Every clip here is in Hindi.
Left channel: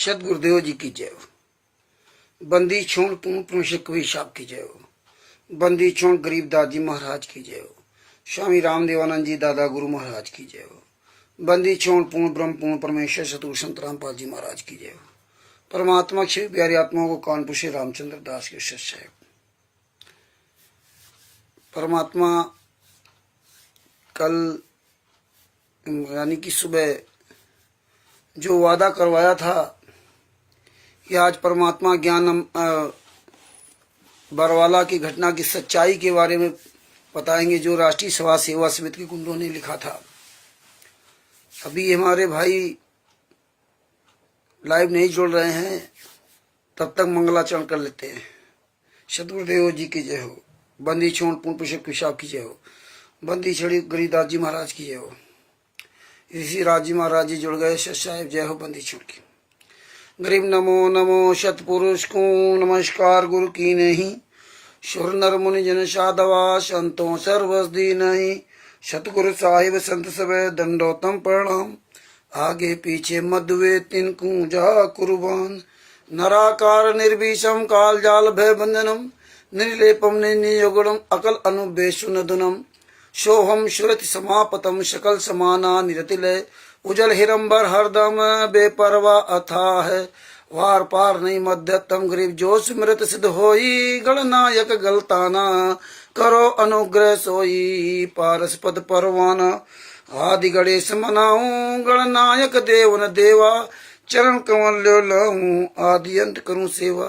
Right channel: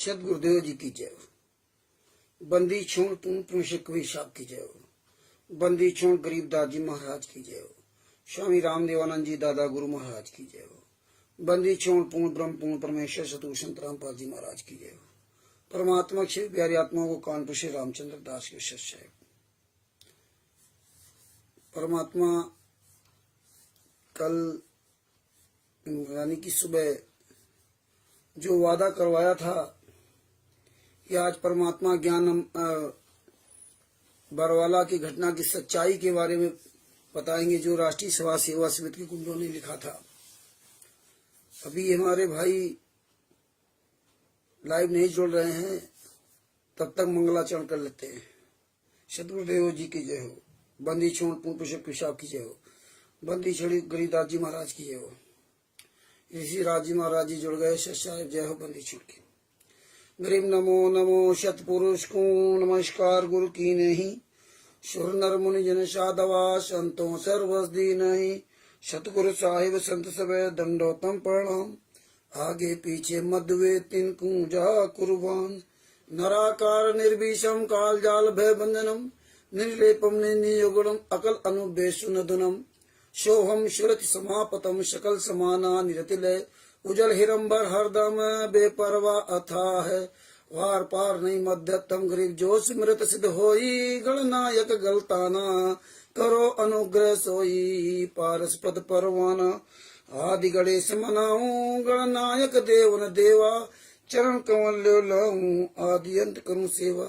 सदगुरुदेव जी की जय हो। बंदी छोड़ पूर्ण पुरुष कवि साहब की जय हो। बंदी छोड़ गरीबदास जी महाराज की जय हो। स्वामी रामदेवानंद जी दादा गुरु महाराज की जय हो। बंदी छोड़ पूर्ण ब्रह्म पूर्ण परमेश्वर सतगुरु संत रामपाल जी महाराज की जय हो। परमात्मा शिव प्यारी आत्माओं को कानपुर से रामचंद्र दास के शिष्य है। परमात्मा कल यानी कि सुबह जो वादा करवाया था कि आज परमात्मा ज्ञान बरवाला की घटना की सच्चाई के बारे में बताएंगे, जो राष्ट्रीय सभा सेवा समिति के गुंडों ने लिखा था। अभी हमारे भाई लाइव नहीं जुड़ रहे हैं, तब तक मंगलाचरण कर लेते हैं। सदगुरुदेव जी की जय हो। बंदी छोड़ पूर्ण पुरुष पिशाब की जय हो। बंदी छड़ी गरीबदास जी महाराज की जय हो। ऋषि राज जी महाराज जी जुड़ गए। साहेब जय हो। बंदी छोड़ की गरीब नमो नमो सतपुरुष को नमस्कार गुरु की नहीं। सुर नर मुनि जन साधवा संतों सर्वस दी नहीं। सतगुरु साहिब संत सबे दंडोतम प्रणाम। आगे पीछे मधुवे तिनकू जा कुर्बान। नराकार निर्भीषम काल जाल भय बंधनम। निर्लेपम निर्नियोगुणम अकल अनुबेशुनदुनम। सोहम सुरति समापतम सकल समाना निरतिलय। उजल हिरंबर हरदम बेपरवा अथा है। वार पार नहीं मध्यतम गरीब जो स्मृत सिद्ध होई। गणनायक गलताना करो अनुग्रह सोई। पारस पद परवाना आदि गणेश मनाऊं। गणनायक देवन देवा चरण कमल लाऊं। आदि अंत करूं सेवा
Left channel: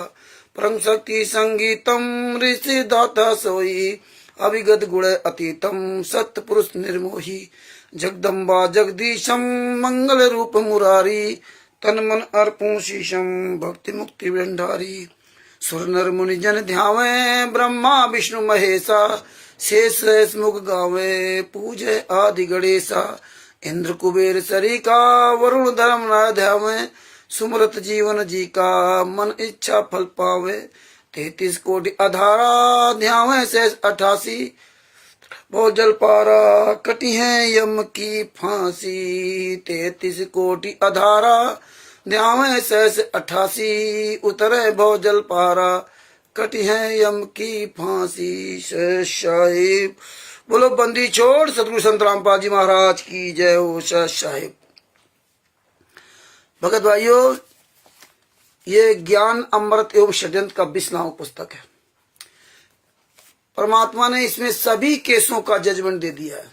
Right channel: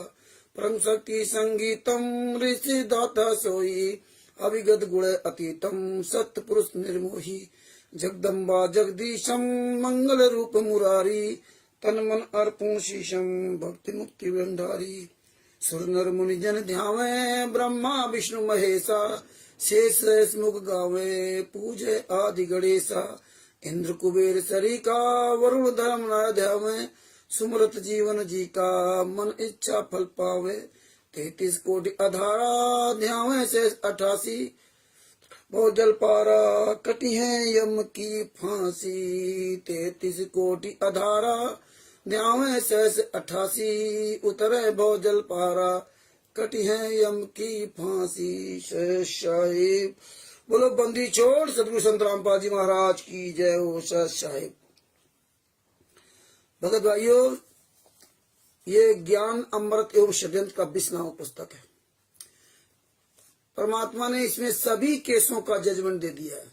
परम शक्ति संगीतम। ऋषि दाता सोई अभिगत गुण अतीतम। सत्य पुरुष निर्मोही जगदम्बा जगदीशम। मंगल रूप मुरारी तन मन अर्पूं शीशम। भक्ति मुक्ति भंडारी सुर नर मुनि जन ध्यावे। ब्रह्मा विष्णु महेशा शेष मुख गावे। पूजे आदि गणेशा इंद्र कुबेर सरिका। वरुण धर्म न ध्यावे। सुमरत जीवन जी का मन इच्छा फल पावे। 33 कोटि अधारा ध्यावे शेष 88। बहुत जल पारा कटी है यम की फांसी। 33 कोटि अधारा ध्यावे शेष 88। उतरे बहुत जल पारा कटी है यम की फांसी। साहिब बोलो बंदी छोड़ सतगुरु संत रामपाल जी महाराज की जय हो। साहिब भगत भाइयों, ये ज्ञान अमृत एवं षड्यंत्र का 20 नामक पुस्तक है। परमात्मा ने इसमें सभी केसों का जजमेंट दे दिया है।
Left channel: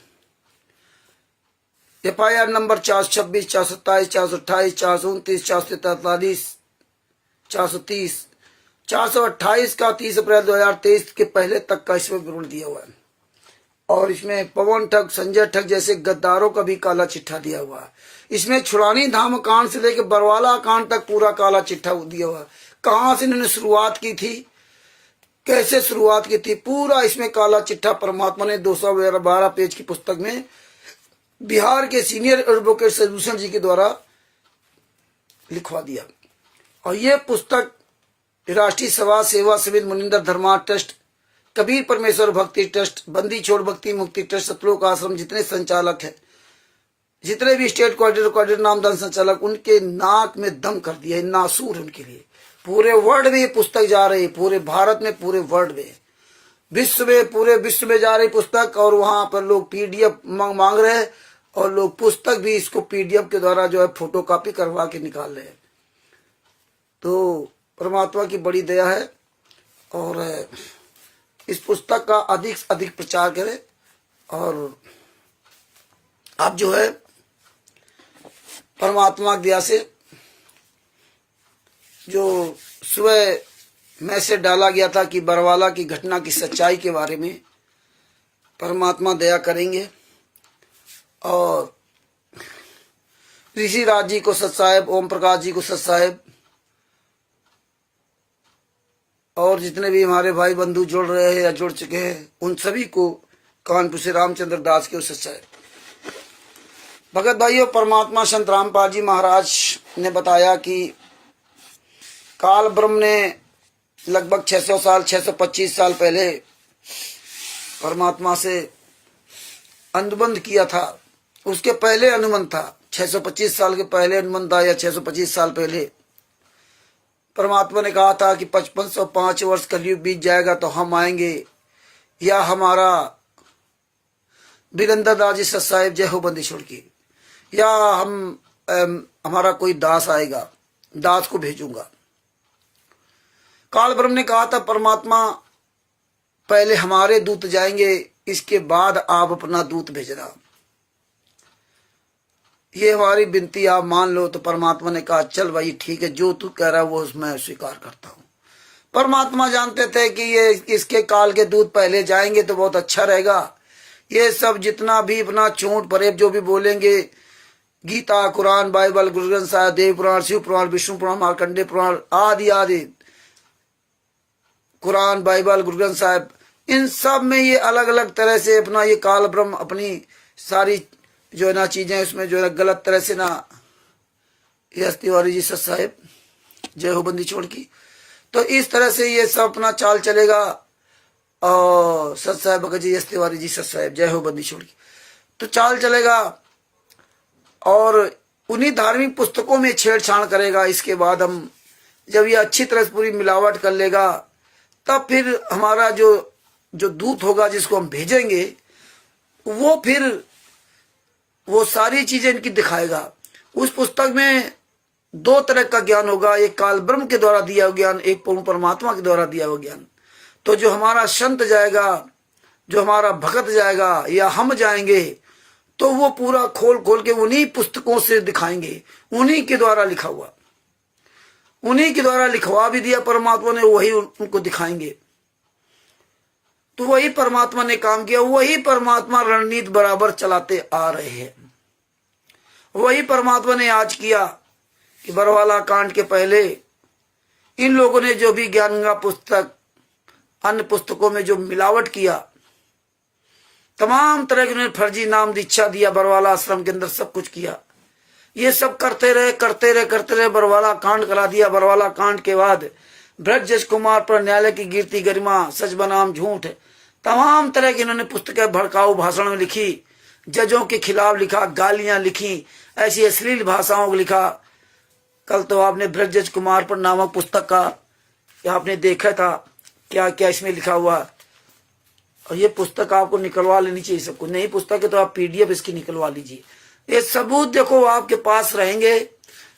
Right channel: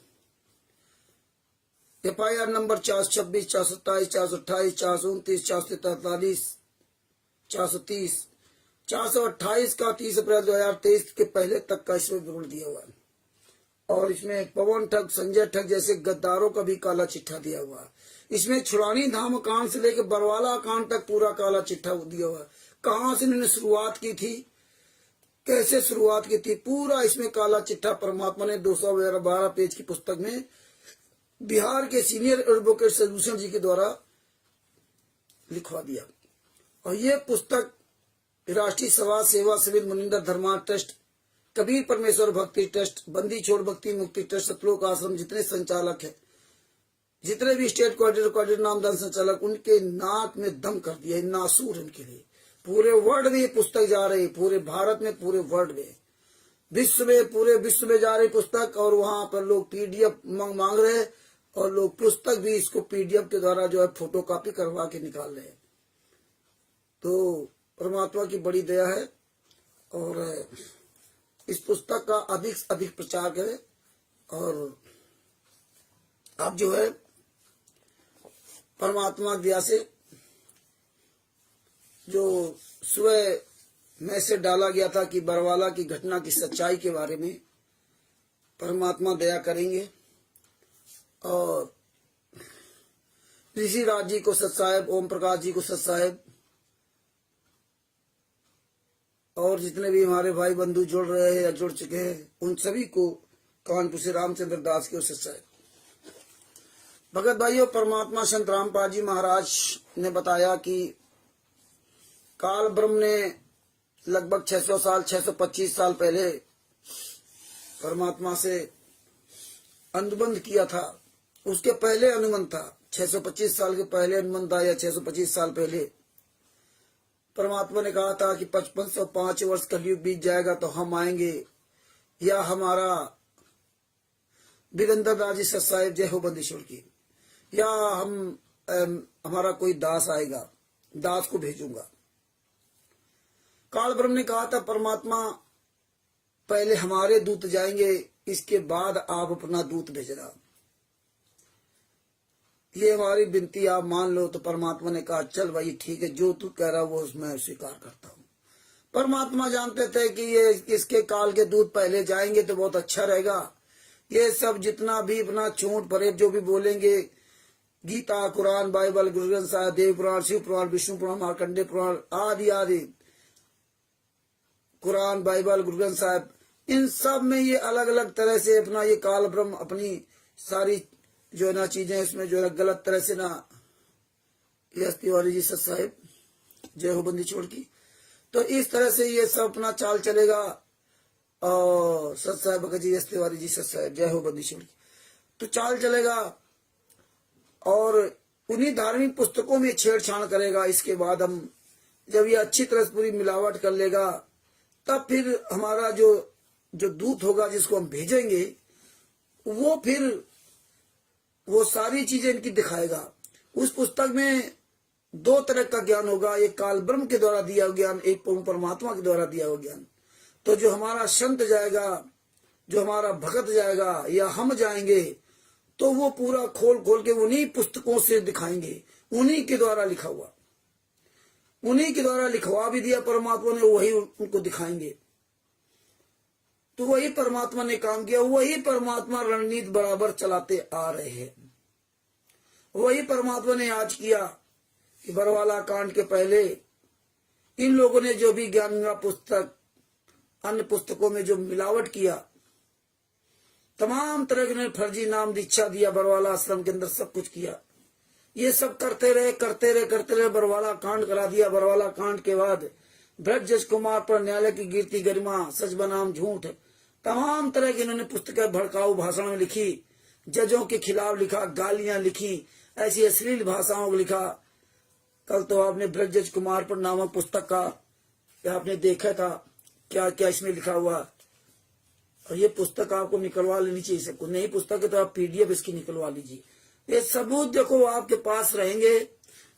FIR नंबर 426, 427, 428, 429, 443, 430, 428 का 30 अप्रैल 2023 के पहले तक का इसमें विवरण दिया हुआ है। और इसमें पवन ठग, संजय ठग जैसे गद्दारों का भी काला चिट्ठा दिया हुआ है। इसमें छुड़ानी धाम कांड से लेकर बरवाला कांड तक पूरा काला चिट्ठा दिया हुआ है। कहां से इन्होंने शुरुआत की थी, कैसे शुरुआत की थी, पूरा इसमें काला चिट्ठा परमात्मा ने 212 पेज की पुस्तक में बिहार के सीनियर एडवोकेट सदभूषण जी के द्वारा लिखवा दिया। और ये पुस्तक राष्ट्रीय सभा सेवा समिति मुनिंदर धर्मा ट्रस्ट, कबीर परमेश्वर भक्ति ट्रस्ट, बंदी छोड़ भक्ति मुक्ति ट्रस्ट, सतलोक आश्रम, जितने संचालक है, जितने भी स्टेट कोऑर्डिनेटर नामदान संचालक, उनके नाक में दम कर दिया है। नासूर उनके लिए पूरे वर्ल्ड में ये पुस्तक जा रही है। पूरे भारत में, पूरे वर्ल्ड में, विश्व में, पूरे विश्व में जा रही पुस्तक। और वहां पर लोग PDF मांग रहे हैं और लोग पुस्तक भी इसको PDF के द्वारा जो है फोटो कॉपी करवा के निकाल रहे हैं। तो परमात्मा की बड़ी दया है। और इस पुस्तक का अधिक से अधिक प्रचार करें। और आप जो है परमात्मा की दया से जो सुबह मैसेज डाला गया था कि बरवाला की घटना की सच्चाई के बारे में परमात्मा दया करेंगे। और ऋषि राज जी को सत साहेब, ओम प्रकाश जी को सत साहेब, और जितने भी हमारे भाई बंधु जुड़ रहे हैं या जुड़ चुके हैं, उन सभी को कानपुर से रामचंद्र दास के सत साहेब। भगत भाइयों, परमात्मा संत रामपाल जी महाराज ने बताया कि काल ब्रह्म ने लगभग 600 साल 625 साल पहले परमात्मा से अनुबंध किया था। उसके पहले अनुबंध था, 625 साल के पहले अनुबंध था, या 625 साल पहले परमात्मा ने कहा था कि 5505 वर्ष कलयुग बीत जाएगा तो हम आएंगे, या हमारा बिरंदर दास जी सत साहिब जय हो बंदी छोड़ की, या हमारा कोई दास आएगा, दास को भेजूंगा। काल ब्रह्म ने कहा था परमात्मा पहले हमारे दूत जाएंगे, इसके बाद आप अपना दूत भेजना, ये हमारी विनती आप मान लो। तो परमात्मा ने कहा चल भाई ठीक है, जो तू कह रहा है वो मैं स्वीकार करता हूं। परमात्मा जानते थे कि ये इसके काल के दूत पहले जाएंगे तो बहुत अच्छा रहेगा। ये सब जितना भी अपना चोट परेब जो भी बोलेंगे, गीता, कुरान, बाइबल, गुरु ग्रंथ साहिब, देव पुराण, शिव पुराण, विष्णु पुराण, मार्कंडेय पुराण आदि आदि, कुरान, बाइबल, गुरु ग्रंथ साहिब, इन सब में ये अलग अलग तरह से अपना ये काल ब्रह्म अपनी सारी जो है ना चीजें उसमें जो है गलत तरह से ना, यस तिवारी जी सत साहेब जय हो बंदी छोड़ की, तो इस तरह से ये सब अपना चाल चलेगा। और सत साहेब भगत जी, यस तिवारी जी सत साहेब जय हो बंदी छोड़ की, तो चाल चलेगा। और उन्हीं धार्मिक पुस्तकों में छेड़छाड़ करेगा। इसके बाद हम जब ये अच्छी तरह से पूरी मिलावट कर लेगा, तब फिर हमारा जो दूत होगा जिसको हम भेजेंगे, वो फिर वो सारी चीजें इनकी दिखाएगा। उस पुस्तक में दो तरह का ज्ञान होगा, एक काल ब्रह्म के द्वारा दिया हुआ ज्ञान, एक पूर्ण परमात्मा के द्वारा दिया हुआ ज्ञान। तो जो हमारा संत जाएगा, जो हमारा भगत जाएगा या हम जाएंगे, तो वो पूरा खोल खोल के उन्हीं पुस्तकों से दिखाएंगे, उन्हीं के द्वारा लिखा हुआ, उन्हीं के द्वारा लिखवा भी दिया परमात्मा ने, वही उनको दिखाएंगे। तो वही परमात्मा ने काम किया, वही परमात्मा रणनीति बराबर चलाते आ रहे हैं। वही परमात्मा ने आज किया कि बरवाला कांड के पहले इन लोगों ने जो भी ज्ञानगंगा पुस्तक, अन्य पुस्तकों में जो मिलावट किया, तमाम तरह के उन्होंने फर्जी नाम दीक्षा दिया, बरवाला आश्रम के अंदर सब कुछ किया। ये सब करते रहे, बरवाला कांड करा दिया। बरवाला कांड के बाद ब्रजेश कुमार पर न्यायालय की गिरती गरिमा, सच बनाम झूठ, तमाम तरह की इन्होंने पुस्तकें भड़काऊ भाषण में लिखी, जजों के खिलाफ लिखा, गालियां लिखी, ऐसी अश्लील भाषाओं को लिखा। कल तो आपने ब्रजेश कुमार पर नामक पुस्तक का आपने देखा था, क्या क्या इसमें लिखा हुआ। और ये पुस्तक आपको निकलवा लेनी चाहिए, सबको नहीं पुस्तक है तो आप PDF इसकी निकलवा लीजिए। ये सबूत देखो आपके पास रहेंगे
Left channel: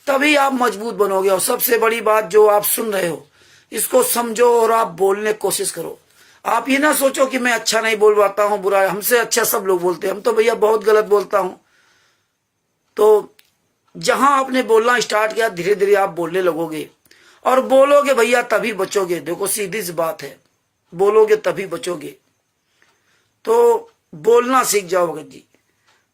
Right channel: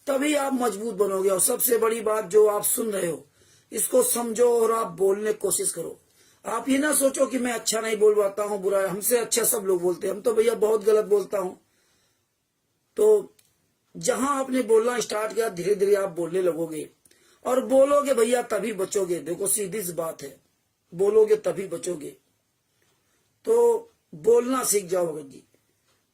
तभी आप मजबूत बनोगे। और सबसे बड़ी बात, जो आप सुन रहे हो इसको समझो और आप बोलने की कोशिश करो। आप ये ना सोचो कि मैं अच्छा नहीं बोल पाता हूँ, बुरा, हमसे अच्छा सब लोग बोलते हैं, हम तो भैया बहुत गलत बोलता हूँ। तो जहां आपने बोलना स्टार्ट किया, धीरे धीरे आप बोलने लगोगे और बोलोगे भैया तभी बचोगे। देखो सीधी सी बात है, बोलोगे तभी बचोगे। तो बोलना सीख जाओ भगत जी।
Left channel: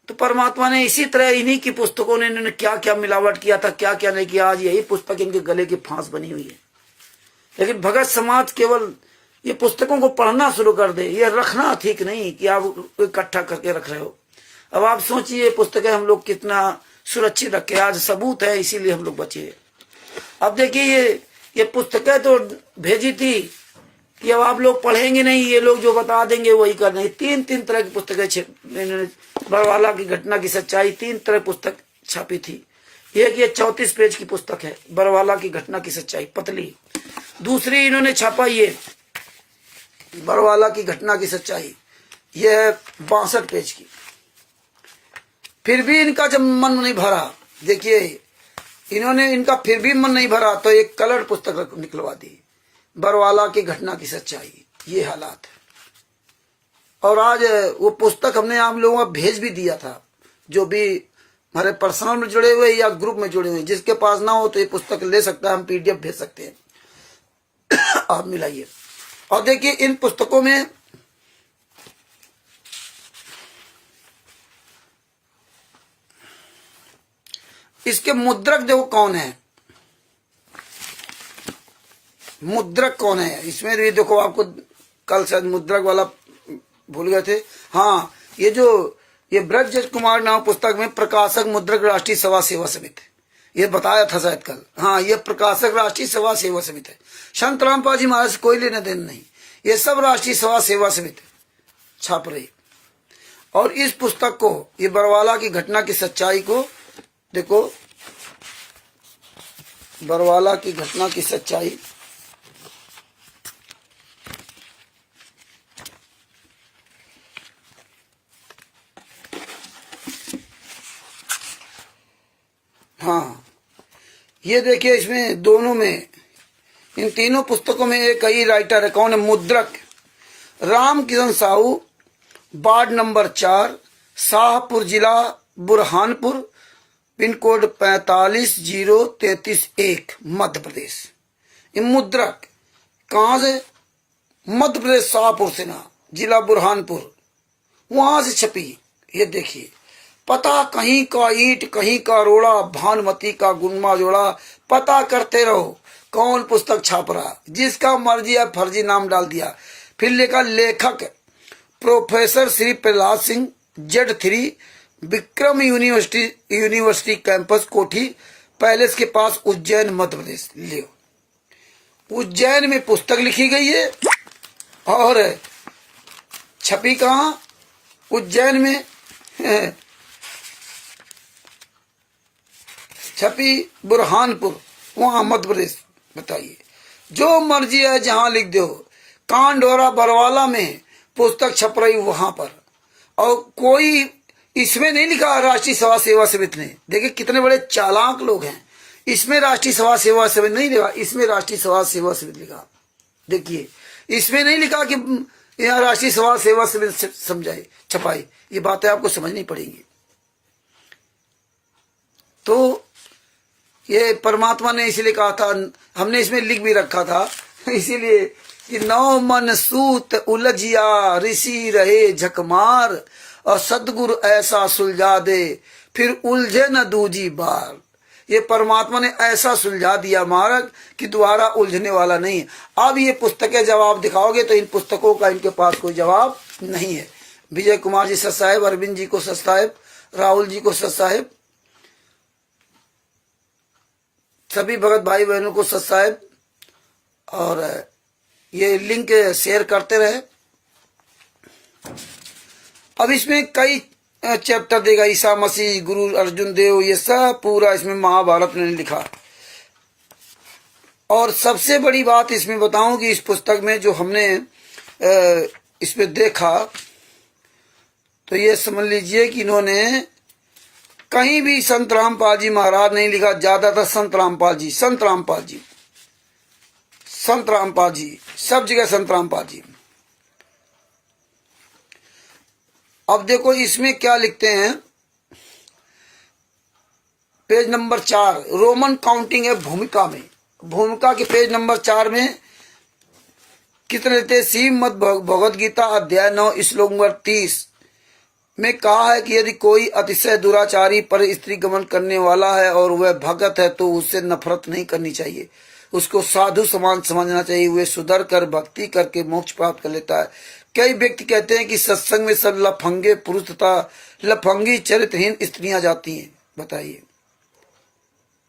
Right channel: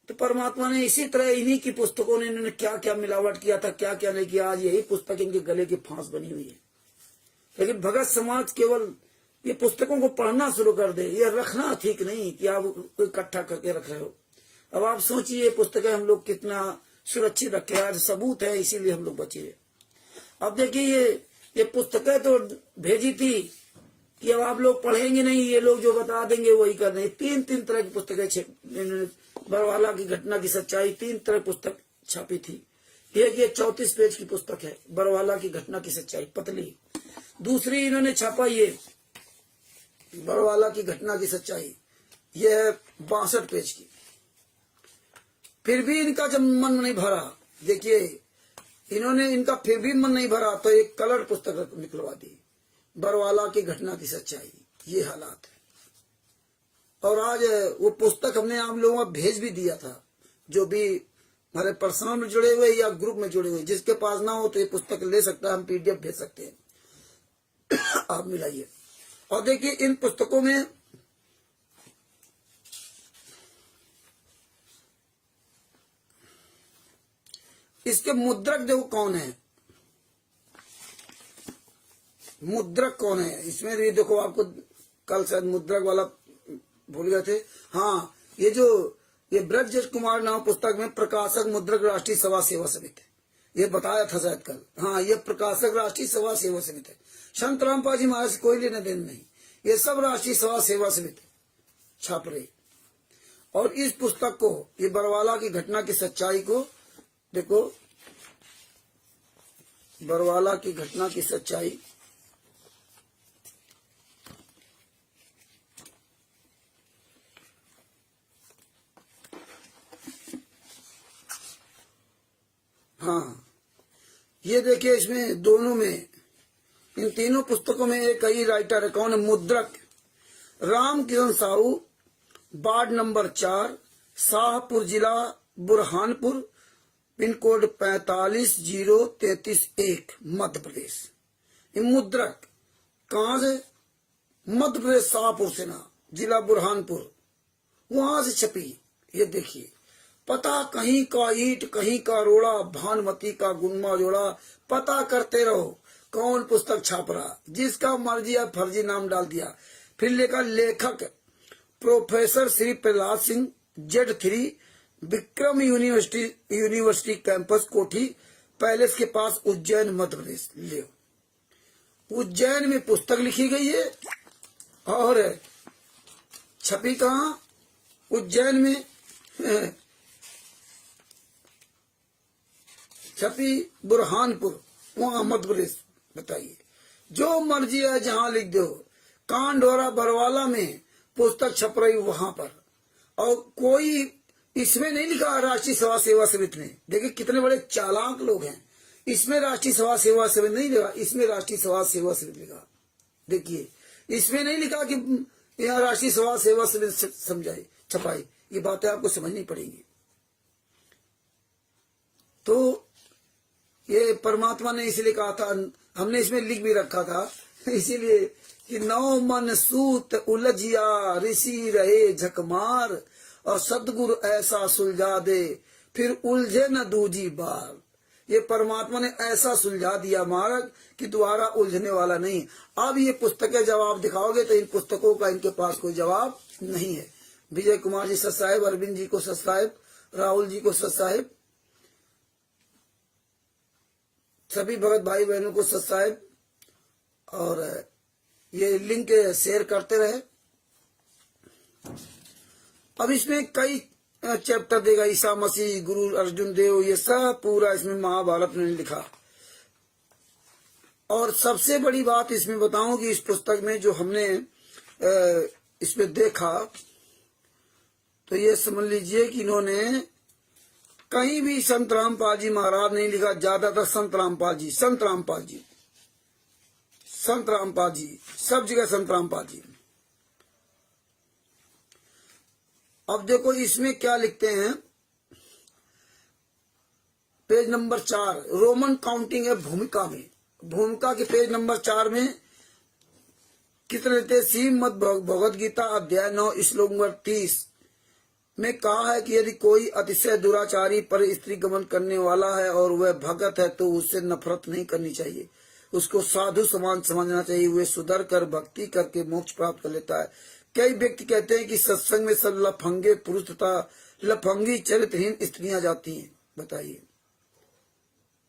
तो परमात्मा ने इसी तरह इन्हीं की पुस्तकों ने इन्होंने क्या क्या मिलावट किया था, क्या क्या नहीं किया, आज यही पुस्तक इनके गले की फांस बनी हुई है। लेकिन भगत समाज केवल ये पुस्तकों को पढ़ना शुरू कर दे, ये रखना ठीक नहीं कि आप इकट्ठा करके रख रहे हो। अब आप सोचिए पुस्तकें हम लोग कितना सुरक्षित रखे, आज सबूत है, इसीलिए हम लोग बचे। अब देखिए ये पुस्तकें तो भेजी थी कि अब आप लोग पढ़ेंगे नहीं, ये लोग जो बता देंगे वही करना है। तीन तरह की पुस्तकें, बरवाला की घटना की सच्चाई, 3 तरह पुस्तक छापी थी। एक ये 34 पेज की पुस्तक है, बरवाला की घटना की सच्चाई, पतली। दूसरी इन्होंने छापा ये बरवाला की घटना की सच्चाई, यह है 62 पेज की। फिर भी इनका जब मन नहीं भरा, देखिए इन्होंने, इनका फिर भी मन नहीं भरा तो एक कलर पुस्तक निकलवा दी, बरवाला की घटना की सच्चाई। ये हालात है। और आज वो पुस्तक हमने आप लोगों को भेज भी दिया था, जो भी हमारे पर्सनल में जुड़े हुए या ग्रुप में जुड़े हुए, जिसके पास ना हो तो ये पुस्तक ले सकता है, हम PDF भेज सकते हैं, आप मिलाइए। और देखिए इन पुस्तकों में इसके मुद्रक देखो कौन है, मुद्रक कौन है इसमें भी देखो। आपको कल शायद मुद्रक वाला भूल गए थे। हाँ, ये ब्रजेश कुमार नाम पुस्तक में प्रकाशक मुद्रक राष्ट्रीय सभा सेवा समिति, ये बताया था शायद कल। हाँ, ये प्रकाशक राष्ट्रीय सभा सेवा समिति है, संत रामपाल जी महाराज से कोई लेने देने नहीं, ये सब राष्ट्रीय सभा सेवा समिति छाप रही। और इस पुस्तक को, ये बरवाला की घटना की सच्चाई को देखो, बरवाला की घटना की सच्चाई। हाँ, ये देखिए, इसमें दोनों में, इन तीनों पुस्तकों में एक ही राइटर है। कौन है? मुद्रक रामकिशन साहू, वार्ड नंबर 4, शाहपुर, जिला बुरहानपुर, पिन कोड 450331, मध्य प्रदेश। ये मुद्रक कहाँ से? मध्य प्रदेश, शाहपुर से ना, जिला बुरहानपुर, वहां से छपी। ये देखिए, पता कहीं का ईंट कहीं का रोड़ा, भानुमती का गुनमा जोड़ा, पता करते रहो कौन पुस्तक छाप रहा। जिसका मर्जी है फर्जी नाम डाल दिया। फिर लिखा लेखक professor Shri Prahlad Singh, Z3, Vikram university campus, कोठी पैलेस के पास, उज्जैन, मध्य प्रदेश। ले, उज्जैन में पुस्तक लिखी गई है और छपी कहाँ? उज्जैन में छपी बुरहानपुर, वहां मध्य प्रदेश। बताइए, जो मर्जी है जहां लिख दो। कांडोरा बरवाला में पुस्तक छप रही वहां पर, और कोई इसमें नहीं लिखा राष्ट्रीय सभा सेवा समिति ने। देखिए कितने बड़े चालाक लोग हैं। इसमें राष्ट्रीय सभा सेवा समिति नहीं लिखा, इसमें राष्ट्रीय सभा सेवा समिति लिखा। देखिए, इसमें नहीं लिखा कि यहाँ राष्ट्रीय सभा सेवा समिति समझाई छपाई। ये बातें आपको समझनी पड़ेंगी। तो ये परमात्मा ने इसीलिए कहा था, हमने इसमें लिख भी रखा था इसीलिए कि नौ मन सूत उलझिया, ऋषि रहे झकमार, और सदगुरु ऐसा सुलझा दे, फिर उलझे न दूजी बार। ये परमात्मा ने ऐसा सुलझा दिया मार्ग कि दोबारा उलझने वाला नहीं है। अब ये पुस्तकें जब आप दिखाओगे तो इन पुस्तकों का इनके पास कोई जवाब नहीं है। विजय कुमार जी सत साहेब, अरविंद जी को सत साहेब, राहुल जी को सत साहेब, सभी भगत भाई बहनों को सत साहेब, और ये लिंक शेयर करते रहे। अब इसमें कई चैप्टर देगा, ईसा मसीह, गुरु अर्जुन देव, ये सब पूरा इसमें महाभारत ने लिखा। और सबसे बड़ी बात इसमें बताऊं कि इस पुस्तक में जो हमने इसमें देखा, तो ये समझ लीजिए कि इन्होंने कहीं भी संत रामपाल जी महाराज नहीं लिखा। ज्यादातर संत रामपाल जी, संत रामपाल जी, संत रामपाल जी, सब जगह संत रामपाल जी। अब देखो इसमें क्या लिखते हैं, पेज नंबर 4, रोमन काउंटिंग है भूमिका में। भूमिका के पेज नंबर 4 में कितने लेते? श्रीमद् भगवद गीता अध्याय 9 श्लोक नंबर 30 में कहा है कि यदि कोई अतिशय दुराचारी पर स्त्री गमन करने वाला है और वह भगत है तो उससे नफरत नहीं करनी चाहिए, उसको साधु समान समझना चाहिए। वह सुधर कर भक्ति करके मोक्ष प्राप्त कर लेता है। कई व्यक्ति कहते हैं कि सत्संग में सब लफंगे पुरुष तथा लफंगी चरित्रहीन स्त्रियां जाती हैं। बताइए,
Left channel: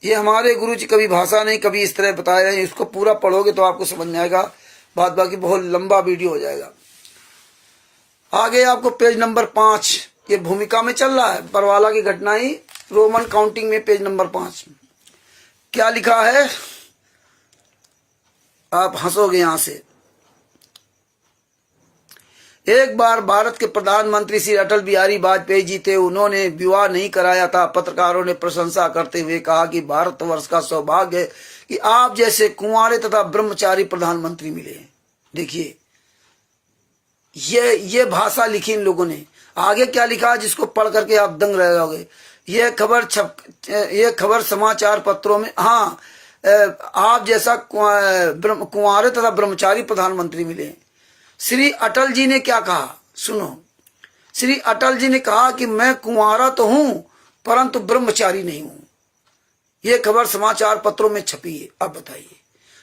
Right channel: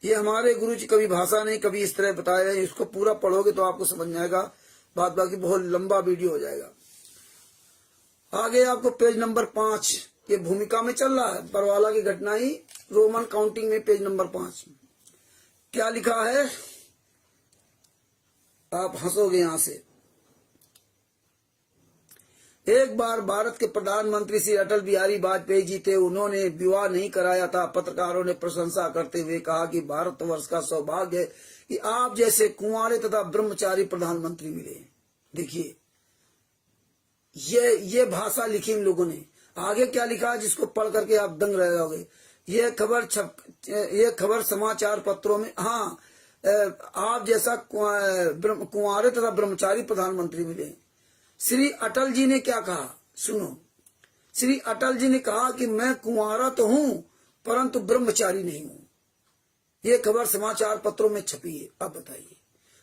ये हमारे गुरु जी कभी भाषा नहीं, कभी इस तरह बताए रहे। इसको पूरा पढ़ोगे तो आपको समझ में आएगा। बात बाकी बहुत लंबा वीडियो हो जाएगा। आगे आपको पेज नंबर 5, ये भूमिका में चल रहा है, बरवाला की घटना ही, रोमन काउंटिंग में पेज नंबर 5 क्या लिखा है? आप हंसोगे यहां से। एक बार भारत के प्रधानमंत्री श्री अटल बिहारी वाजपेयी जी थे। उन्होंने विवाह नहीं कराया था। पत्रकारों ने प्रशंसा करते हुए कहा कि भारतवर्ष का सौभाग्य है कि आप जैसे कुंवारे तथा ब्रह्मचारी प्रधानमंत्री मिले। देखिए, ये भाषा लिखी इन लोगों ने। आगे क्या लिखा जिसको पढ़ करके आप दंग रह जाओगे। ये खबर समाचार पत्रों में, हाँ, आप जैसा कुंवारे तथा ब्रह्मचारी प्रधानमंत्री मिले। श्री अटल जी ने क्या कहा सुनो। श्री अटल जी ने कहा कि मैं कुंवारा तो हूं परंतु ब्रह्मचारी नहीं हूं। ये खबर समाचार पत्रों में छपी है। अब बताइए,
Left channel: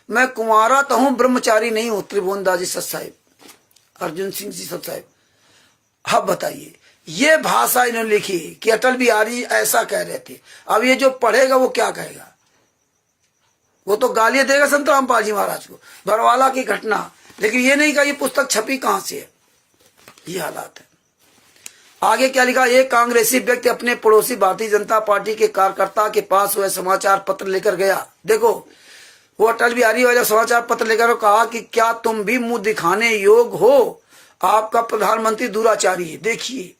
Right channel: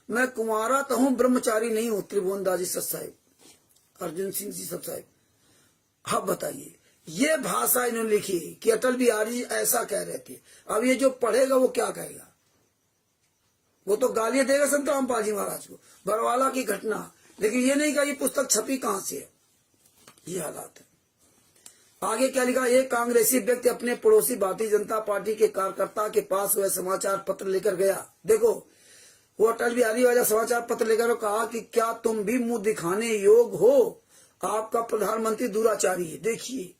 मैं कुंवारा तो हूं ब्रह्मचारी नहीं हूं। त्रिभुवनदास जी सत साहेब, अर्जुन सिंह जी सत साहेब। अब बताइए, ये भाषा इन्होंने लिखी कि अटल बिहारी ऐसा कह रहे थे। अब ये जो पढ़ेगा वो क्या कहेगा? वो तो गालियां देगा संत रामपाल जी महाराज को, बरवाला की घटना। लेकिन ये नहीं कहा ये पुस्तक छपी कहां से है। ये हालात है। आगे क्या लिखा, एक कांग्रेसी व्यक्ति अपने पड़ोसी भारतीय जनता पार्टी के कार्यकर्ता के पास वह समाचार पत्र लेकर गया। देखो, वो अटल बिहारी वाला समाचार पत्र लेकर कहा कि क्या तुम भी मुंह दिखाने योग्य हो, आपका प्रधानमंत्री दुराचारी है। देखिए,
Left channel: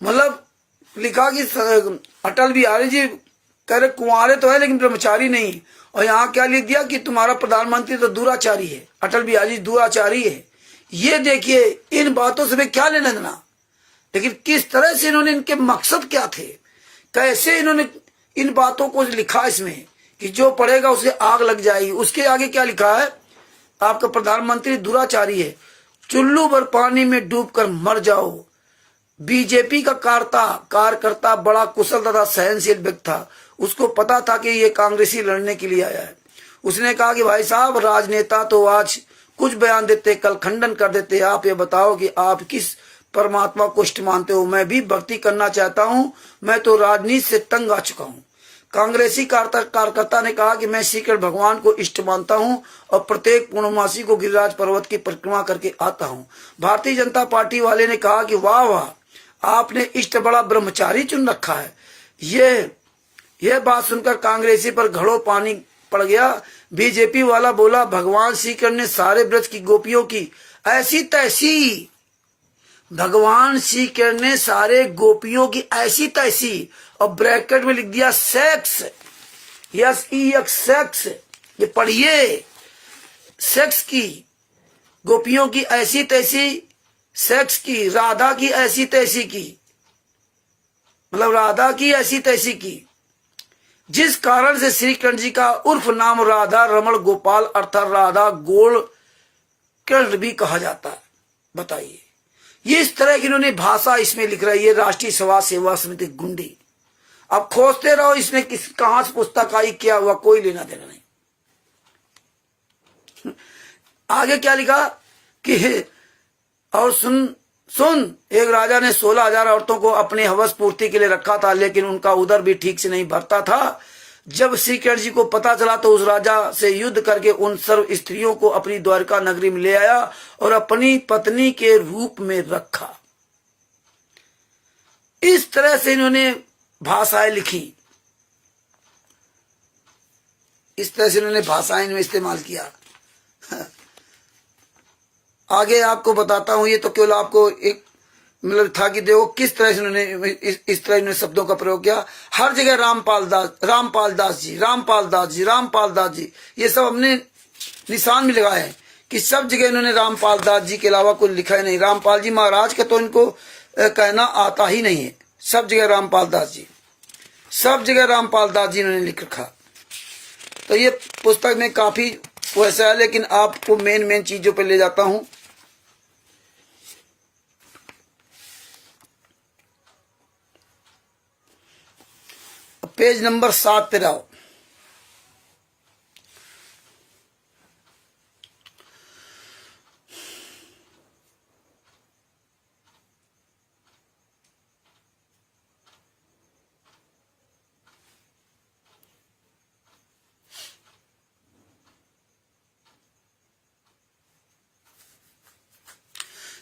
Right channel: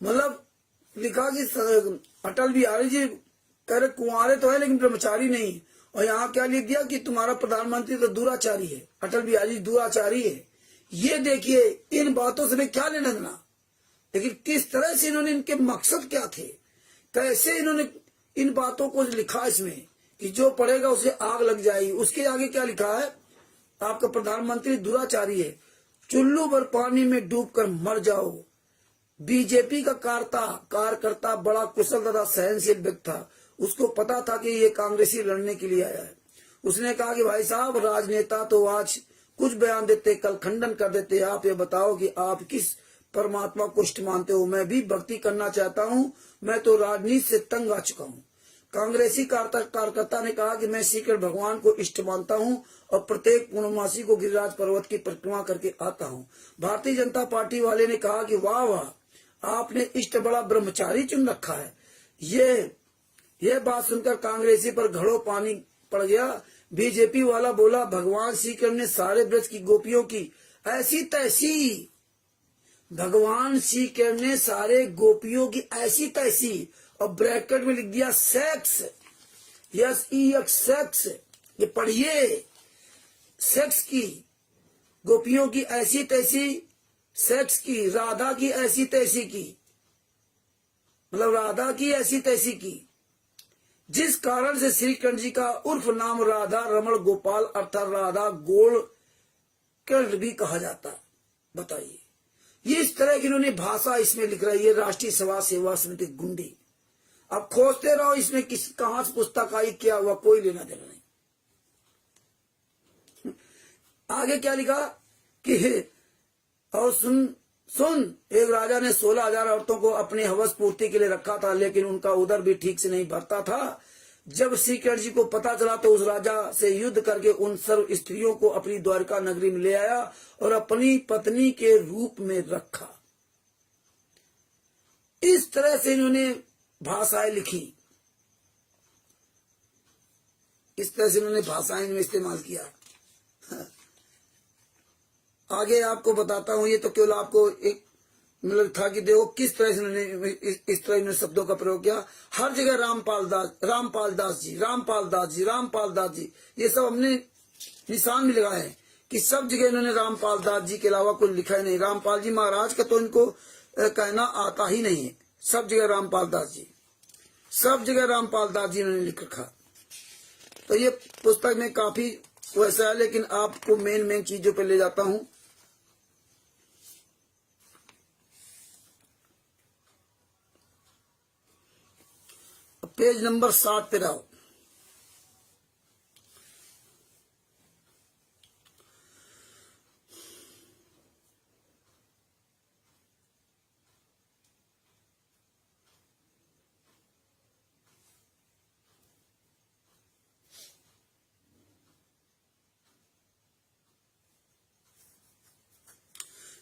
मतलब लिखा कि अटल बिहारी जी कह रहे कुंवारे तो है लेकिन ब्रह्मचारी नहीं, और यहाँ क्या लिख दिया कि तुम्हारा प्रधानमंत्री तो दुराचारी है, अटल बिहारी जी दुराचारी है। ये देखिए, इन बातों से क्या लेना देना, लेकिन किस तरह से इन्होंने, इनके मकसद क्या थे, कैसे इन्होंने इन बातों को लिखा इसमें कि जो पढ़ेगा उसे आग लग जाएगी। उसके आगे क्या लिखा है, आपका प्रधानमंत्री दुराचारी है, चुल्लू भर पानी में डूबकर मर जाओ। बीजेपी का कार्यकर्ता बड़ा कुशल तथा सहनशील व्यक्ति था। उसको पता था कि ये कांग्रेसी लड़ने के लिए आया है। उसने कहा कि भाई साहब, राजनेता तो आज कुछ बयान देते, कल खंडन कर देते। आप ये बताओ कि आप किस परमात्मा को इष्ट मानते हो। मैं भी भक्ति करना चाहता हूँ, मैं तो राजनीति से तंग आ चुका हूँ। कांग्रेसी कार्यकर्ता ने कहा कि मैं श्री कृष्ण भगवान को इष्ट मानता हूँ और प्रत्येक पूर्णमासी को गिरिराज पर्वत की परिक्रमा करके आता हूँ। भारतीय जनता पार्टी वाले ने कहा कि वाह वाह, आपने इष्ट बड़ा ब्रह्मचारी चुन रखा है। यह बात सुनकर कांग्रेसी पर घड़ों पानी पड़ गया। बीजेपी वाला बोला, भगवान श्री कृष्ण ने सारे ब्रज की गोपियों की ऐसी तैसी, भगवान श्री कृष्ण ने सारे गोपियों की ऐसी तैसी, और ब्रैकेट में लिख दिया सेक्स, सेक्स, ये पढ़िए, सेक्स की, गोपियों की ऐसी तैसी, सेक्स की, राधा की ऐसी तैसी की, मतलब राधा की ऐसी तैसी की, जिस कारण से श्री कृष्ण जी का उर्फ नाम राधा रमण गोपाल अर्थात राधा गोल कृष्ण भी कहा जाता है। बताइए, ये इस तरह की इन्होंने भाषा इसमें लिख रही है। राष्ट्रीय समाज सेवा समिति गुंडी। अब खोजते रहो इसने कहां से पुस्तक आई, क्या हुआ, कोई लेना देना नहीं। आगे क्या लिखा कि और सुन, एक राजा ने 16,000 औरतों को अपने हवस पूर्ति के लिए रखा था, लेकिन उनका उदर भी ठीक से नहीं भरता था। जब श्री कृष्ण जी को पता चला तो उस राजा से युद्ध करके उन सर्व स्त्रियों को अपनी द्वारका नगरी में ले आया और अपनी पत्नी के रूप में रखा। इस तरह से इन्होंने भाषाएं लिखी, इस तरह से इन्होंने भाषाएं में इस्तेमाल किया। आगे आपको बताता हूं, ये तो केवल आपको एक मतलब था कि देखो किस तरह से उन्होंने इस तरह इन्होंने शब्दों का प्रयोग किया। हर जगह रामपाल दास जी, ये सब हमने निशान में लगाए हैं कि सब जगह इन्होंने रामपाल दास जी के अलावा कोई लिखा ही नहीं। रामपाल जी महाराज का तो इनको कहना आता ही नहीं है। सब जगह रामपाल दास जी, सब जगह रामपाल दास जी इन्होंने लिख रखा। तो ये पुस्तक में काफी वैसा है, लेकिन आपको मेन चीजों पर ले जाता हूं। पेज नंबर 7 पे रहो।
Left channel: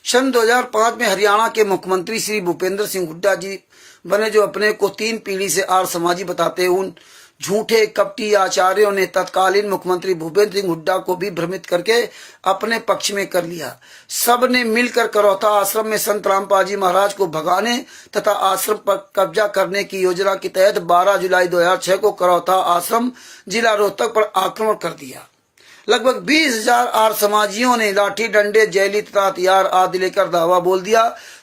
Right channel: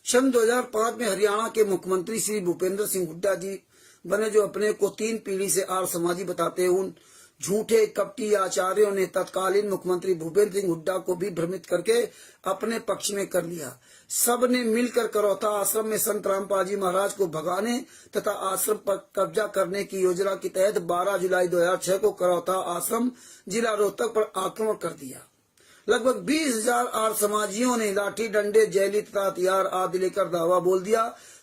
सन 2005 में हरियाणा के मुख्यमंत्री श्री भूपेंद्र सिंह हुड्डा जी बने, जो अपने को 3 पीढ़ी से आर्य समाजी बताते उन झूठे कपटी आचार्यों ने तत्कालीन मुख्यमंत्री भूपेंद्र सिंह हुड्डा को भी भ्रमित करके अपने पक्ष में कर लिया। सब ने मिलकर करौता आश्रम में संत रामपाल जी महाराज को भगाने तथा आश्रम पर कब्जा करने की योजना के तहत 12 जुलाई 2006 को करौता आश्रम जिला रोहतक पर आक्रमण कर दिया। लगभग 20,000 आर्य समाजियों ने लाठी डंडे जैली तथा हथियार आदि लेकर धावा बोल दिया।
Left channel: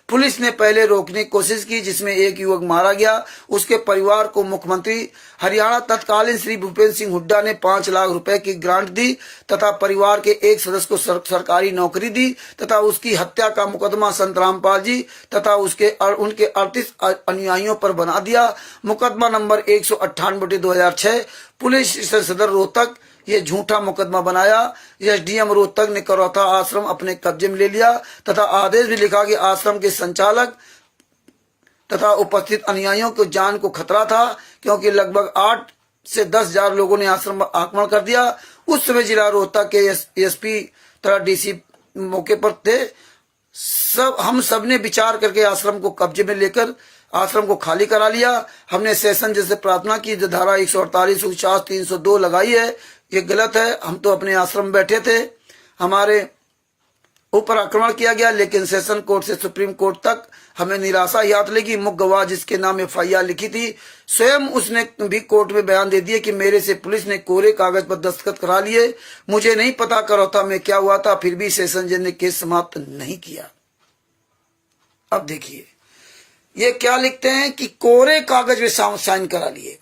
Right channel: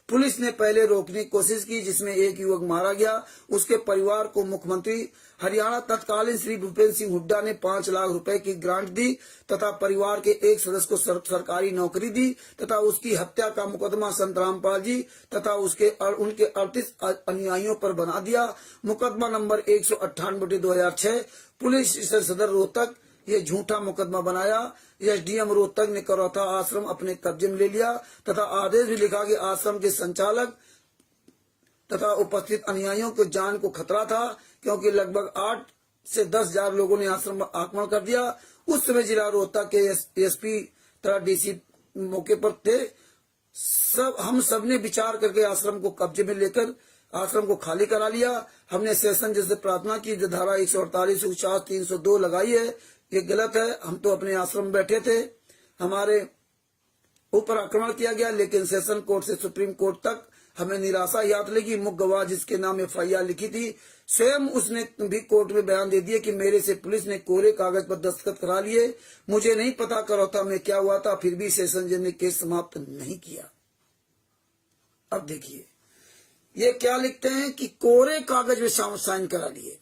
पुलिस ने पहले रोकने की कोशिश की, जिसमें एक युवक मारा गया। उसके परिवार को मुख्यमंत्री हरियाणा तत्कालीन श्री भूपेंद्र सिंह हुड्डा ने 5 लाख रुपए की ग्रांट दी तथा परिवार के एक सदस्य को सरकारी नौकरी दी तथा उसकी हत्या का मुकदमा संत रामपाल जी तथा उनके 38 अनुयायियों पर बना दिया। मुकदमा नंबर 198/2006 पुलिस स्टेशन सदर रोहतक ये झूठा मुकदमा बनाया। एसडीएम रोहतक ने करौता आश्रम अपने कब्जे में ले लिया तथा आदेश भी लिखा कि आश्रम के संचालक तथा उपस्थित अनुयायियों को जान को खतरा था, क्योंकि लगभग 8 से 10,000 लोगों ने आश्रम पर आक्रमण कर दिया। उस समय जिला रोहतक के एसपी तथा डीसी मौके पर थे। हम सब ने विचार करके आश्रम को कब्जे में लेकर आश्रम को खाली करा लिया। हमने सेशन जैसे प्रार्थना की, जो धारा 148, 149, 302 लगाई है, ये गलत है। हम तो अपने आश्रम में बैठे थे, हमारे ऊपर आक्रमण किया गया, लेकिन सेशन कोर्ट से सुप्रीम कोर्ट तक हमें निराशा याद लगी। मुख्य गवाह जिसके नाम FIR लिखी थी, स्वयं उसने भी कोर्ट में बयान दे दिया कि मेरे से पुलिस ने कोरे कागज पर दस्तखत करा लिए, मुझे नहीं पता करौता में क्या हुआ था, फिर भी सेशन जज ने केस समाप्त नहीं किया। अब देखिए ये क्या लिखते हैं कि कोरे कागज में साइन करा लिए।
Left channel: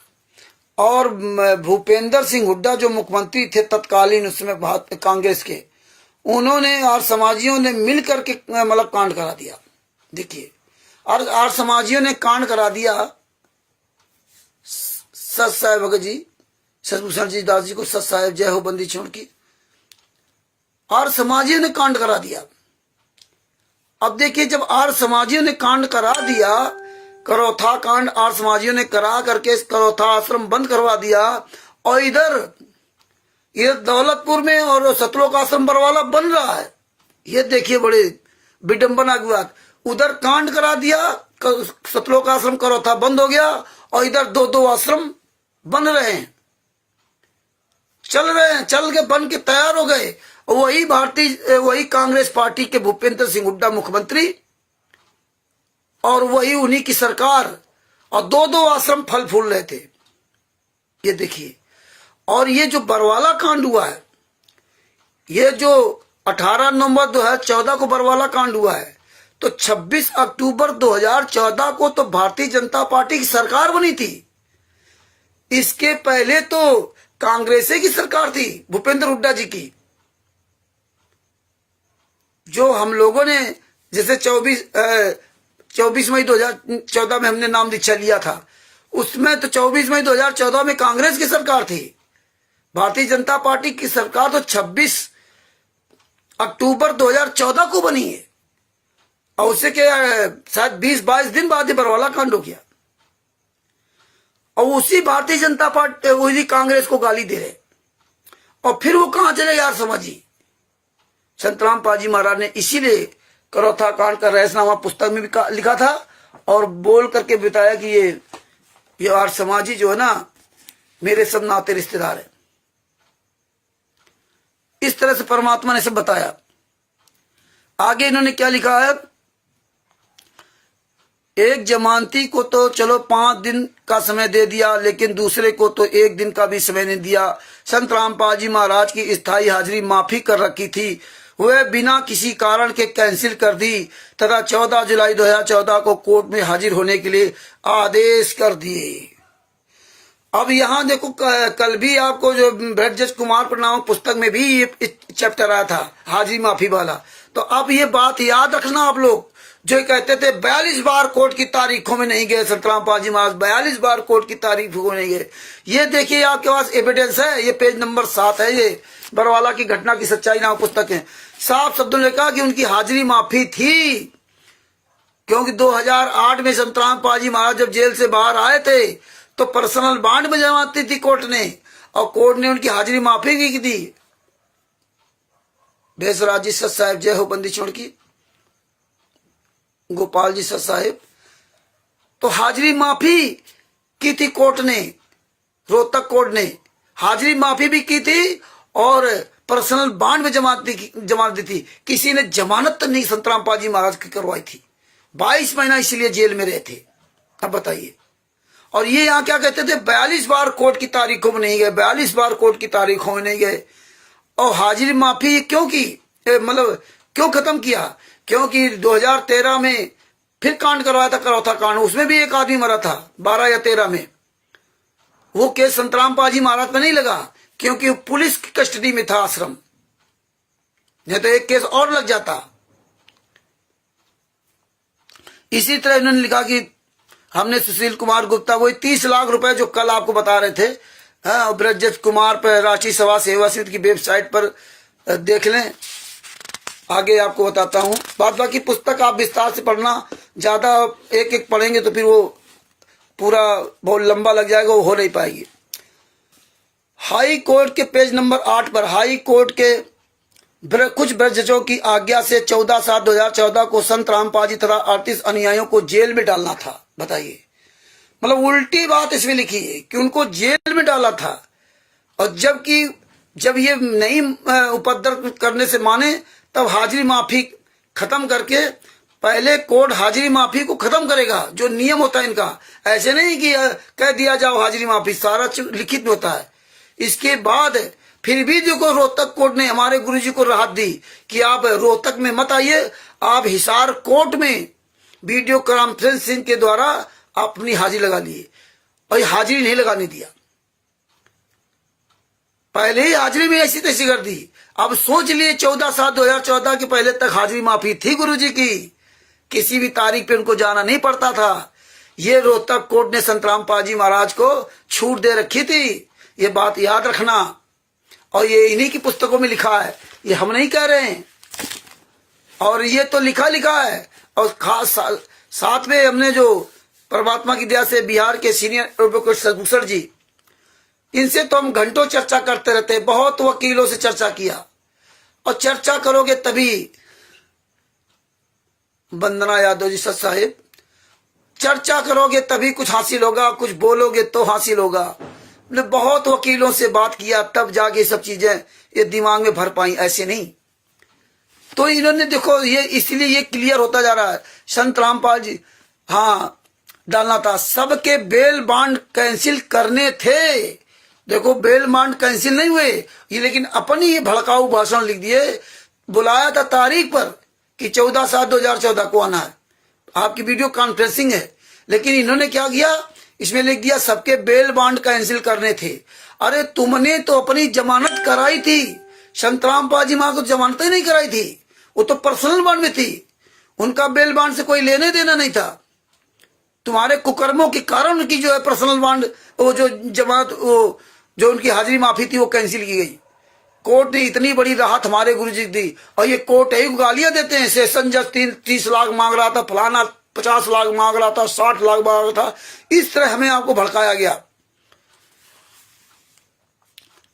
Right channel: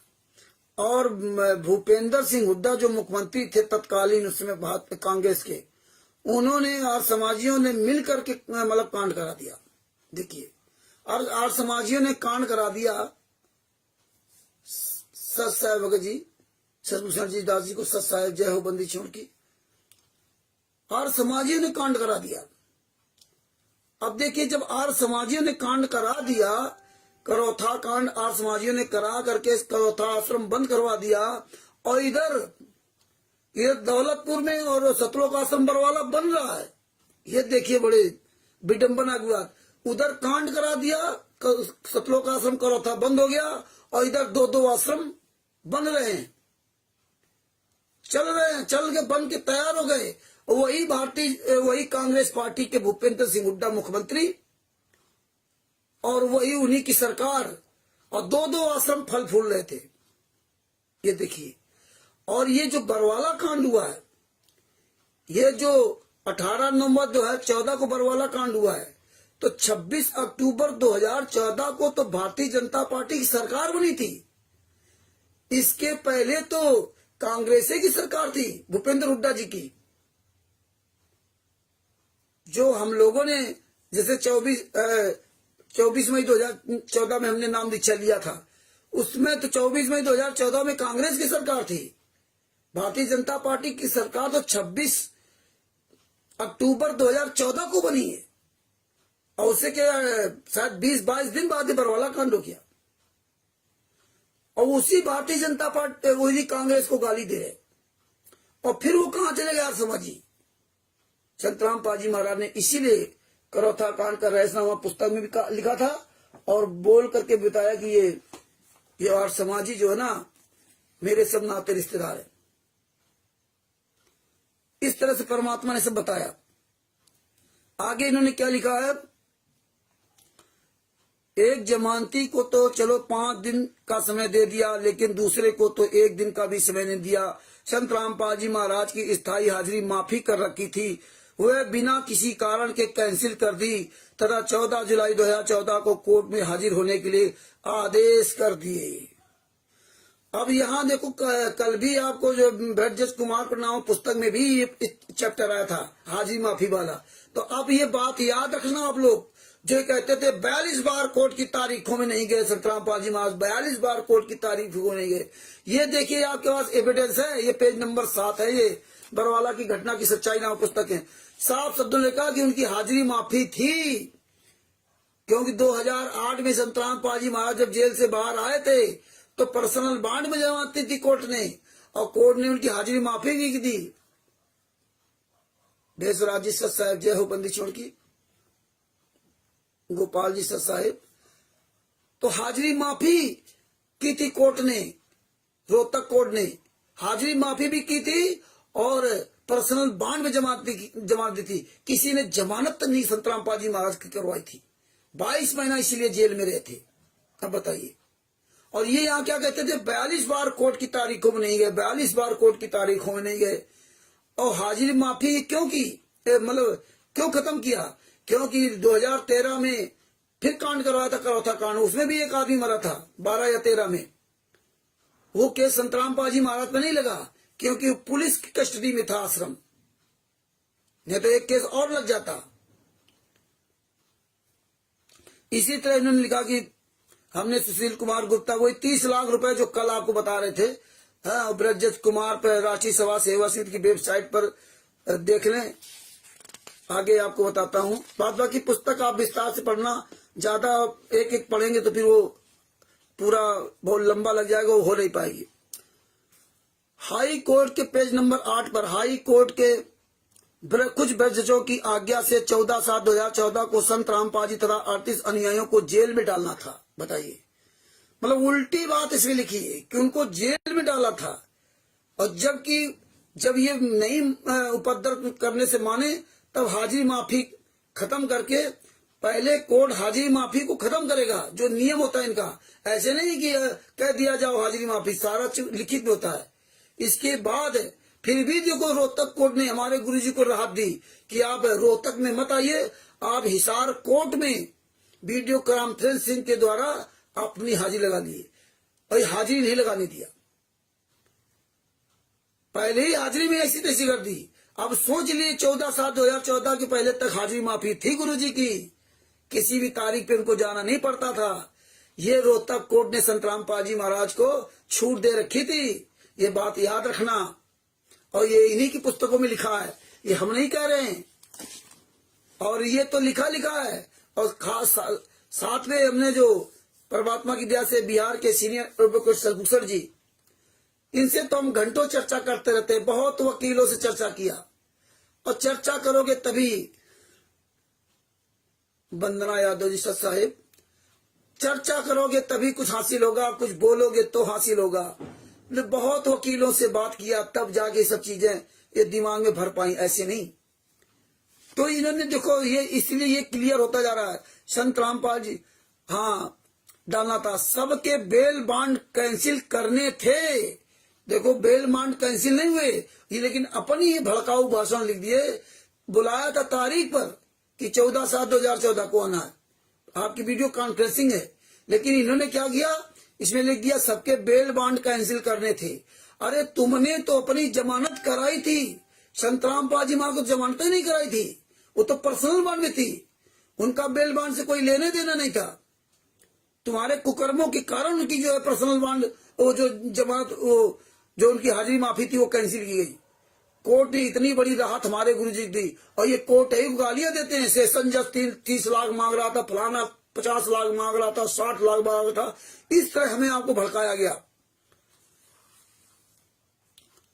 और भूपेंद्र सिंह हुड्डा जो मुख्यमंत्री थे तत्कालीन उसमें कांग्रेस के, उन्होंने और समाजियों ने मिल करके मतलब कांड करा दिया। देखिए और समाजियों ने कांड करा दिया। सच साहेब भगत जी, सतभूषण जी दास जी को सच साहेब जय हो बंदी छोड़ की, और समाजियों ने कांड करा दिया। अब देखिए जब आर समाजियों ने कांड करा दिया, करौथा कांड आर समाजियों ने करा करके करौथा आश्रम बंद करवा दिया, और इधर दौलतपुर में और सतलोक आश्रम बरवाला बन रहा है। ये देखिए बड़े विडंबना की बात, उधर कांड करा दिया, सतलोक आश्रम करौथा बंद हो गया, और इधर दो आश्रम बन रहे हैं, चल के बन के तैयार हो गए। वही कांग्रेस पार्टी के भूपेंद्र सिंह हुड्डा मुख्यमंत्री, और वही उन्हीं की सरकार, और दो आश्रम फल फूल रहे थे। ये देखिए, और ये जो बरवाला कांड हुआ है, ये जो 18 नवंबर 2014 को बरवाला कांड हुआ है, तो 26 अक्टूबर 2014 को तो भारतीय जनता पार्टी की सरकार बनी थी। इसके पहले तो कांग्रेस की सरकार थी भूपेंद्र हुड्डा जी की। जो हम लोगों ने जैसे 24 मई 2014 में हमने नाम दीक्षा लिया था, उसमें तो 24 मई 2014 में कांग्रेस की सरकार थी। भारतीय जनता पार्टी की सरकार तो 26 अक्टूबर 2014 को बनी है, और उससे क्या शायद 20-22 दिन बाद ही बरवाला कांड हो गया। और उसी भारतीय जनता पार्टी उसी कांग्रेस को गाली दे रहे, और फिर वो कहां चले यार समझिए। संतराम पाजी महाराज ने इसीलिए करौथा कांड का रहस्यनामा पुस्तक में भी लिखा था, और बोल करके बताया कि ये आर्य समाजी जो है ना, मेरे सब नाते रिश्तेदार है। इस तरह से परमात्मा ने सब बताया। आगे इन्होंने क्या लिखा है, एक जमानती को तो चलो 5 दिन का समय दे दिया, लेकिन दूसरे को तो 1 दिन का भी समय नहीं दिया। संत रामपाल जी महाराज की स्थायी हाजिरी माफी कर रखी थी, वह बिना किसी कारण के कैंसिल कर दी तथा 14 जुलाई 2014 को कोर्ट में हाजिर होने के लिए आदेश कर दिए। अब यहाँ देखो, कल भी आपको जो ब्रजस कुमार पर नामक पुस्तक में भी ये चैप्टर आया था हाजिरी माफी वाला। तो अब ये बात याद रखना आप लोग, जो कहते थे 42 बार कोर्ट की तारीखों में नहीं गए संतराम पाजी महाराज, 42 बार कोर्ट की तारीखों में नहीं गए। ये देखिए आपके पास एविडेंस है, ये पेज नंबर 7 है, ये बरवाला की घटना की सच्चाई नाम पुस्तक है। साफ शब्दों ने कहा कि उनकी हाजिरी माफी थी, क्योंकि 2008 में संतराम पाजी महाराज जब जेल से बाहर आए थे तो पर्सनल बांड में जमाती थी कोर्ट ने, और कोर्ट ने उनकी हाजिरी माफी की दी। बेसराज जी सत साहेब जय हो बंदी छोड़ की, गोपाल जी सत साहेब, तो हाजिरी माफी की थी कोर्ट ने, रोहतक कोर्ट ने हाजिरी माफी भी की थी, और पर्सनल बांड में जमानत दी थी। किसी ने जमानत तो नहीं संतराम पाजी महाराज की करवाई थी। 22 महीना इसलिए जेल में रहे थे। अब बताइए, और ये यहाँ क्या कहते थे, 42 बार कोर्ट की तारीखों में नहीं गए, 42 बार कोर्ट की तारीखों में नहीं गए। और हाजिरी माफी क्यों की, मतलब क्यों खत्म किया, क्योंकि 2013 में फिर कांड करवाया था करौथा कांड, उसमें भी एक आदमी मरा था 12 या 13 में। वो केस संतराम पाजी महाराज पे नहीं लगा, क्योंकि वो पुलिस की कस्टडी में था आश्रम, नहीं तो एक केस और लग जाता। इसी तरह इन्होंने लिखा कि हमने सुशील कुमार गुप्ता, वही 30 लाख रुपए जो कल आपको बता रहे थे, ब्रजस कुमार पर राष्ट्रीय सभा सेवा समिति की वेबसाइट पर देख लें, आगे आपको बताता हूं। बाकी पुस्तक आप विस्तार से पढ़ना, ज्यादा एक एक पढ़ेंगे तो फिर वो पूरा बहुत लंबा लग जाएगा, वो हो नहीं पाएगी। हाई कोर्ट के पेज नंबर 8 पर हाई कोर्ट के कुछ ब्रजजों की आज्ञा से 14/7/2014 को संत रामपाल जी तथा 38 अनुयायियों को जेल में डालना था। बताइए, मतलब उल्टी बात इसमें लिखी है कि उनको जेल में डाला था। और जब ये नहीं उपद्रव करने से माने, तब हाजिरी माफी खत्म करके, पहले कोर्ट हाजिरी माफी को खत्म करेगा, जो नियम होता है इनका। ऐसे नहीं कि कह दिया जाओ हाजिरी माफी, सारा लिखित होता है। इसके बाद फिर भी देखो, रोहतक कोर्ट ने हमारे गुरुजी को राहत दी कि आप रोहतक में मत आइए, आप हिसार कोर्ट में वीडियो कॉन्फ्रेंसिंग के द्वारा अपनी हाजिरी लगा लिए। और हाजिरी नहीं लगाने दिया, पहले ही हाजिरी में ऐसी तैसी कर दी। अब सोच लिए 14/7/2014 के पहले तक हाजिरी माफी थी गुरुजी की, किसी भी तारीख पे उनको जाना नहीं पड़ता था। ये रोहतक कोर्ट ने संत रामपाल जी महाराज को छूट दे रखी थी, ये बात याद रखना। और ये इन्हीं की पुस्तकों में लिखा है, ये हम नहीं कह रहे हैं। और ये तो लिखा है। और खास साथ में हमने जो परमात्मा की दया से बिहार के सीनियर एडवोकेट सदभूषण जी, इनसे तो हम घंटों चर्चा करते रहते हैं, बहुत वकीलों से चर्चा किया। और चर्चा करोगे तभी, वंदना यादव जी सच साहिब, चर्चा करोगे तभी कुछ हासिल होगा, कुछ बोलोगे तो हासिल होगा। ने बहुत वकीलों से बात किया, तब जाके सब चीजें ये दिमाग में भर पाई, ऐसे नहीं। तो इन्होंने देखो, ये इसलिए ये क्लियर होता जा रहा है। संत रामपाल जी, हाँ डालना था, सबके बेल बांड कैंसिल करने थे। देखो, बेल बांड कैंसिल नहीं हुए ये, लेकिन अपनी ये भड़काऊ भाषण लिख दिए। बुलाया था तारीख पर कि 14/7/2014 को आना है, आपकी वीडियो कॉन्फ्रेंसिंग है, लेकिन इन्होंने क्या किया, इसमें लिख दिया सबके बेल बांड कैंसिल करने थे। अरे तुमने तो अपनी जमानत कराई थी, संत रामपाल जी महाराज को जमानत ही नहीं कराई थी, वो तो पर्सनल बांड में थी, उनका बेल बांड से कोई लेने देना नहीं था। तुम्हारे कुकर्मों के कारण उनकी जो है पर्सनल बांड, वो जो जमानत, वो जो उनकी हाजिरी माफी थी, वो कैंसिल की गई। कोर्ट ने इतनी बड़ी राहत हमारे गुरु जी दी। और ये कोर्ट है, गालियां देते हैं, सेशन जज 30 लाख मांग रहा था, फलाना 50 लाख मांग रहा था, 60 लाख मांग रहा था। इस तरह हमें आपको भड़काया गया।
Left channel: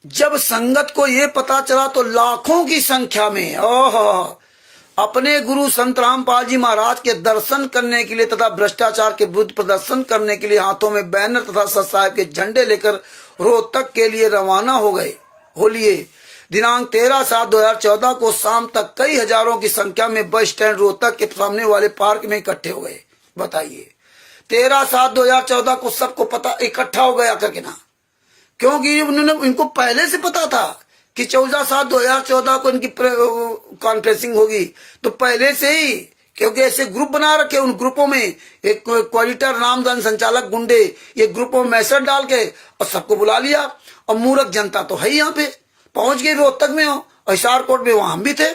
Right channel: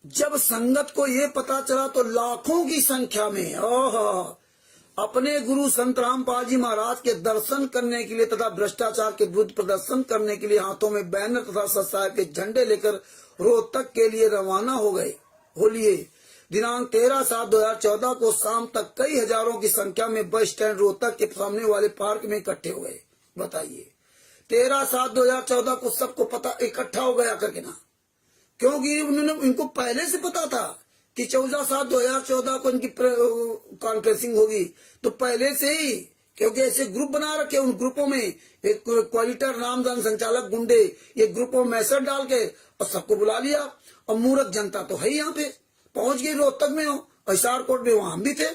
जब संगत को ये पता चला तो लाखों की संख्या में अपने गुरु संत रामपाल जी महाराज के दर्शन करने के लिए तथा भ्रष्टाचार के विरुद्ध प्रदर्शन करने के लिए हाथों में बैनर तथा सत साहिब के झंडे लेकर रोहतक के लिए रवाना हो गए। होलिए दिनांक 13/7/2014 को शाम तक कई हजारों की संख्या में बस स्टैंड रोहतक के सामने वाले पार्क में इकट्ठे हो गए। बताइए, 13/7/2014 को सबको पता, इकट्ठा हो गया करके ना, क्योंकि उन्होंने, इनको पहले से पता था कि 14/7/2014 को इनकी कॉन्फ्रेंसिंग होगी। तो पहले से ही, क्योंकि ऐसे ग्रुप बना रखे, उन ग्रुपों में एक क्वालिटर नामदान संचालक गुंडे ये ग्रुपों में मैसेज डाल के और सबको बुला लिया। और मूर्ख जनता तो है ही, यहाँ पे पहुंच गई, रोहतक में हो और हिसार कोर्ट में, वहां हम भी थे।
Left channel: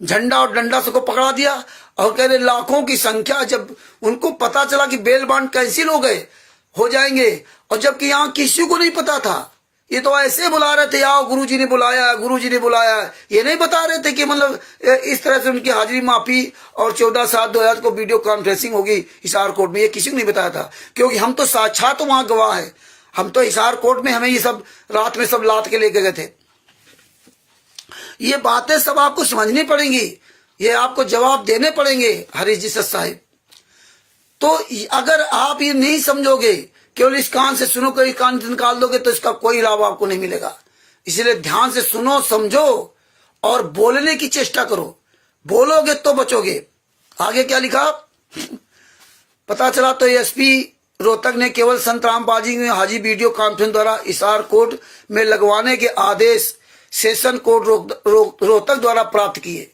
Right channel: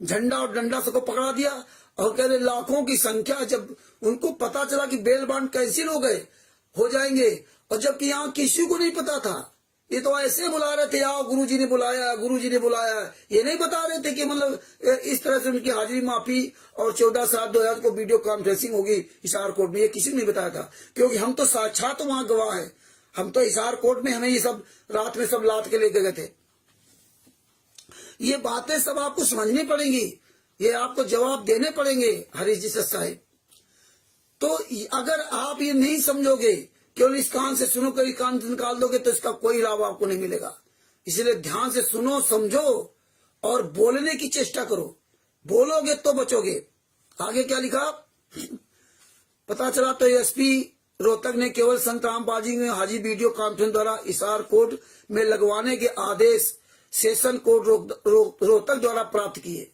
झंडा और डंडा सबको पकड़ा दिया और कह रहे लाखों की संख्या। जब उनको पता चला कि बेल बांड कैंसिल हो जाएंगे, और जबकि यहाँ किसी को नहीं पता था, ये तो ऐसे बुला रहे थे, आओ गुरुजी ने बुलाया, गुरुजी ने बुलाया, ये नहीं बता रहे थे कि मतलब इस तरह से उनकी हाजिरी माफी और 14/7/2014 को वीडियो कॉन्फ्रेंसिंग होगी हिसार कोर्ट में, ये किसी को नहीं बताया था। क्योंकि हम तो साक्षात वहां गवाह है, हम तो हिसार कोर्ट में, हमें ये सब रात में सब लाद के लेके गए थे। ये बातें सब आपको समझनी पड़ेंगी, ये आपको जवाब देने पड़ेंगे हरीश जी सत साहिब। तो अगर आप ये नहीं समझोगे, केवल इस कान से सुनो, कोई कान से निकाल दोगे, तो इसका कोई लाभ आपको नहीं मिलेगा। इसलिए ध्यान से सुनो, समझो और बोलने की चेष्टा करो। बोलोगे तो बचोगे। आगे क्या लिखा पता चला तो एसपी रोहतक ने केवल संत रामपाल जी में हाजी वीडियो कॉन्फ्रेंस द्वारा हिसार कोर्ट में लगवाने के आदेश सेशन कोर्ट रोहतक द्वारा प्राप्त किए।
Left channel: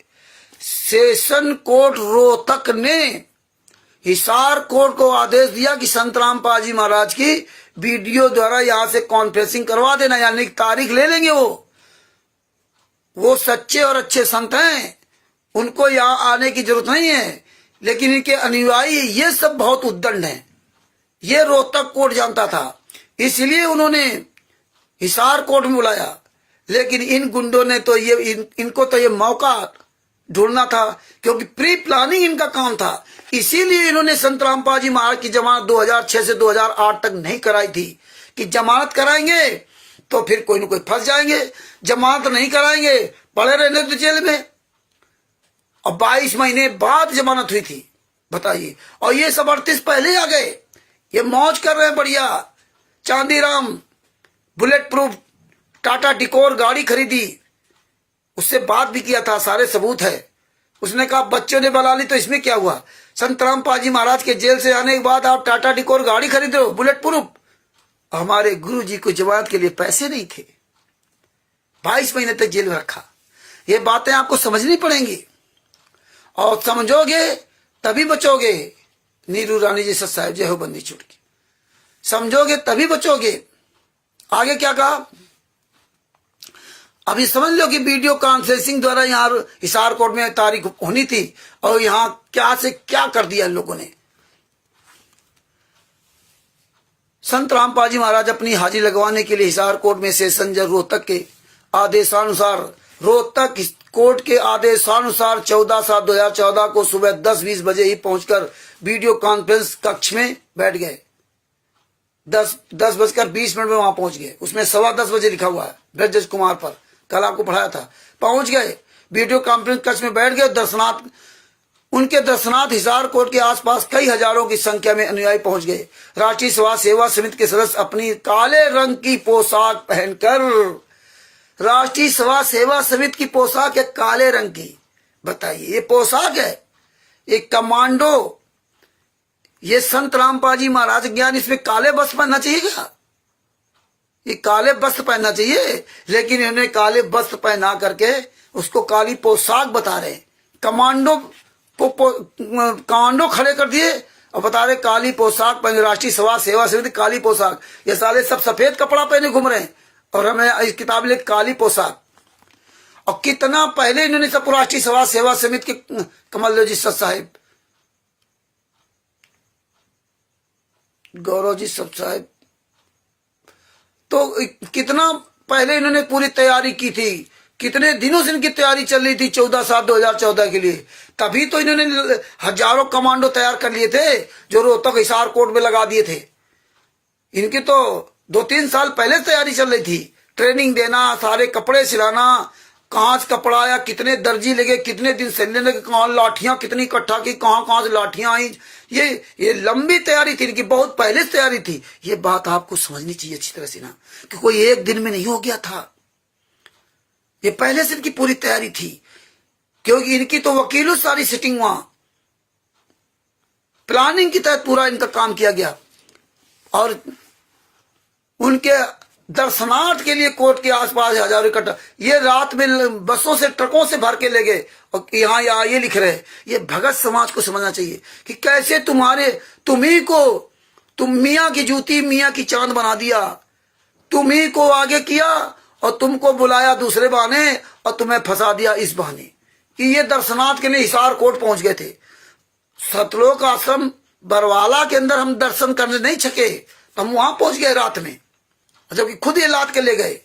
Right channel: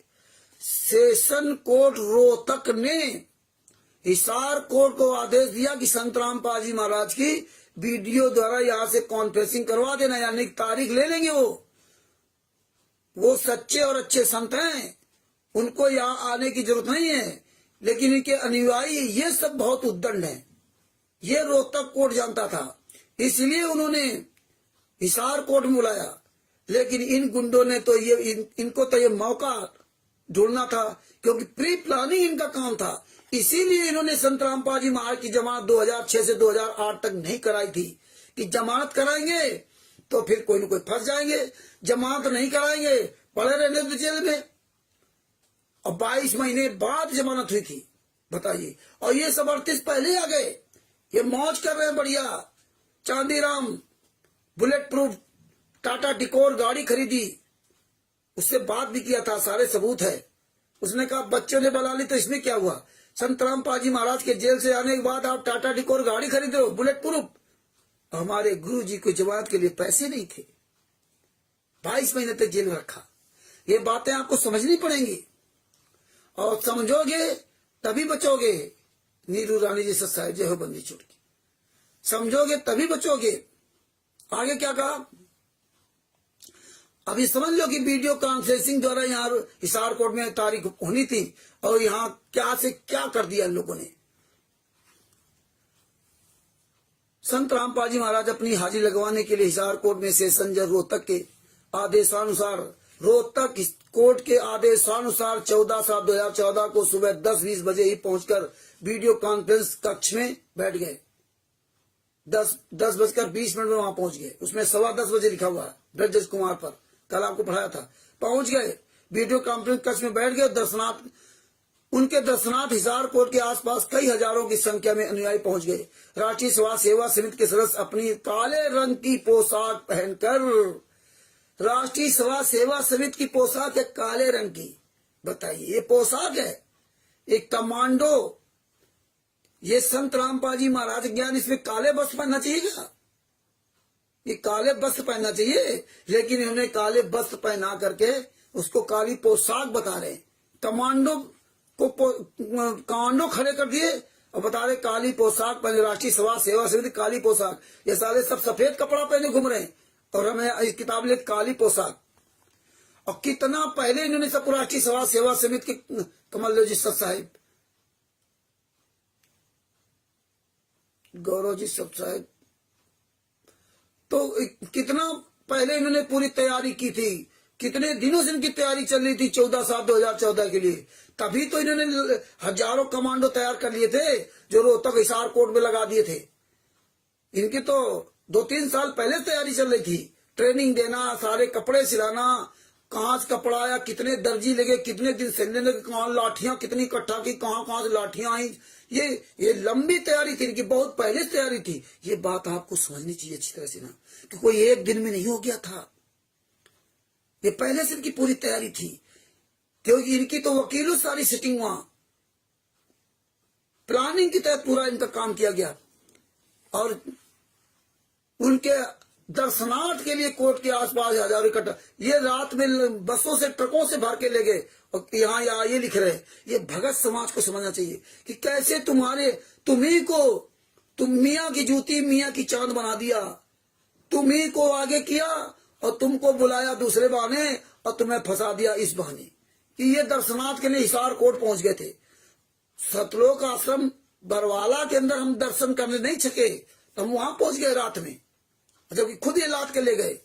सेशन कोर्ट रोहतक ने हिसार कोर्ट को आदेश दिया कि संत रामपाल जी महाराज की वीडियो द्वारा यहां से कॉन्फ्रेंसिंग करवा देना, यानी तारीख ले लेंगे। वो सच्चे और अच्छे संत हैं, उनको यहां आने की जरूरत नहीं है। लेकिन इनके अनुयायी ये सब बहुत उद्दंड हैं, ये रोहतक कोर्ट जानता था, इसलिए उन्होंने हिसार कोर्ट में बुलाया। लेकिन इन गुंडों ने तो इनको तो ये मौका ढूंढना था, क्योंकि प्री प्लानिंग इनका काम था। इसीलिए इन्होंने संत रामपाल जी महाराज की जमानत 2006 से 2008 तक नहीं कराई थी कि जमानत कराएंगे तो फिर कोई ना कोई फंस जाएंगे, जमानत नहीं कराएंगे, पड़े रहने तो जेल में। और 22 महीने बाद जमानत हुई थी, बताइए। और ये सब 38 पहले आ गए, ये मौज कर रहे हैं बढ़िया। चांदीराम बुलेट प्रूफ टाटा डिकोर गाड़ी खरीदी, उससे बात भी किया था, सारे सबूत है। उसने कहा बच्चों ने बना ली तो इसमें क्या हुआ। संत रामपाल जी महाराज के जेल से आने के बाद आप टाटा डिकोर गाड़ी खरीद रहे हो बुलेट प्रूफ। हमारे गुरु जी को जमानत के लिए पैसे नहीं थे, 22 महीने तक जेल में रखा। ये बातें आपको समझनी पड़ेंगी, और समझोगे तभी बचोगे। नीरू रानी जी सत साहिब, जय हो बंदी छूट की। समझोगे तभी बचोगे। आगे क्या कहा, अभी समझ लो कि वीडियो कॉन्फ्रेंसिंग द्वारा यहाँ हिसार कोर्ट में तारीख होनी थी, और यहाँ क्या से क्या कर दिया इन लोगों ने। संत रामपाल जी महाराज अपनी हाजिरी लगवाने के लिए हिसार कोर्ट में सेशन जज रोहतक के आदेशानुसार, रोहतक कोर्ट के आदेशानुसार 14/7/2014 को सुबह 10:20 बजे ही पहुंचकर वीडियो कॉन्फ्रेंस कक्ष में बैठ गए। 10:20 में वहां पहुंच गए। उसमें 10:15 बजे लिखा हुआ है ब्रजराज कुमार पर, कल आपको पढ़ाया था। पहुंच गए, वीडियो कॉन्फ्रेंस कक्ष में बैठ गए। दर्शनार्थ, उनके दर्शनार्थ हिसार कोर्ट के आसपास कई हजारों की संख्या में अनुयायी पहुंच गए। राष्ट्रीय समाज सेवा समिति के सदस्य अपनी काले रंग की पोशाक पहनकर, राष्ट्रीय समाज सेवा समिति की पोशाक है काले रंग की। बताइए, ये पोशाक है, एक कमांडो। ये संत रामपाल जी महाराज ज्ञान, इसमें काले वस्त्र पहनना चाहिए क्या? ये काले वस्त्र पहनना चाहिए, लेकिन इन्होंने काले वस्त्र पहना करके उसको काली पोशाक बता रहे। कमांडो को कमांडो खड़े कर दिए और बता रहे काली पोशाक पहने, राष्ट्रीय समाज सेवा समिति काली पोशाक। ये साले सब सफेद कपड़ा पहने घूम रहे हैं, और हमें इस किताब लिख काली पोशाक। और कितना पहले इन्होंने सब राष्ट्रीय समाज सेवा समिति के कमल जी सत साहिब, गौरव जी सत साहिब, तो कितना पहले इन्होंने पूरी तैयारी की थी। कितने दिनों से इनकी तैयारी चल रही थी 14/7/2014 के लिए। तभी तो इन्होंने हजारों कमांडो तैयार कर लिए थे, जो रोहतक हिसार कोर्ट में लगा दिए थे। इनकी तो 2-3 साल पहले तैयारी चल रही थी। ट्रेनिंग देना, सारे कपड़े सिलाना, कहाँ से कपड़ा आया, कितने दर्जी लगे, कितने दिन सिलने लगे, कहाँ लाठियां कितनी इकट्ठा की, कहाँ से लाठियां आई। ये लंबी तैयारी थी इनकी, बहुत पहले से तैयारी थी। ये बात आपको समझनी चाहिए अच्छी तरह से ना, कि कोई एक दिन में नहीं हो गया था। ये पहले से इनकी पूरी तैयारी थी, क्योंकि इनकी तो वकीलों सारी सिटिंग वहां प्लानिंग के तहत पूरा इनका काम किया गया। और उनके दर्शनार्थ के लिए कोर्ट के आसपास हजारों इकट्ठा, ये रात में बसों से ट्रकों से भर के ले गए। और यहाँ ये लिख रहे, ये भगत समाज को समझना चाहिए कि कैसे तुम्ही को तुम मियाँ की जूती मियाँ की चांद बना दिया। तुम्ही को आगे किया और तुमको बुलाया दूसरे बहाने, और तुम्हें फंसा दिया इस बहाने। कि ये दर्शनार्थ के लिए हिसार कोर्ट पहुंच गए थे। सतलोक आश्रम बरवाला के अंदर हम दर्शन करने नहीं सके, तो हम वहां पहुंच गए रात में, जबकि खुद ये लाद के ले गए।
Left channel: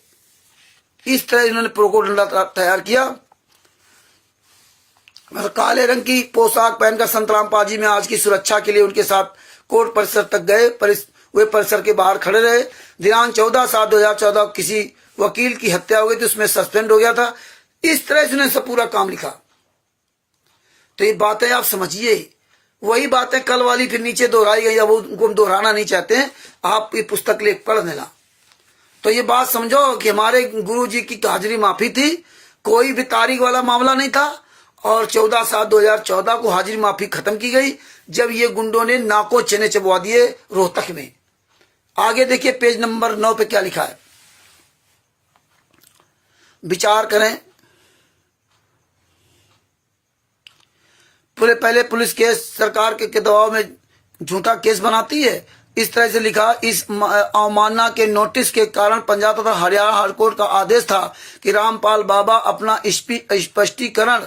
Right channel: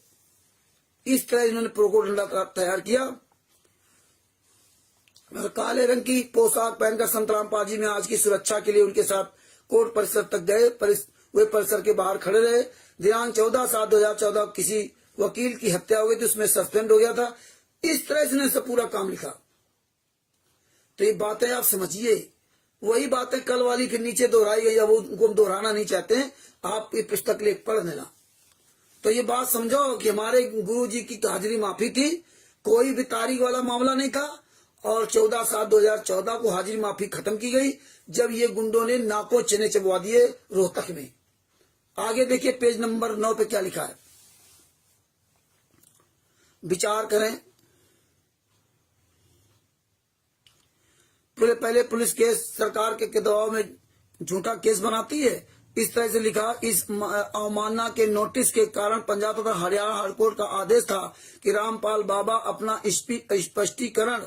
इस तरह इन्होंने प्रोकोडंडा तैयार किया। काले रंग की पोशाक पहनकर संत रामपाल जी में आज की सुरक्षा के लिए उनके साथ कोर्ट परिसर तक गए। वे परिसर के बाहर खड़े रहे। दिनांक 14/7/2014 किसी वकील की हत्या हो गई थी, उसमें सस्पेंड हो गया था। इस तरह से उन्होंने सब पूरा काम लिखा। तो ये बातें आप समझिए, वही बातें कल वाली फिर नीचे दोहराई गई। अब उनको हम दोहराना नहीं चाहते हैं, आप ये पुस्तक लेख पढ़ लेना। तो ये बात समझो कि हमारे गुरु जी की हाजिरी माफी थी, कोई भी तारीख वाला मामला नहीं था। और 14/7/2014 को हाजिरी माफी खत्म की गई, जब ये गुंडों ने नाको चने चबवा दिए रोहतक में। आगे देखिए पेज नंबर 9 पे क्या लिखा है, विचार करें। पहले पुलिस केस सरकार के दबाव में झूठा केस बनाती है। इस तरह से लिखा, इस अवमानना के नोटिस के कारण पंजाब तथा हरियाणा हाईकोर्ट का आदेश था कि रामपाल बाबा अपना स्पष्टीकरण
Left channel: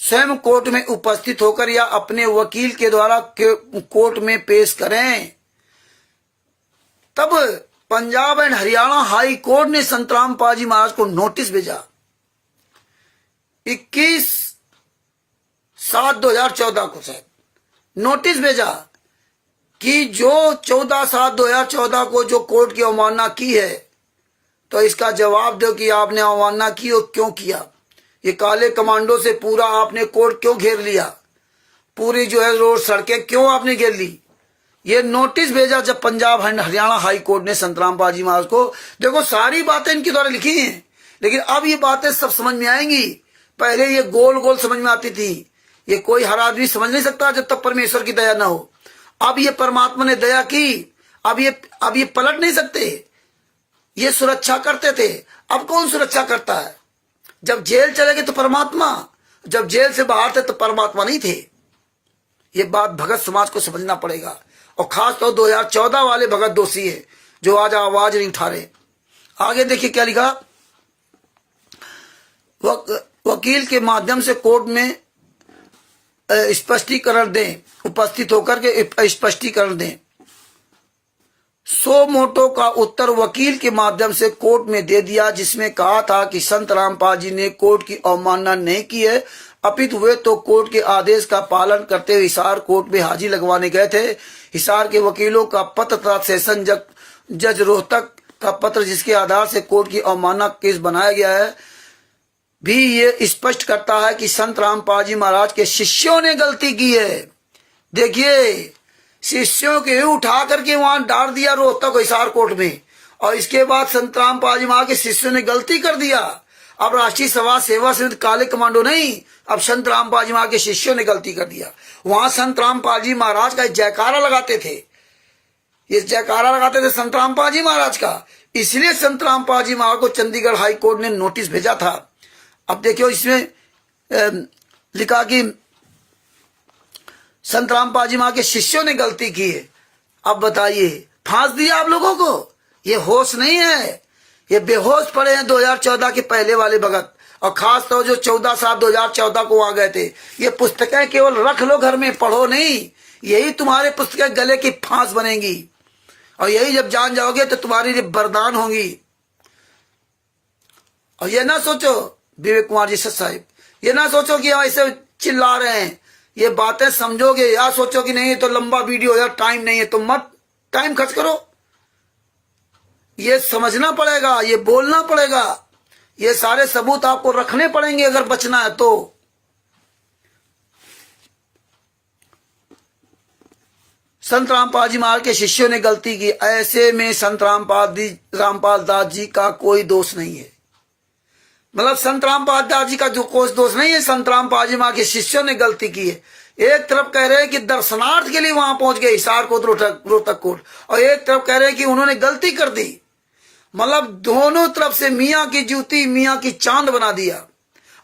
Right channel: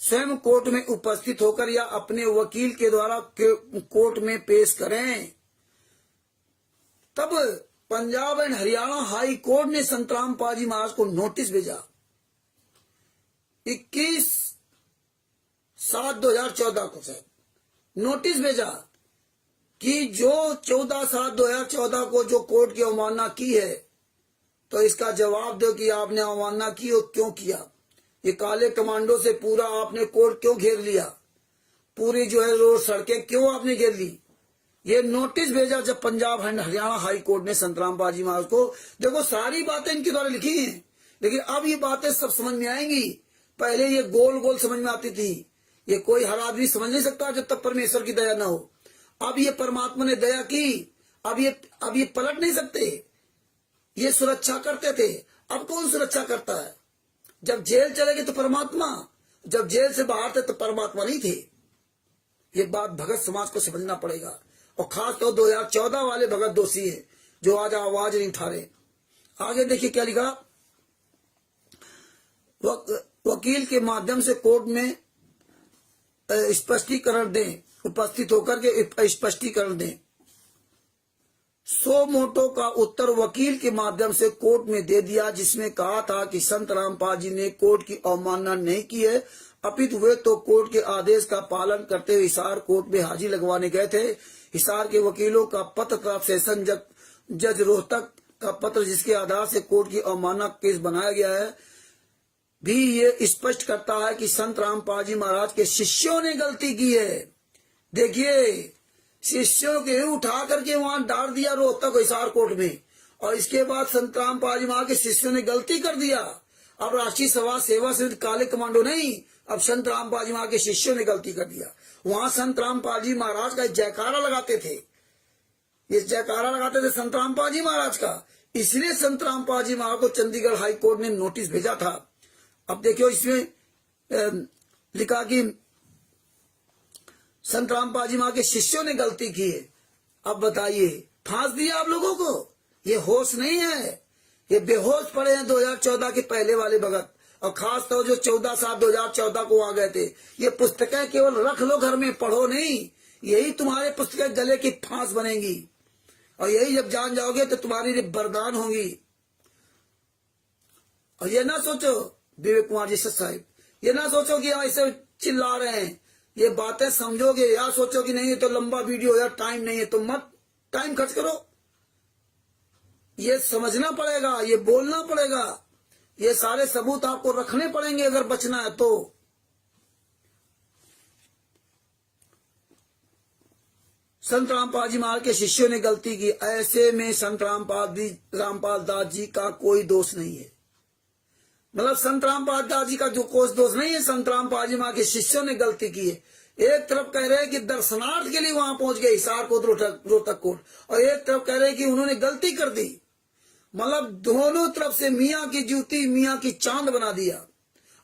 स्वयं कोर्ट में उपस्थित होकर या अपने वकील के द्वारा कोर्ट में पेश करें। तब Punjab and Haryana high court ने संत रामपाल जी महाराज को नोटिस भेजा 21/7/2014 को, शायद नोटिस भेजा कि जो 14/7/2014 को जो कोर्ट की अवमानना की है, तो इसका जवाब दो कि आपने अवमानना की और क्यों किया। ये काले कमांडो से पूरा आपने कोर्ट क्यों घेर लिया, पूरी जो है रोड सड़कें क्यों आपने घेर ली। ये नोटिस भेजा जब पंजाब हरियाणा हाई कोर्ट ने संतराम पाजी महाराज को। देखो सारी बातें इनके द्वारा लिखी हैं, लेकिन अब ये बातें सब समझ में आएंगी। पहले ये गोल गोल समझ में आती थी, ये कोई हर आदमी समझ नहीं सकता जब तक परमेश्वर की दया ना हो। अब ये परमात्मा ने दया की, अब ये पलट नहीं सकते। ये सुरक्षा करते थे, अब कौन सुरक्षा करता है। जब जेल चले गए तो परमात्मा, जब जेल से बाहर थे तो परमात्मा नहीं थे। ये बात भगत समाज को समझना पड़ेगा, और खास तौर 2014 वाले भगत दोषी है जो आज आवाज नहीं उठा रहे। आगे देखिए क्या लिखा। वकील के माध्यम से कोर्ट में स्पष्टीकरण दें, उपस्थित होकर के स्पष्टीकरण दें। सो मोटो का उत्तर वकील के माध्यम से कोर्ट में दे दिया, जिसमें कहा था कि संत रामपाल जी ने कोर्ट की अवमानना नहीं की है, अपितु वे तो कोर्ट के आदेश का पालन करते हुए हिसार कोर्ट में हाजिरी लगवाने गए थे। हिसार के वकीलों का पत्र तथा सेशन जज रोहतक का पत्र, जिसके आधार से कोर्ट की अवमानना केस बनाया गया है, भी ये स्पष्ट करता है कि संत रामपाल जी महाराज के शिष्यों ने गलती की है। देखिए, शिष्यों के उठा करके वहां डाल दिया रोहतक हिसार कोर्ट में, और इसके बाद संत रामपाल जी महाराज के शिष्यों ने गलती कर दिया। अब राष्ट्रीय सभा सेवा समिति काले कमांडो नहीं, अब संत रामपाल जी महाराज के शिष्यों ने गलती कर दिया। वहां संत रामपाल जी महाराज का जयकारा लगाते थे, ये जयकारा लगाते थे संत रामपाल जी महाराज का, इसलिए संत रामपाल जी महाराज को चंडीगढ़ हाई कोर्ट ने नोटिस भेजा था। अब देखियो इसमें लिखा कि संत रामपाल जी महाराज के शिष्यों ने गलती की है। अब बताइए, फांस दिया आप लोगों को, ये होश नहीं है, ये बेहोश पड़े हैं 2014 के पहले वाले भगत, और खास तौर जो 14/7/2014 को आ गए थे। ये पुस्तकें केवल रख लो घर में, पढ़ो नहीं, यही तुम्हारे पुस्तकें गले की फांस बनेंगी, और यही जब जान जाओगे तो तुम्हारी लिए वरदान होंगी। और ये ना सोचो विवेक कुमार जी साहब, ये ना सोचो कि ऐसे चिल्ला रहे हैं, ये बातें समझोगे, या सोचो कि नहीं तो लंबा वीडियो यार टाइम नहीं है, तो मत टाइम खर्च करो। ये समझना पड़ेगा, ये बोलना पड़ेगा, ये सारे सबूत आपको रखने पड़ेंगे अगर बचना है तो। संत रामपाल जी महाराज के शिष्यों ने गलती की, ऐसे में संत रामपाल दास जी का कोई दोष नहीं है। मतलब संत रामपाल दास जी का जो कोई दोष नहीं है, संत रामपाल जी महाराज के शिष्यों ने गलती की है। एक तरफ कह रहे हैं कि दर्शनार्थ के लिए वहां पहुंच गए हिसार कोट रोहतक कोट, और एक तरफ कह रहे हैं कि उन्होंने गलती कर दी। मतलब दोनों तरफ से मियाँ की जूती मियाँ की चांद बना दिया,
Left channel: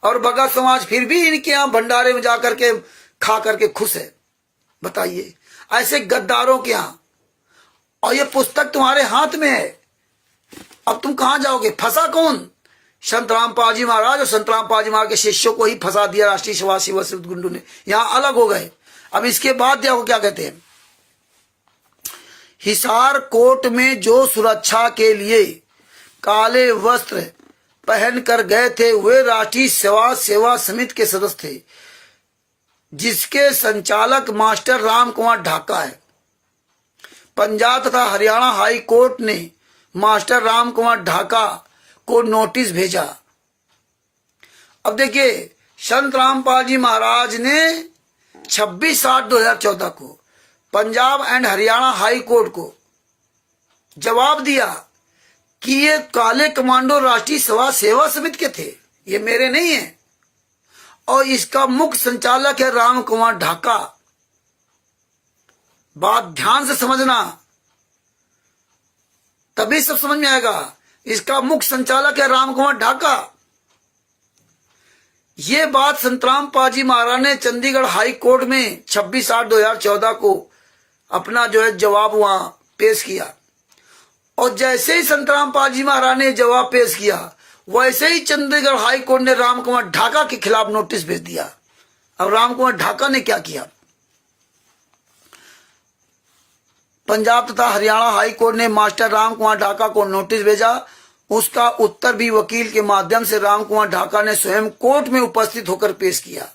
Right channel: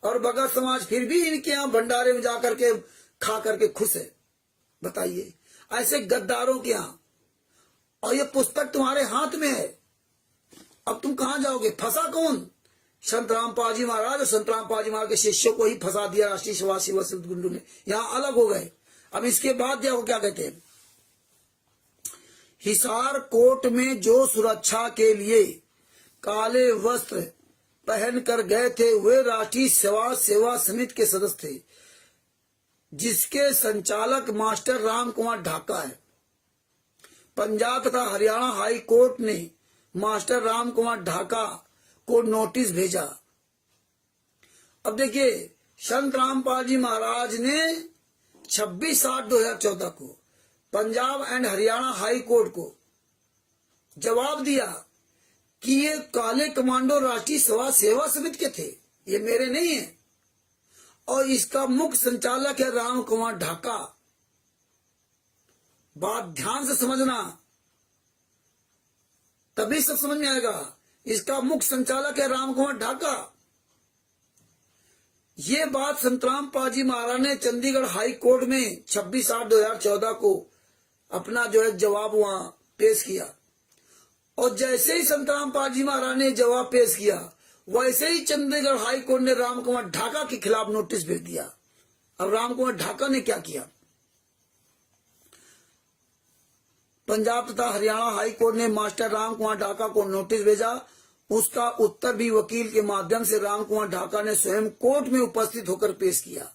और भगत समाज फिर भी इनके यहाँ भंडारे में जाकर के खा करके खुश है। बताइए, ऐसे गद्दारों के यहाँ, और ये पुस्तक तुम्हारे हाथ में है, अब तुम कहां जाओगे। फंसा कौन? संत रामपाल जी महाराज और संत रामपाल जी महाराज के शिष्यों को ही फंसा दिया राष्ट्रीय सभा सेवा समिति गुंडों ने, यहां अलग हो गए। अब इसके बाद देखो क्या कहते हैं। हिसार कोर्ट में जो सुरक्षा के लिए काले वस्त्र पहन कर गए थे वे राष्ट्रीय सेवा समिति के सदस्य थे, जिसके संचालक मास्टर राम कुमार ढाका है। पंजाब तथा हरियाणा हाई कोर्ट ने मास्टर राम कुमार ढाका को नोटिस भेजा। अब देखिए, संत रामपाल जी महाराज ने 26/8/2014 को Punjab and Haryana high court को जवाब दिया कि ये काले कमांडो राष्ट्रीय सेवा समिति के थे, ये मेरे नहीं है, और इसका मुख्य संचालक है राम कुमार ढाका। बात ध्यान से समझना, तभी सब समझ में आएगा। इसका मुख्य संचालक है राम कुमार ढाका। ये बात संत रामपाल जी महाराज ने चंडीगढ़ हाई कोर्ट में 26/8/2014 को अपना जो है जवाब वहां पेश किया, और जैसे ही संत रामपाल जी महाराज ने जवाब पेश किया, वैसे ही चंडीगढ़ हाई कोर्ट ने राम कुमार ढाका के खिलाफ नोटिस भेज दिया। अब राम कुमार ढाका ने क्या किया? पंजाब तथा हरियाणा हाई कोर्ट ने मास्टर राम कुमार ढाका को नोटिस भेजा। उसका उत्तर भी वकील के माध्यम से राम कुमार ढाका ने स्वयं कोर्ट में उपस्थित होकर पेश किया।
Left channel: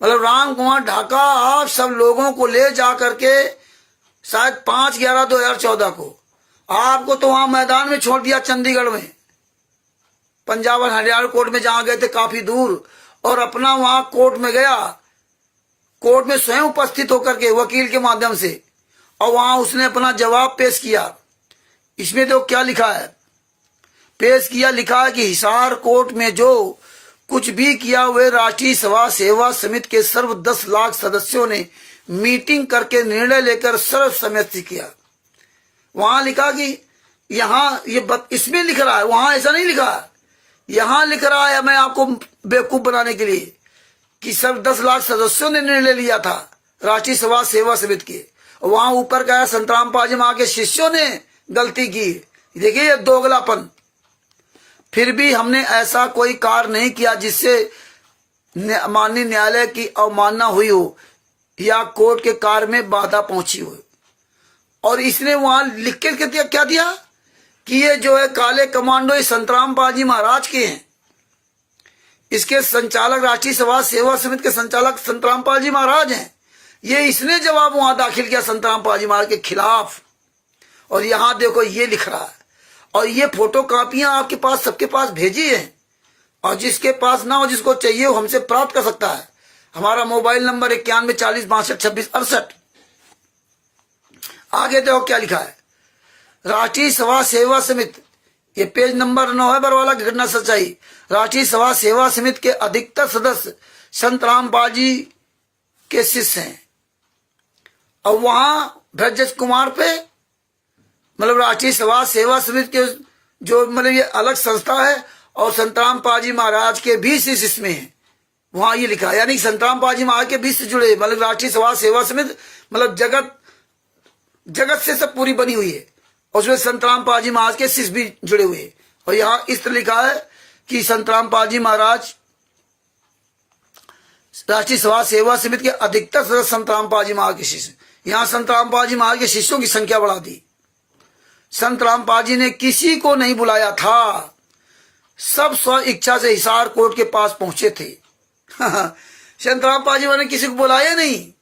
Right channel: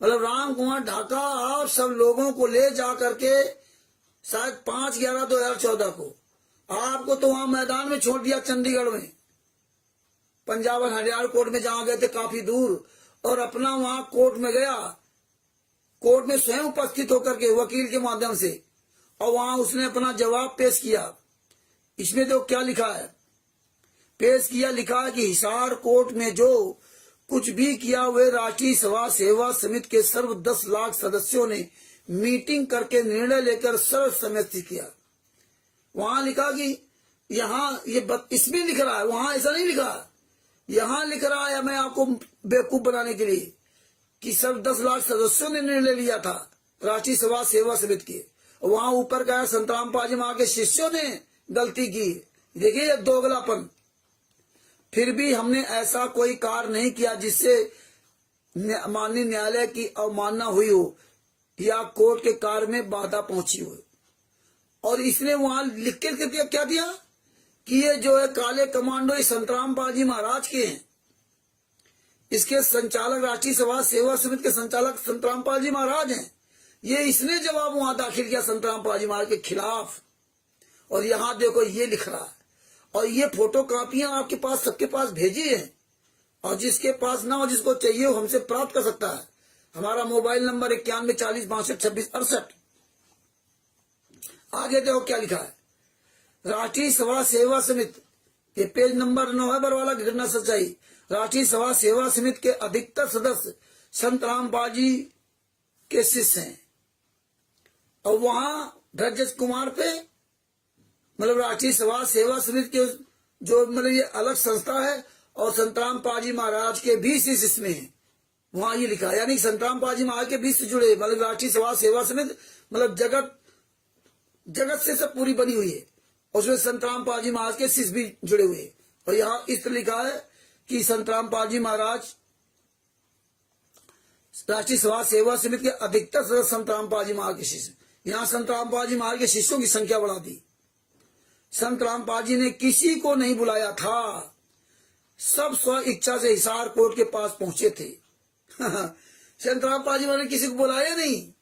मतलब राम कुमार ढाका आप सब लोगों को ले जा करके शायद 5/11/2014 को आपको तो वहां मैदान में छोड़ दिया, चंडीगढ़ में, पंजाब और हरियाणा कोर्ट में जहां गए थे काफी दूर, और अपना वहां कोर्ट में गया, कोर्ट में स्वयं उपस्थित होकर के वकील के माध्यम से, और वहां उसने अपना जवाब पेश किया। इसमें तो क्या लिखा है, पेश किया, लिखा है कि हिसार कोर्ट में जो कुछ भी किया वे राष्ट्रीय सभा सेवा समिति के सर्व 10 लाख सदस्यों ने मीटिंग करके निर्णय लेकर सर्वसम्मति से किया। वहां लिखा कि यहाँ इसमें लिख रहा है, वहां ऐसा नहीं लिखा, यहां लिख रहा है, मैं आपको बेवकूफ बनाने के लिए, कि सब 10 लाख सदस्यों ने निर्णय लिया था राष्ट्रीय सभा सेवा समिति के। वहां ऊपर कहा संतराम पाजी मां के शिष्यों ने गलती की। देखिए ये दोगलापन। फिर भी हमने ऐसा कोई कार्य नहीं किया जिससे माननीय न्यायालय की अवमानना हुई हो या कोर्ट के कार्य में बाधा पहुंची हो। और इसने वहां लिख के क्या दिया कि ये जो है काले कमांडो, ये संतराम पाजी महाराज के हैं, इसके संचालक राष्ट्रीय सभा सेवा समिति के संचालक संतराम पाजी महाराज हैं। ये इसने जवाब वहां दाखिल किया संतराम पाजी महाराज के खिलाफ। और यहां देखो ये लिख रहा है, और ये फोटो कापियां आपके पास, सबके पास भेजी है, और जिसके पास ना हो, जिसको चाहिए वो हमसे प्राप्त कर सकता है। हमारा मोबाइल नंबर 91 40 62 26 68। आगे देखो क्या लिखा है, राष्ट्रीय सभा सेवा समिति, ये पेज नंबर 9 है बरवाला की घटना सच्चाई। राष्ट्रीय सभा सेवा समिति के अधिकतर सदस्य संत रामपाल जी के शिष्य हैं। और वहां ब्रजेश कुमार पे, मतलब राष्ट्रीय सभा सेवा समिति के जो मतलब ये अलग संस्था है, और संतराम पाजी महाराज के भी शिष्य इसमें है। वहां ये लिखा है, यानी संतराम पाजी महाराज के बीच से जुड़े, मतलब राष्ट्रीय सभा सेवा समिति मतलब जगत से सब पूरी बनी हुई है, और उसमें संतराम पाजी महाराज के शिष्य भी जुड़े हुए हैं। और यहाँ इस तरह लिखा है कि संतराम पाजी महाराज राष्ट्रीय सभा सेवा समिति के अधिकतर सदस्य संतराम पाजी महाराज के शिष्य। यहाँ संतराम पाजी महाराज के शिष्यों की संख्या बढ़ा दी। संतराम पाजी ने किसी को नहीं बुलाया था, सब स्व इच्छा से हिसार कोर्ट के पास पहुंचे थे। संतराम पाजी महाराज ने किसी को बुलाया नहीं,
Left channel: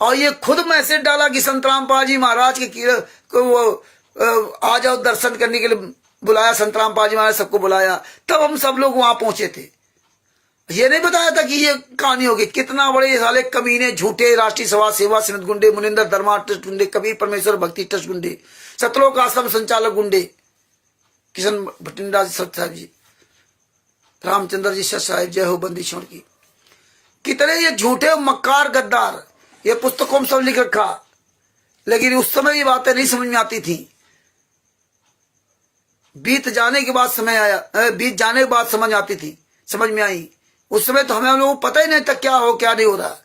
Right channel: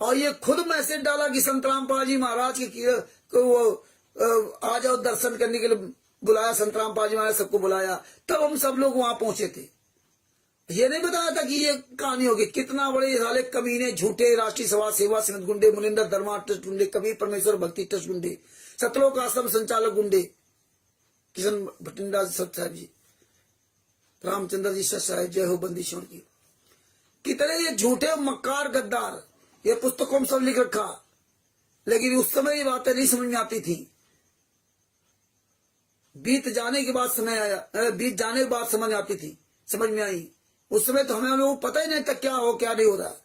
और ये खुद मैसेज डाला कि संतराम पाजी महाराज के को वो आ जाओ दर्शन करने के लिए बुलाया। संतराम पाजी महाराज सबको बुलाया, तब हम सब लोग वहां पहुंचे थे। ये नहीं बताया था कि ये कहानी होगी। कितना बड़े साले कमीने, झूठे राष्ट्रीय सभा सेवा समिति गुंडे, मुनिंदर धर्मा ट्रस्ट गुंडे, कबीर परमेश्वर भक्ति ट्रस्ट गुंडे, सतलोक आश्रम संचालक गुंडे, किशन भटिंडा सत साहब जी, रामचंद्र जी सत साहब, जय हो बंदी छोड़ की। कितने ये झूठे मक्कार गद्दार, ये पुस्तकों में सब लिख रखा, लेकिन उस समय ये बातें नहीं समझ में आती थी। बीत जाने के बाद समय आया, बीत जाने के बाद समझ आती थी, समझ में आई। उस समय तो हमें लोगों को पता ही नहीं था क्या हो क्या नहीं हो रहा।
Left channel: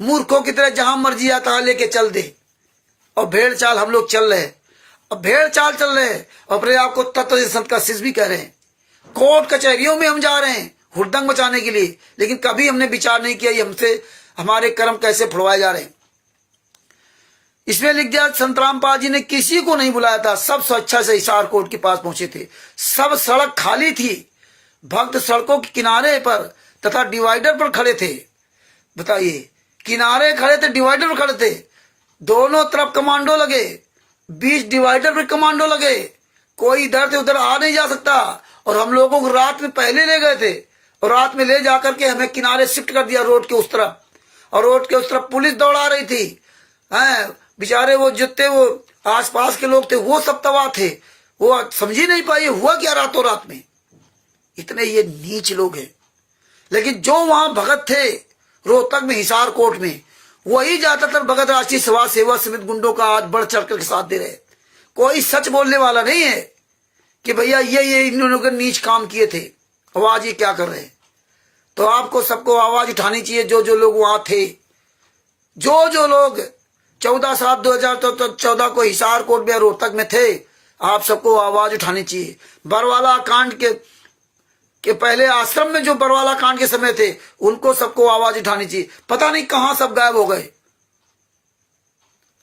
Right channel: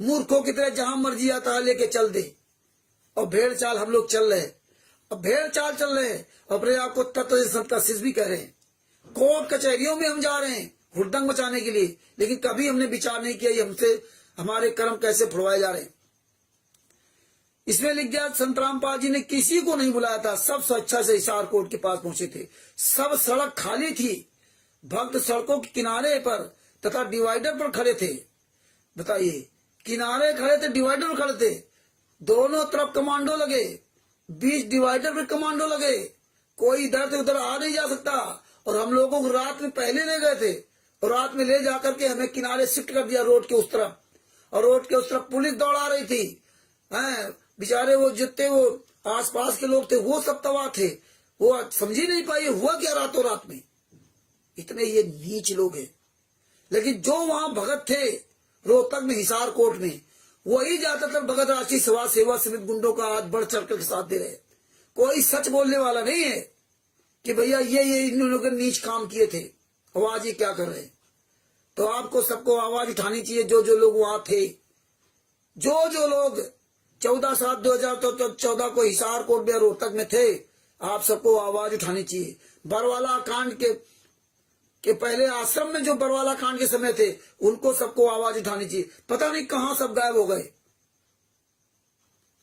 मूर्खों की तरह जहां मर्जी आता लेके चल दे, और भेड़ चाल हम लोग चल रहे। अब भेड़ चाल चल रहे, अपने आप को तत्व संत का शिष्य भी कह रहे हैं। कोर्ट कचहरियों में हम जा रहे हैं हुड़दंग मचाने के लिए, लेकिन कभी हमने विचार नहीं किया हमसे हमारे कर्म कैसे फुड़वाए जा रहे हैं। इसमें लिख दिया संतराम पाल जी ने किसी को नहीं बुलाया था, सब स्वेच्छा से हिसार कोर्ट के पास पहुंचे थे। सब सड़क खाली थी, भक्त सड़कों के किनारे पर तथा डिवाइडर पर खड़े थे। बताइए, किनारे खड़े थे, डिवाइडर पर खड़े थे, दोनों तरफ कमांडो लगे, बीच डिवाइडर पर कमांडो लगे, कोई इधर से उधर आ नहीं जा सकता। और हम लोगों को रात में पहले ले गए थे, और रात में ले जाकर के हमें किनारे शिफ्ट कर दिया रोड के उस तरफ, और रोड के उस तरफ पुलिस दौड़ा रही थी। बेचारे वो जितने वो आसपास के लोग थे वो सब तबाह थे, वो समझ ही नहीं पाए हुआ क्या रातों रात में। इतने ये नीच लोग हैं। लेकिन जो वहां भगत थे रोहतक में, हिसार कोर्ट में, वही ज्यादातर भगत राष्ट्रीय सभा सेवा समिति गुंडों का आज बढ़ चढ़ कर साथ दे रहे। कोई सच बोलने वाला नहीं है कि भैया ये इन लोगों ने नीच काम किए थे, अब आज ये क्या कर रहे हैं। तो आपको सबको आवाज उठानी चाहिए, जो जो लोग वहां थे, जो लोग 14/7/2014 को हिसार कोर्ट में रोहतक में थे, आप सबको आवाज उठानी चाहिए। बरवाला कांड के पहले आश्रम में जो बरवाला कांड के समय थे, उनको सबको आवाज उठानी चाहिए। पता नहीं कहां सब गायब हो गए।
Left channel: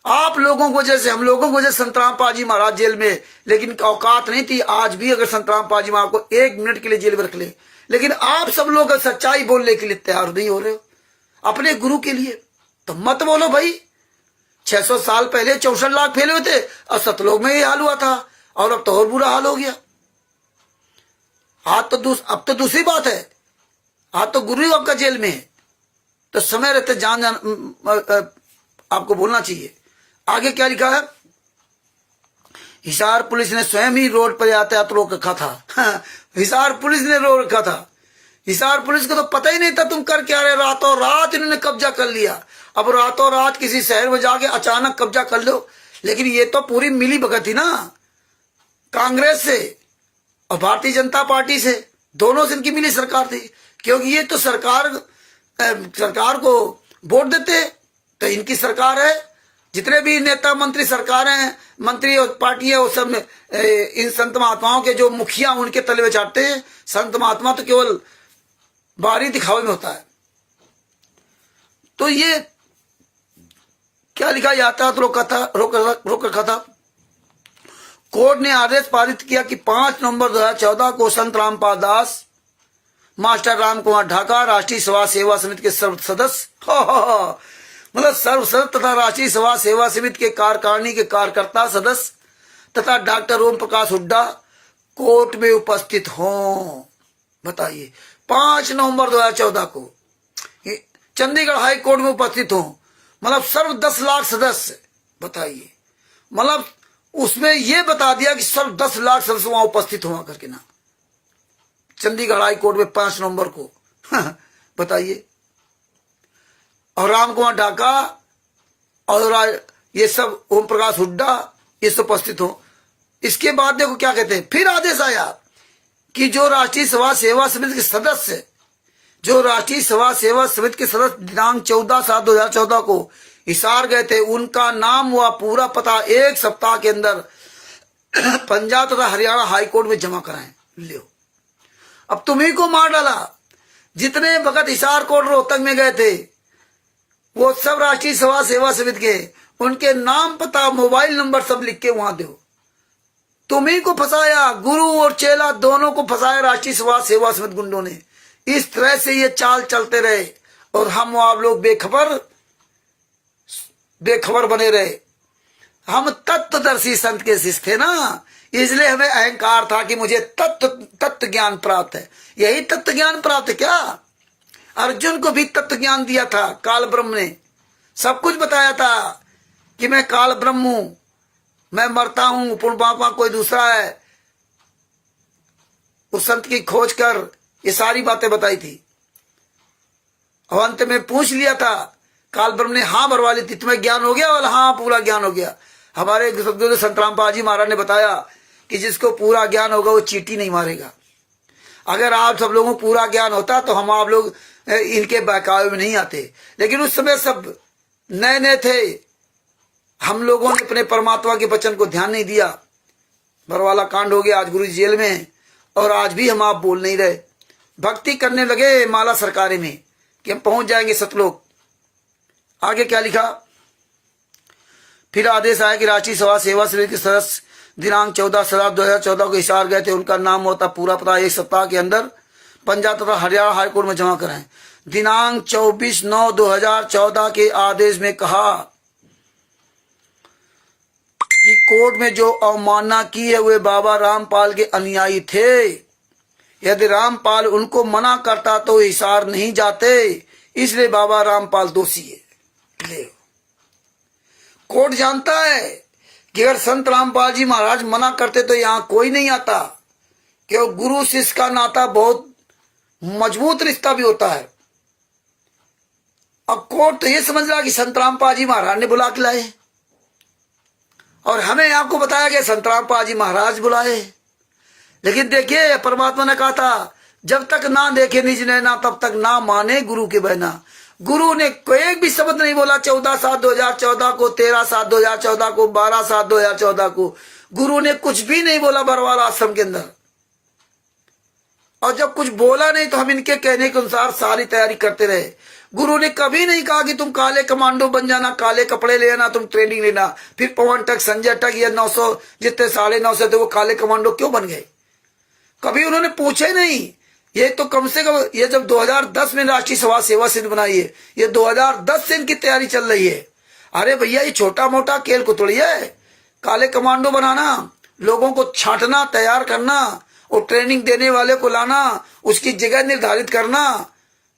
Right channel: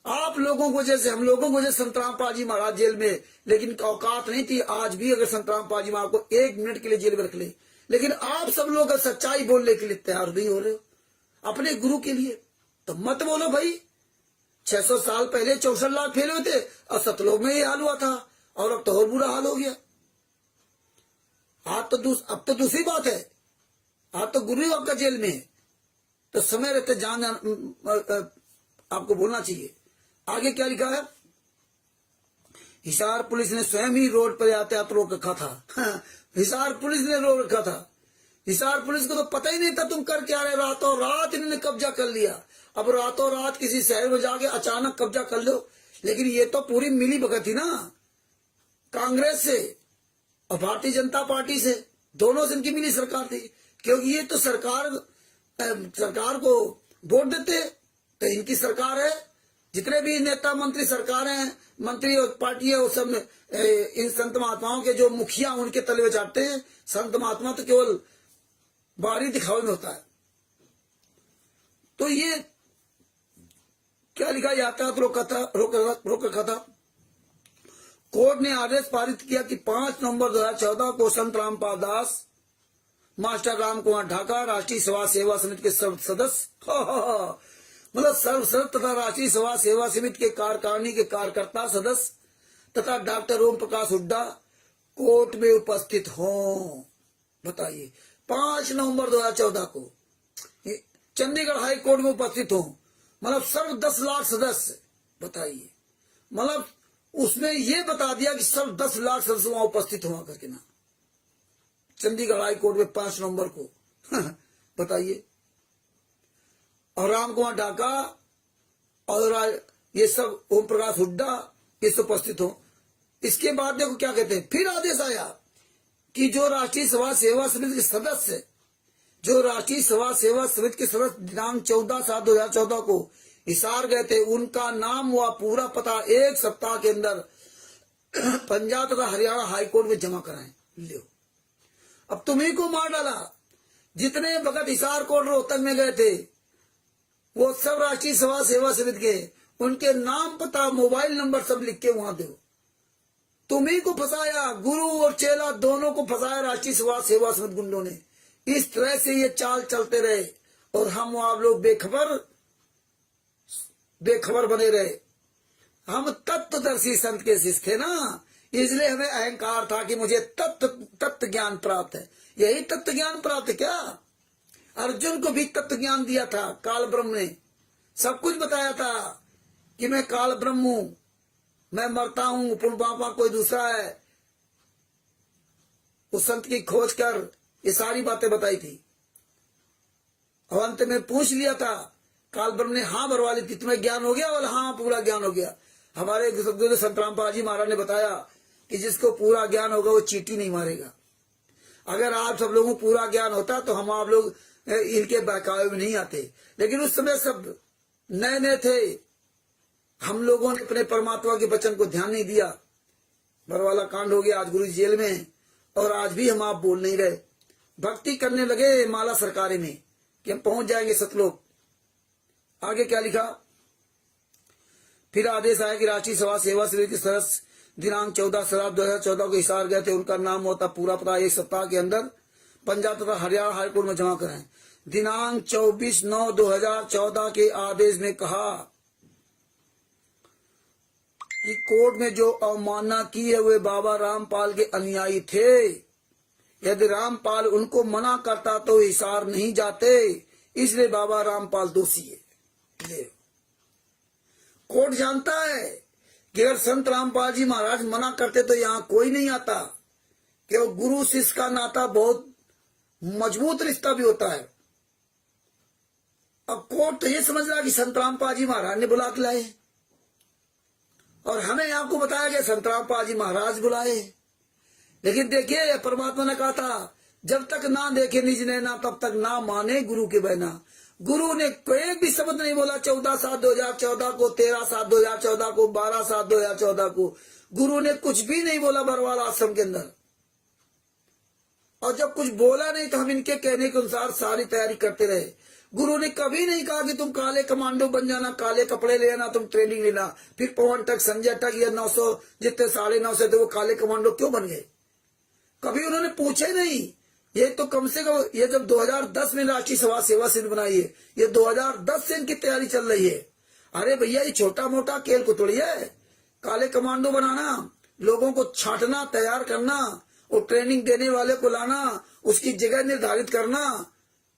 आप लोगों को जैसे, हम लोगों को जैसे संतराम पाजी महाराज जेल में, लेकिन औकात नहीं थी। आज भी अगर संतराम पाजी महाराज को 1 मिनट के लिए जेल में रख ले, लेकिन आप सब लोग सच्चाई बोलने के लिए तैयार नहीं हो रहे हो अपने गुरु के लिए, तो मत बोलो भाई। 600 साल पहले 64 लाख फैले हुए थे और सतलोक में ही हाल हुआ था, और अब तो और बुरा हाल हो गया। आज तो अब तो दूसरी बात है, आज तो गुरु ही आपका जेल में है। तो समय रहते जान आपको बोलना चाहिए। आगे क्या लिखा है? हिसार पुलिस ने स्वयं ही रोड पर यातायात रोक रखा था। हिसार पुलिस ने रोक रखा था। हिसार पुलिस को तो पता ही नहीं था तुम कर क्या रहे। रातों रात इन्होंने कब्जा कर लिया। अब रातों रात किसी शहर में जाके अचानक कब्जा कर लो, लेकिन ये तो पूरी मिली भगत थी ना, कांग्रेस से और भारतीय जनता पार्टी से, दोनों से इनकी मिली सरकार थी। क्योंकि ये तो सरकार को वोट देते तो इनकी सरकार है। जितने भी नेता मंत्री सरकार हैं, मंत्री और पार्टी है, वो सब इन संत महात्माओं के जो मुखिया उनके तले में चाटते हैं। संत महात्मा तो केवल बाहरी दिखावे में होता है। तो ये क्या लिखा? यातायात रोक रखा था। कोर्ट ने आदेश पारित किया कि 5 नवंबर 2014 को संत रामपाल दास, मास्टर राम कुमार ढाका, राष्ट्रीय सभा सेवा समिति के सर्व सदस्य, मतलब सर्व सदस्य तथा राष्ट्रीय सभा सेवा समिति के कार्यकारिणी के कार्यकर्ता सदस्य तथा डॉक्टर ओम प्रकाश हुड्डा कोर्ट में उपस्थित हों। बताइए, 5 नवंबर 2014 को चंडीगढ़ हाई कोर्ट में उपस्थित हों, मतलब सर्व 10 लाख सदस्य। बताइए, मतलब उसमें यह बता दिया कि सर्व 10 लाख सदस्य वहां उपस्थित हुआ करके ना, चंडीगढ़ हाई कोर्ट में 5 नवंबर को। बताइए, और राम कुमार ढाका और ये सब ओम प्रकाश हुड्डा ये सब उपस्थित हो। इसके बाद देखो क्या कहते हैं, फिर आदेश आया कि जो राष्ट्रीय सभा सेवा समिति के सदस्य, जो राष्ट्रीय सभा सेवा समिति के सदस्य दिनांक 14/7/2014 को हिसार गए थे, उनका नाम व पूरा पता 1 सप्ताह के अंदर पंजाब तथा हरियाणा हाईकोर्ट में जमा कराएं। लियो, अब तुम्ही को मार डाला। जितने भगत हिसार कोर्ट रोहतक में गए थे वो सब राष्ट्रीय सभा सेवा समिति के, उनके नाम पता मोबाइल नंबर सब लिख के वहां दो। तुम्ही को फंसाया, गुरु और चेला दोनों को फंसाया राष्ट्रीय सभा सेवा समिति गुंडों ने। इस तरह से ये चाल चलते रहे और हम आप लोग बेखबर बने रहे। हम तत्वदर्शी संत के शिष्य थे ना, इसलिए हमें अहंकार था कि मुझे तत्व ज्ञान प्राप्त है। यही तत्व ज्ञान प्राप्त है क्या? अर्जुन को भी तत्व ज्ञान दिया था काल ब्रह्म ने, सब कुछ बताया था कि मैं काल ब्रह्म हूं, मैं मरता हूं, पुण्यपापा कोई दूसरा है। उस संत की खोज कर ये सारी बातें बताई थी। और अंत में पूछ लिया था, काल ब्रह्म ने हाँ भरवा ली थी, तुम्हें ज्ञान हो गया? वाला हाँ, पूरा ज्ञान हो गया। हमारे सदगुरु संत रामपाल जी महाराज ने बताया कि जिसको पूरा ज्ञान होगा वो चींटी नहीं मारेगा। अगर आप सब लोगों को पूरा ज्ञान होता तो हम आप लोग इनके बहकावे में नहीं आते। लेकिन उस समय सब नए नए थे, हम लोगों ने अपने परमात्मा के वचन को ध्यान नहीं दिया। बरवाला कांड हो गया, आज गुरु जेल में, और आज भी हम आप बोल नहीं रहे। भक्ति करने लगे माला सरकारे में कि हम पहुंच जाएंगे सतलोक। आगे क्या लिखा? फिर आदेश आया कि राष्ट्रीय सभा सेवा समिति के सदस्य दिनांक 14/7/2014 को हिसार गए थे, उनका नाम होता पूरा पता 1 सप्ताह के अंदर पंजाब तथा हरियाणा हाईकोर्ट में जमा कराएं। दिनांक 24/9/2014 के आदेश में कहा कि कोर्ट में जो अवमानना की है वे बाबा रामपाल के अनुयायी थे। यदि रामपाल उनको मना करता तो हिसार नहीं जाते, इसलिए बाबा रामपाल दोषी है। ले, कोर्ट जानता है कि अगर संत रामपाल जी महाराज मना करते तो यहाँ कोई नहीं आता, क्योंकि गुरु शिष्य का नाता बहुत मजबूत रिश्ता भी होता है। अब कोर्ट तो ये समझ रहा कि संत रामपाल जी महाराज ने बुला के लाए, और हमें आपको बताया गया संत रामपाल जी महाराज बुलाए। लेकिन देखिए, परमात्मा ने कहा था जब तक ना देखे निज नैना तब तक ना माने गुरु के बहना। गुरु ने कोई भी शब्द नहीं बोला 14/7/2014 को, 13/7/2014 को, 12/7/2014 को। गुरु ने कुछ भी नहीं बोला बरवाला आश्रम के अंदर। और जब कुछ बोला नहीं तो हम इनके कहने के अनुसार सारी तैयारी करते रहे। गुरु ने कभी नहीं कहा कि तुम काले कमांडो बन जाना, काले कपड़े लेना, तुम ट्रेनिंग लेना। फिर पवन टक, संजय टक, ये 900 जितने 950 थे वो काले कमांडो क्यों बन गए? कभी उन्होंने पूछे नहीं। ये तो कम से कम ये जब 2010 में राष्ट्रीय सभा सेवा समिति बनाई है, ये 2010 से इनकी तैयारी चल रही है। अरे भैया ये छोटा मोटा खेल को थोड़ी है। काले कमांडो बनाना, लोगों को छांटना, तैयार करना और ट्रेनिंग देने वाले को लाना, उसकी जगह निर्धारित करना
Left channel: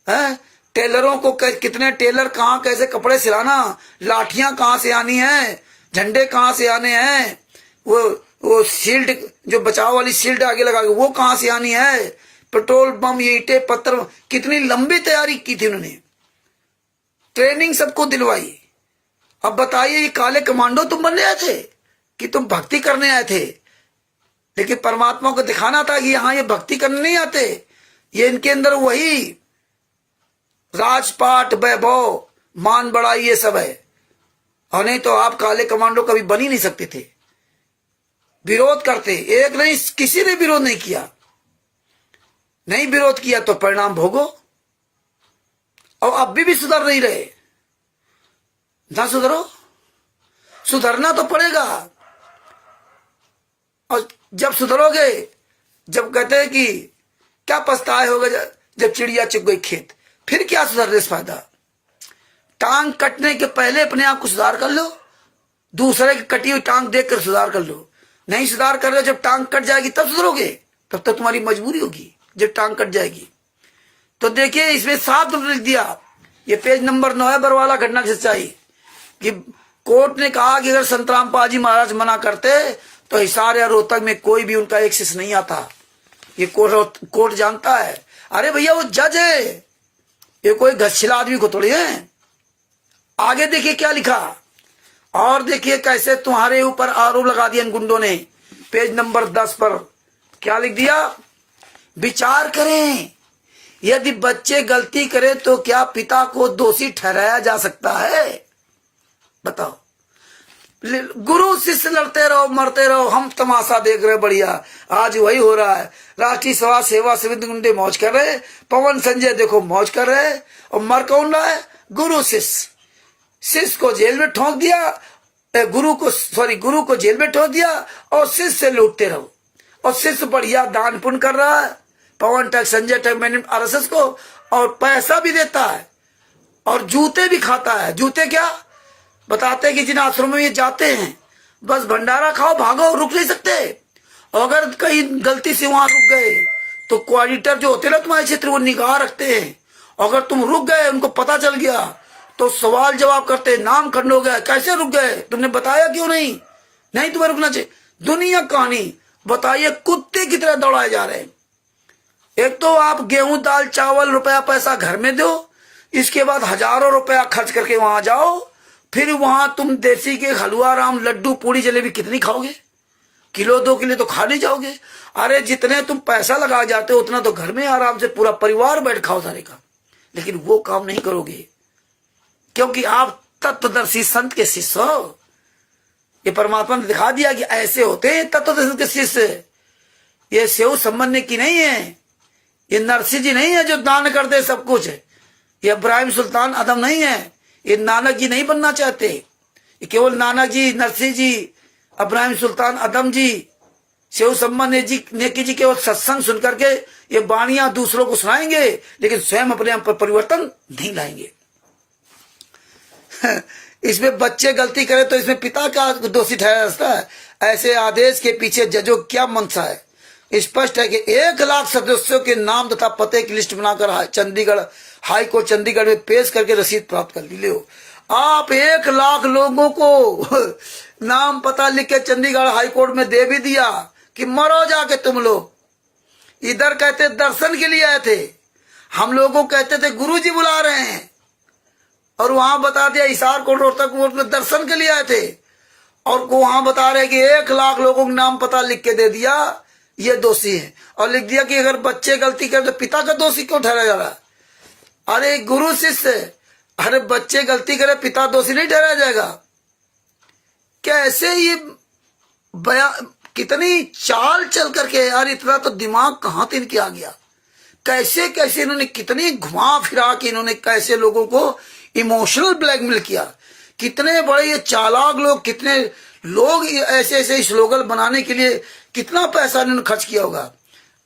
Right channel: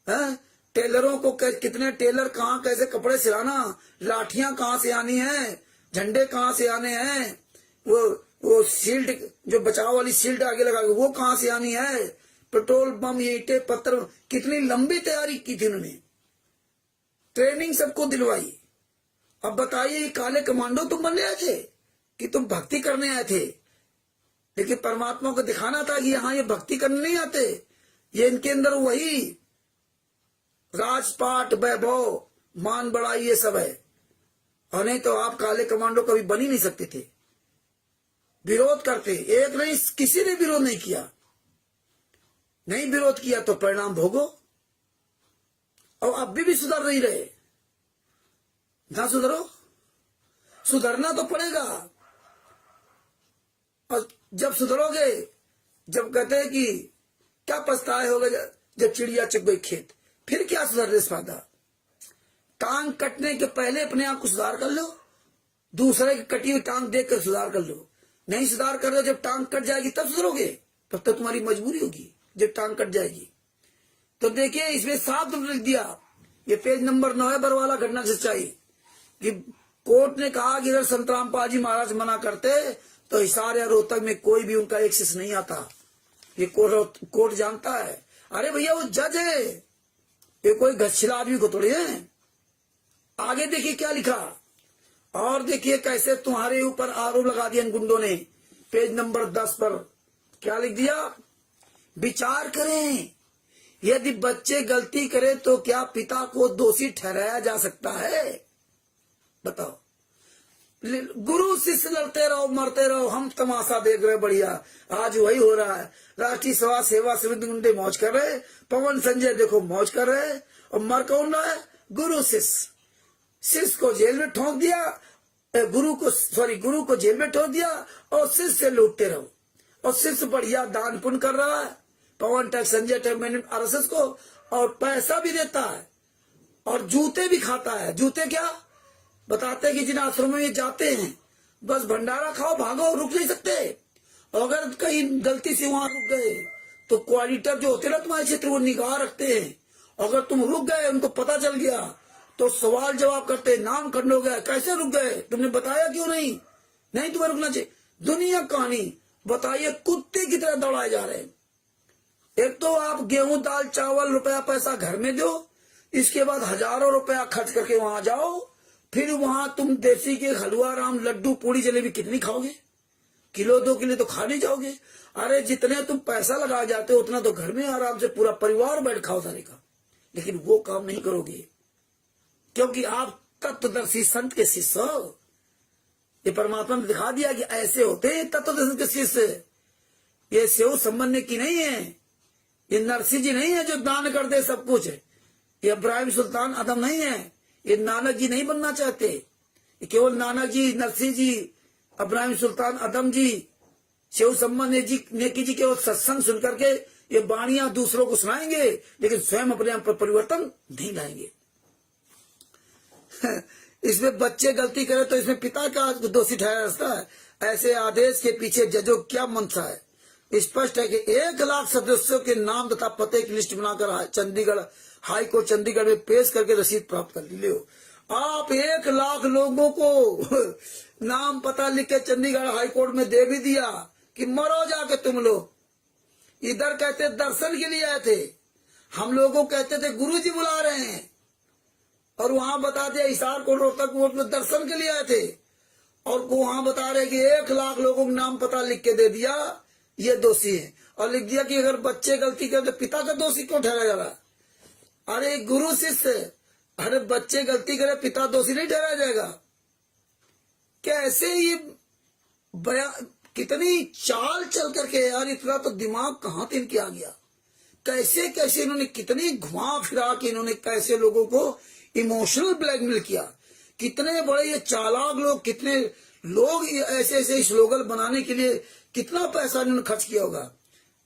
है। टेलरों को कितने टेलर कहाँ कैसे कपड़े सिलाना, लाठियां कहाँ से आनी है, झंडे कहाँ से आने हैं, वो शील्ड जो बचाव वाली शील्ड आगे लगा वो कहाँ से आनी है, पेट्रोल बम, ये ईंटें पत्थर, कितनी लंबी तैयारी की थी उन्होंने, ट्रेनिंग सबको दिलवाई। अब बताइए ये काले कमांडो तुम बनने आए थे कि तुम भक्ति करने आए थे? लेकिन परमात्मा को दिखाना था कि हाँ ये भक्ति करने नहीं आते, ये इनके अंदर वही राजपाट, वैभव, मान बढ़ाई ये सब है। और नहीं तो आप काले कमांडो कभी बन ही नहीं सकते थे। विरोध करते, एक नहीं किसी ने विरोध नहीं किया, नहीं विरोध किया तो परिणाम भोगो। और अब भी सुधर नहीं रहे, ना सुधरो, सुधरना तो पड़ेगा। और जब सुधरोगे, जब कहते हैं कि क्या पछताए होगा जब चिड़िया चुग गई खेत, फिर क्या सुधरने से फायदा। टांग कटने के पहले अपने आप को सुधार कर लो, दूसरे की कटी हुई टांग देखकर सुधार कर लो। नहीं सुधार कर लो, जब टांग कट जाएगी तब सुधरोगे, तब तक तुम्हारी मजबूरी होगी जब टांग कट जाएगी। तो देखिए इसमें साफ लिख दिया, ये पेज नंबर 9 है, बरवाला घटना की सच्चाई, कि कोर्ट ने कहा कि अगर संत रामपाल जी महाराज मना करते तो हिसार या रोहतक में कोई भी उनका एक्सेस नहीं आता। ये कोर्ट जानता है। अरे भैया वो जज है, ये कोई घसछिला आदमी को थोड़ी है। आगे देखिए क्या लिखा, और देखिए कैसे तुम्हारे ऊपर आरोप लगा दिया इन गुंडों ने। पेज नंबर 10 पर क्या लिख दिया, विचार करें, यदि बच्चे गलती करें तो क्या पिता को दोषी ठहराया जा सकता है? बताओ। गुरु शिष्य लड़ते रहो, मरते रहो, हम तमाशा देख रहे। बढ़िया, आज वही हो रहा है। राष्ट्रीय सभा सेवा समिति गुंडे मौज कर रहे, पवन संजय देखो मौज कर रहे, और मर कौन रहा है? गुरु शिष्य। शिष्य को जेल में ठोक दिया, गुरु को जेल में ठोक दिया, और शिष्य से लूटते रहो। और शिष्य बढ़िया दान पुण्य कर रहा है, पवन टैक्स, संजय टैक्स, मैंने आरएसएस को, और पैसा भी देता है, और जूते भी खाता है। जूते क्या बताते हैं कि जिन आश्रमों में ये जाते हैं बस भंडारा खाओ भागो, रुक नहीं सकते। अगर कहीं गलती से वहां रुक गए तो कोऑर्डिनेटर जो होते ना तुम्हारे क्षेत्र, वो निगाह रखते हैं। अगर तुम रुक गए, उनको पता चल गया तो सवाल जवाब करते, नाम खंड हो गया, कैसे रुक गए, तुमने बताया क्यों नहीं? नहीं तुम्हें रुकना चाहिए। दुनिया कहानी बताइए, कुत्ते की तरह दौड़ाए जा रहे हैं। एक तो आप गेहूं दाल चावल रुपया पैसा घर में दो, इसके बाद हजारों रुपया खर्च करके वहां जाओ, फिर वहां तुम देसी के हलवा राम लड्डू पूड़ी जलेबी कितनी खाओगे? किलो 2 किलो तो खा नहीं जाओगे। अरे जितने तुम पैसा लगा जाते हो उतना तो घर में आराम से पूरा परिवार बैठ खाओ सारे का। लेकिन वो काम नहीं करोगे क्योंकि आप तत्वदर्शी संत के शिष्य हो। ये परमात्मा ने दिखा दिया कि ऐसे होते हैं तत्वदर्शी के शिष्य। ये सेव संबंध की नहीं है, ये नरसिंह जी नहीं है जो दान कर दे सब कुछ। ये इब्राहिम सुल्तान आदम नहीं है, ये नानक जी नहीं बनना चाहते। ये केवल नानक जी, नरसिंह जी, इब्राहिम सुल्तान आदम जी, सेव सम्मान नेकी जी केवल सत्संग सुन करके ये वाणियां दूसरों को सुनाएंगे, लेकिन स्वयं अपने आप पर परिवर्तन नहीं लाएंगे। इसमें बच्चे गलती करें तो इसमें पिता का दोषी ठहरा जाता है। ऐसे आदेश के पीछे जजों क्या मंशा है? स्पष्ट है कि 1 लाख सदस्यों के नाम तथा पते की लिस्ट बनाकर चंडीगढ़ हाई कोर्ट चंडीगढ़ में पेश करके रसीद प्राप्त कर ली। आप 1 लाख लोगों को नाम पता लिख के चंडीगढ़ हाई कोर्ट में दे भी दिया कि मरो जाके तुम लोग। इधर कहते दर्शन के लिए आए थे, हम लोगों कहते थे गुरुजी बुला रहे हैं, और वहां बता दिया हिसार कोर्ट रोहतक कोर्ट में दर्शन के लिए आए थे, और वहां बता रहे कि 1 लाख लोगों का नाम पता लिख के दे दिया, ये दोषी है। और लिख दिया कि अगर बच्चे गलती करें तो पिता का दोषी क्यों ठहरा जा रहा है? अरे गुरु शिष्य, अरे बच्चे गलती करे पिता दोषी नहीं ठहराया जाएगा? कैसे ये कितनी चाल चल करके यार, इतना तो दिमाग कहाँ से इनके आ गया? कैसे कैसे इन्होंने कितनी घुमा फिरा के इन्होंने कैसे लोगों को इमोशनल ब्लैकमेल किया। कितने बड़े ये चालाक लोग, कितने लोग ऐसे ऐसे स्लोगन बनाने के लिए कितना पैसा इन्होंने खर्च किया होगा।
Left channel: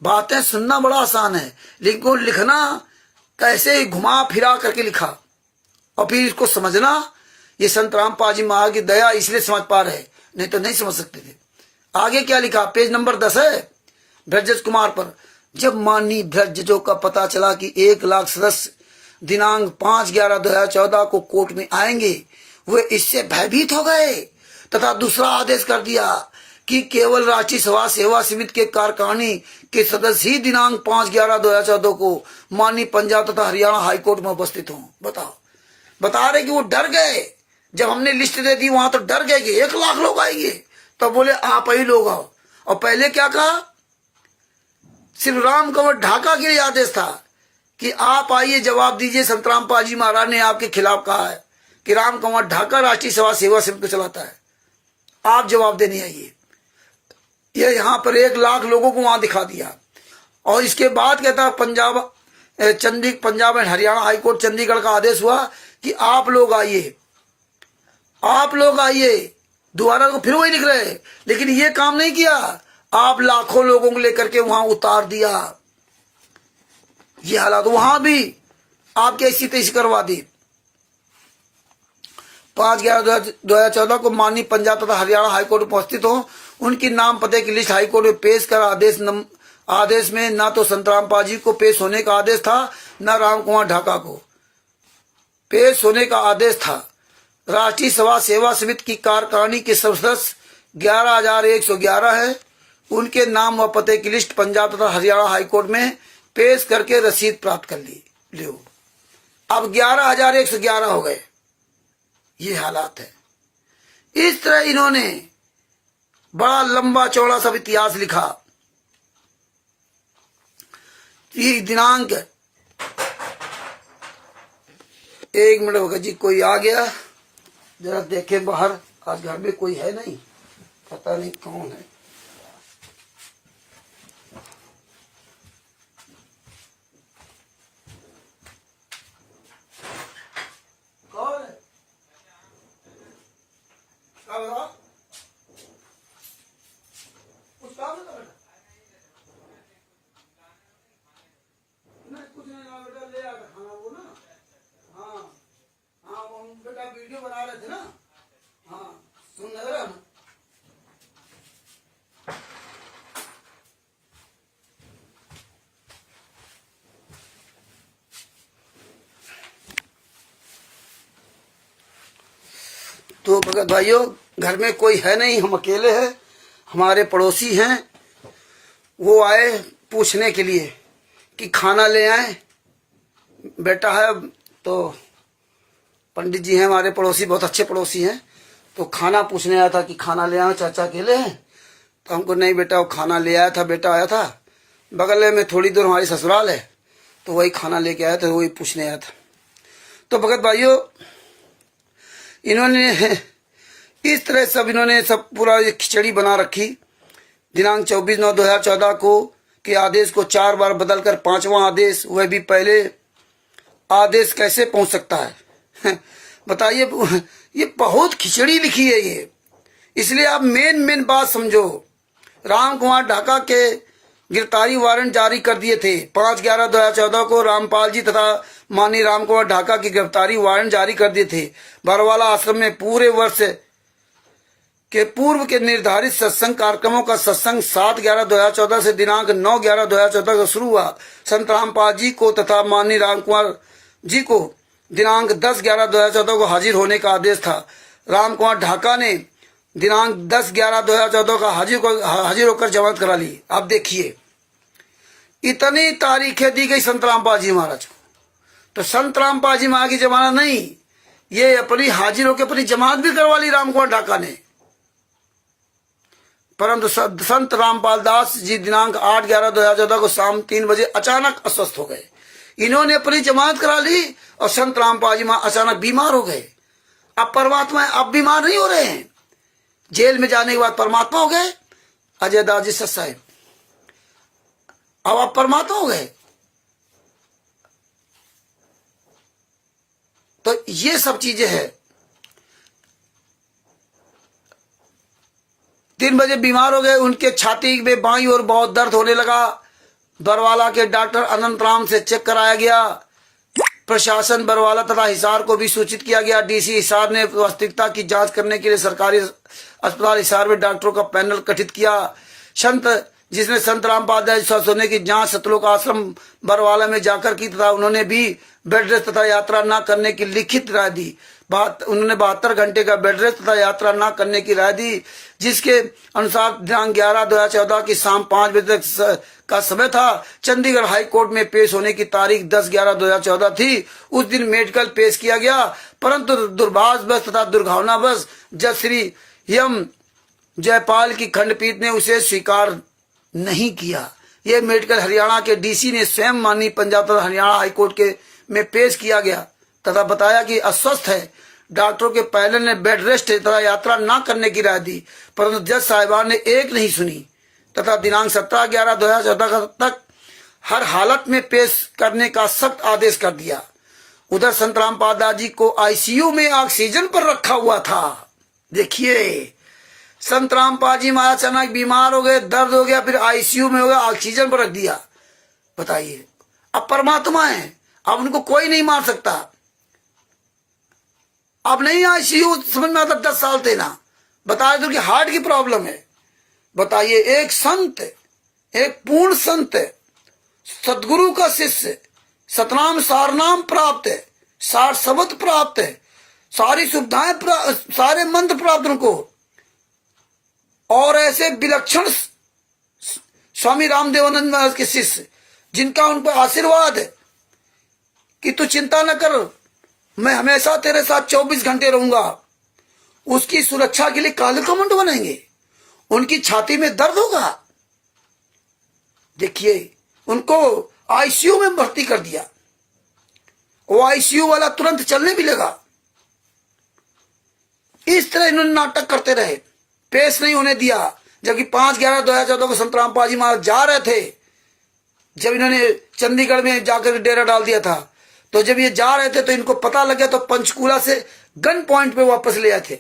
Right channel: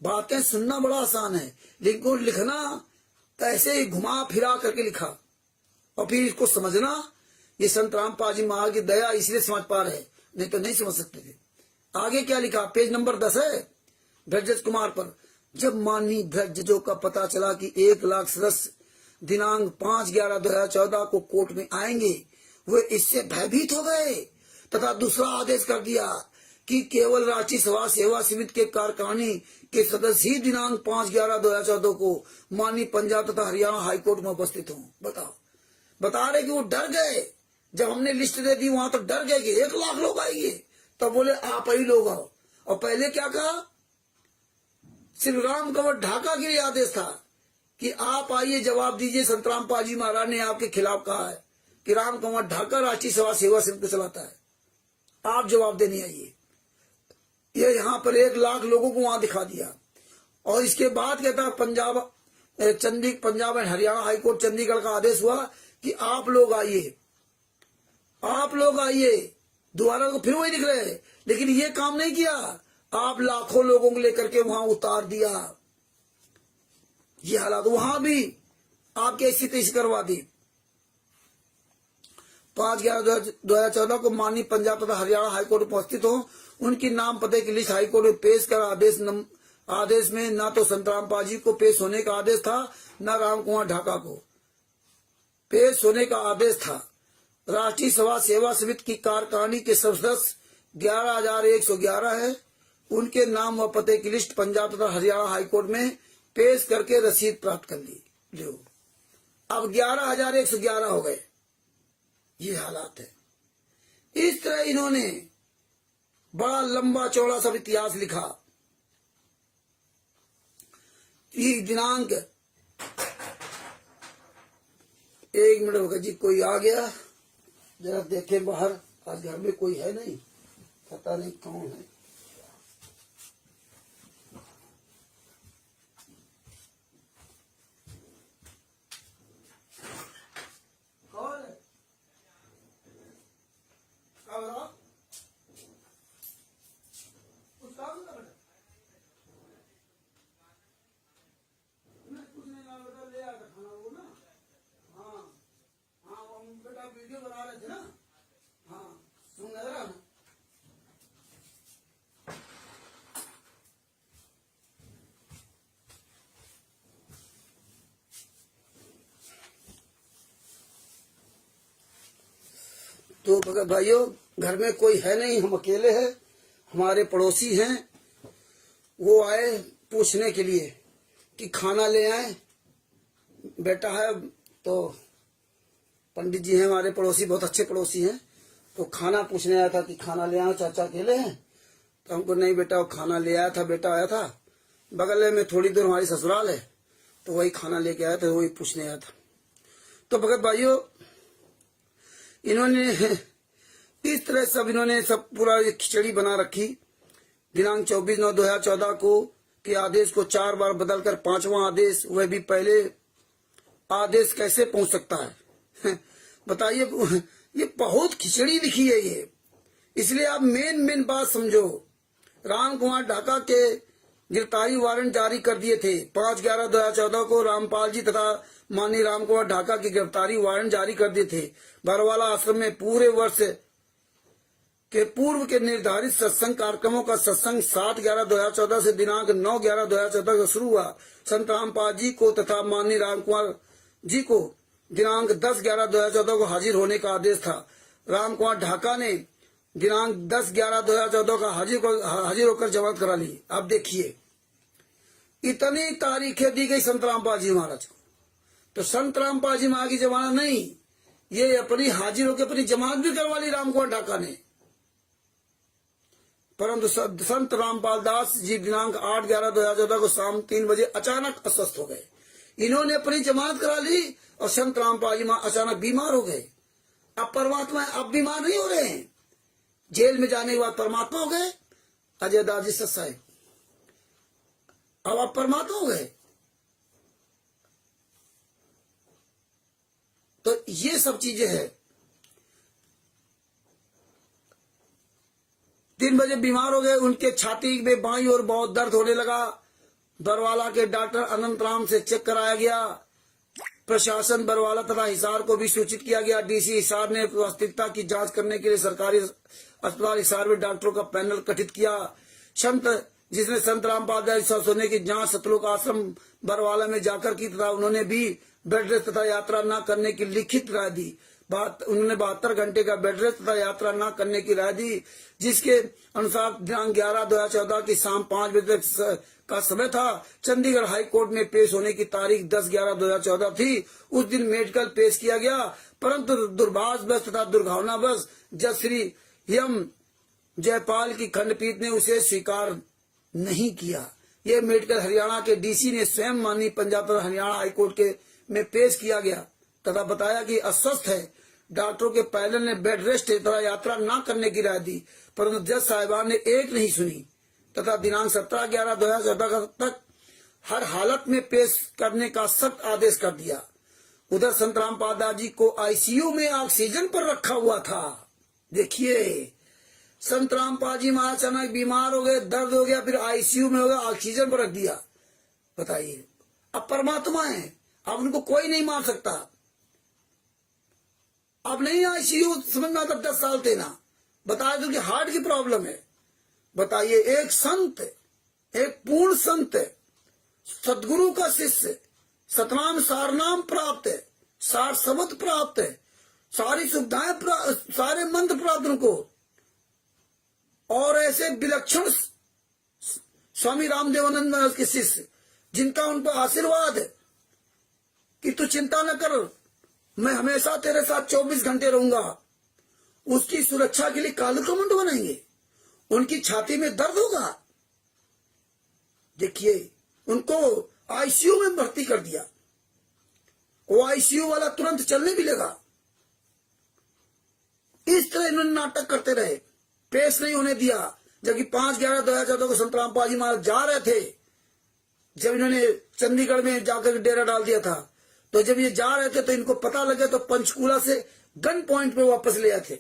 बातें सुनना बड़ा आसान है, लेकिन लिखना कैसे घुमा फिरा करके लिखा, और फिर इसको समझना ये संत रामपाल जी महाराज की दया इसलिए समझ पा रहे, नहीं तो नहीं समझ सकते थे। आगे क्या लिखा, पेज नंबर 10 है ब्रजेश कुमार पर। जब माननीय ब्रजजों का पता चला कि 1 लाख सदस्य दिनांक 5/11/2014 को कोर्ट में आएंगे, वे इससे भयभीत हो गए तथा दूसरा आदेश कर दिया कि केवल राष्ट्रीय सभा सेवा समिति के कार्यकारिणी के सदस्य ही दिनांक 5/11/2014 को माननीय पंजाब तथा हरियाणा हाईकोर्ट में उपस्थित हों। बताओ, बता रहे कि वो डर गए। जब हमने लिस्ट दे दी वहां तो डर गए कि 1 लाख लोग आएंगे, तो बोले आप ही लोग आओ। और पहले क्या कहा, सिर्फ राम कंवर ढाका के लिए आदेश था कि आप आइए जवाब दीजिए। संत रामपाल जी महाराज ने आपके खिलाफ कहा है कि राम कंवर ढाका राष्ट्रीय सभा सेवा समिति को चलाता है, आप जवाब देने आइए। ये यहाँ पर 1 लाख लोगों को वहां दिखा दिया। और इसके बाद कहता पंजाब एंड हरियाणा हाईकोर्ट चंडीगढ़ का आदेश हुआ कि आप लोग आइए, आप लोग आइए। दोबारा तो फिर वही लिख रहे, लेकिन ये काम नहीं किया, आप लाखों लोगों को लेकर के वहां उतार दिया। ये हालात वहां भी आपके ऐसी तैसी करवा दी। 5/11/2014 को माननीय पंजाब तथा हरियाणा हाईकोर्ट उपस्थित हो, उनकी नाम पते की लिस्ट हाईकोर्ट में पेश कर आदेश में न तो संत रामपाल जी को पेश होने का आदेश था, न राम कुमार ढाका को पेश होने का आदेश था। राष्ट्रीय सभा सेवा समिति की कार्यकारिणी के सदस्य 11,111 है। उनके नाम व पते की लिस्ट पंजाब तथा हरियाणा हाईकोर्ट में पेश करके रसीद प्राप्त कर ली। लो, अब 11,111 हो गए। ये हालात है। इस तरह इन्होंने बड़ा लंबा चौड़ा सब इतिहास लिखा। ये दिनांक 1 मिनट भगत जी, कोई आ गया, जरा देखे बाहर। आज घर में कोई है नहीं, पता नहीं कौन है। कौन है? कुछ काम है? कुछ नहीं, बेटा ले आकर खाना वो ना। हाँ हाँ, हम बेटा वीडियो बना रहे थे ना। हाँ, सुन रहे हो? तो भगत भाइयों, घर में कोई है नहीं, हम अकेले हैं। हमारे पड़ोसी हैं, वो आए पूछने के लिए कि खाना ले आए। बेटा है तो पंडित जी हैं हमारे पड़ोसी, बहुत अच्छे पड़ोसी हैं। तो खाना पूछने आया था कि खाना ले आए, चाचा अकेले हैं? तो हमको नहीं बेटा, वो खाना ले आया था, बेटा आया था। बगल में थोड़ी दूर हमारी ससुराल है, तो वही खाना लेके आया था, वही पूछने आया था। तो भगत भाइयों, इन्होंने इस तरह सब इन्होंने सब पूरा खिचड़ी बना रखी। दिनांक 24/9/2014 को के आदेश को 4 बार बदलकर 5वां आदेश, वह भी पहले आदेश कैसे पहुंच सकता है? बताइए, ये बहुत खिचड़ी लिखी है ये। इसलिए आप मेन बात समझो। राम कुमार ढाका के गिरफ्तारी वारंट जारी कर दिए थे। 5/11/2014 को रामपाल जी तथा माननीय राम कुमार ढाका की गिरफ्तारी वारंट जारी कर दिए थे। बरवाला आश्रम में पूरे वर्ष के पूर्व के निर्धारित सत्संग कार्यक्रमों का सत्संग 7/11/2014 से दिनांक 9/11/2014 को शुरू हुआ। संत रामपाल जी को तथा माननीय राम कुमार जी को दिनांक 10/11/2014 को हाजिर होने का आदेश था। राम कुमार ढाका ने दिनांक 10/11/2014 का हाजिर होकर जमानत करा ली। अब देखिए, इतनी तारीखें दी गई संत रामपाल जी महाराज को। तो संत रामपाल जी महाराज की जमानत नहीं, ये अपनी हाजिर होकर अपनी जमानत भी करवा ली राम कुमार ढाका ने। परंतु संत रामपाल दास जी दिनांक 8/11/2014 को शाम 3 बजे अचानक अस्वस्थ हो गए। इन्होंने अपनी जमानत करा ली और संत रामपाल जी महाराज अचानक बीमार हो गए। अब परमात्मा अब बीमार नहीं हो रहे हैं, जेल में जाने के बाद परमात्मा हो गए। अजय दास जी सच साहेब, अब आप परमात्मा हो गए। तो ये सब चीजें हैं। 3 बजे बीमार हो गए, उनके छाती में बाईं ओर बहुत दर्द होने लगा। बरवाला के डॉक्टर अनंत राम से चेक कराया गया प्रशासन बरवाला तथा हिसार को भी सूचित किया गया। डीसी हिसार ने वास्तविकता की जांच करने के लिए सरकारी अस्पताल हिसार में डॉक्टरों का पैनल गठित किया, जिसने संत रामपाल स्वस्थ होने की जांच सतलोक आश्रम बरवाला में जाकर की तथा उन्होंने भी बेड रेस्ट तथा यात्रा न करने की लिखित राय दी। उन्होंने 72 घंटे का बेड रेस्ट तथा यात्रा न करने की राय दी, जिसके अनुसार दिनांक 11/2014 की शाम 5 बजे तक का समय था। चंडीगढ़ हाई कोर्ट में पेश होने की तारीख 10/11/2014 थी। उस दिन मेडिकल पेश किया गया, परंतु दुर्भाग्यवश तथा दुर्भावनावश जज श्री एम जयपाल की खंडपीठ ने उसे स्वीकार नहीं किया। यह मेडिकल हरियाणा के डीसी ने स्वयं माननीय पंजाब तथा हरियाणा हाईकोर्ट के में पेश किया गया तथा बताया कि अस्वस्थ है। डॉक्टरों के पैनल ने बेड रेस्ट तथा यात्रा न करने की राय दी, परंतु जज साहिबान ने एक नहीं सुनी तथा दिनांक 17/11/2014 तक हर हालत में पेश करने का सख्त आदेश कर दिया। उधर संत रामपाल दास जी को आईसीयू में ऑक्सीजन पर रखा हुआ था। देखिए, संत रामपाल जी महाराज अचानक बीमार हो गए, दर्द हो गया, फिर आईसीयू में हो गया, ऑक्सीजन पर रख दिया। बताइए, अब परमात्मा है, अब उनको कोई नहीं मार सकता। अब नहीं आईसीयू समझ में आता, 10 साल थे ना, बताया तो कि हार्ट की प्रॉब्लम है। बताइए, एक संत, एक पूर्ण संत, सदगुरु का शिष्य, सतनाम सारनाम प्राप्त है, सार शब्द प्राप्त है, सारी सुविधाएं, सारे मंत्र प्राप्त उनको, और ऐसे विलक्षण स्वामी रामदेवानंद महाराज के शिष्य, जिनका उन पर आशीर्वाद है कि तू चिंता न कर, मैं हमेशा तेरे साथ 24 घंटे रहूंगा। उसकी सुरक्षा के लिए काले कमंड बनेंगे, उनकी छाती में दर्द होगा। देखिए, उनको आईसीयू में भर्ती कर दिया। वो आईसीयू वाला तुरंत चलने भी लगा। इस तरह इन्होंने नाटक करते रहे, पेश नहीं होने दिया। जबकि 5/11/2014 को संत रामपाल जी महाराज जा रहे थे, जब इन्होंने चंडीगढ़ में जाकर डेरा डाल दिया था, तो जब ये जा रहे थे तो इनको पता लग गया, तो पंचकूला से गन पॉइंट पे वापस ले आए थे।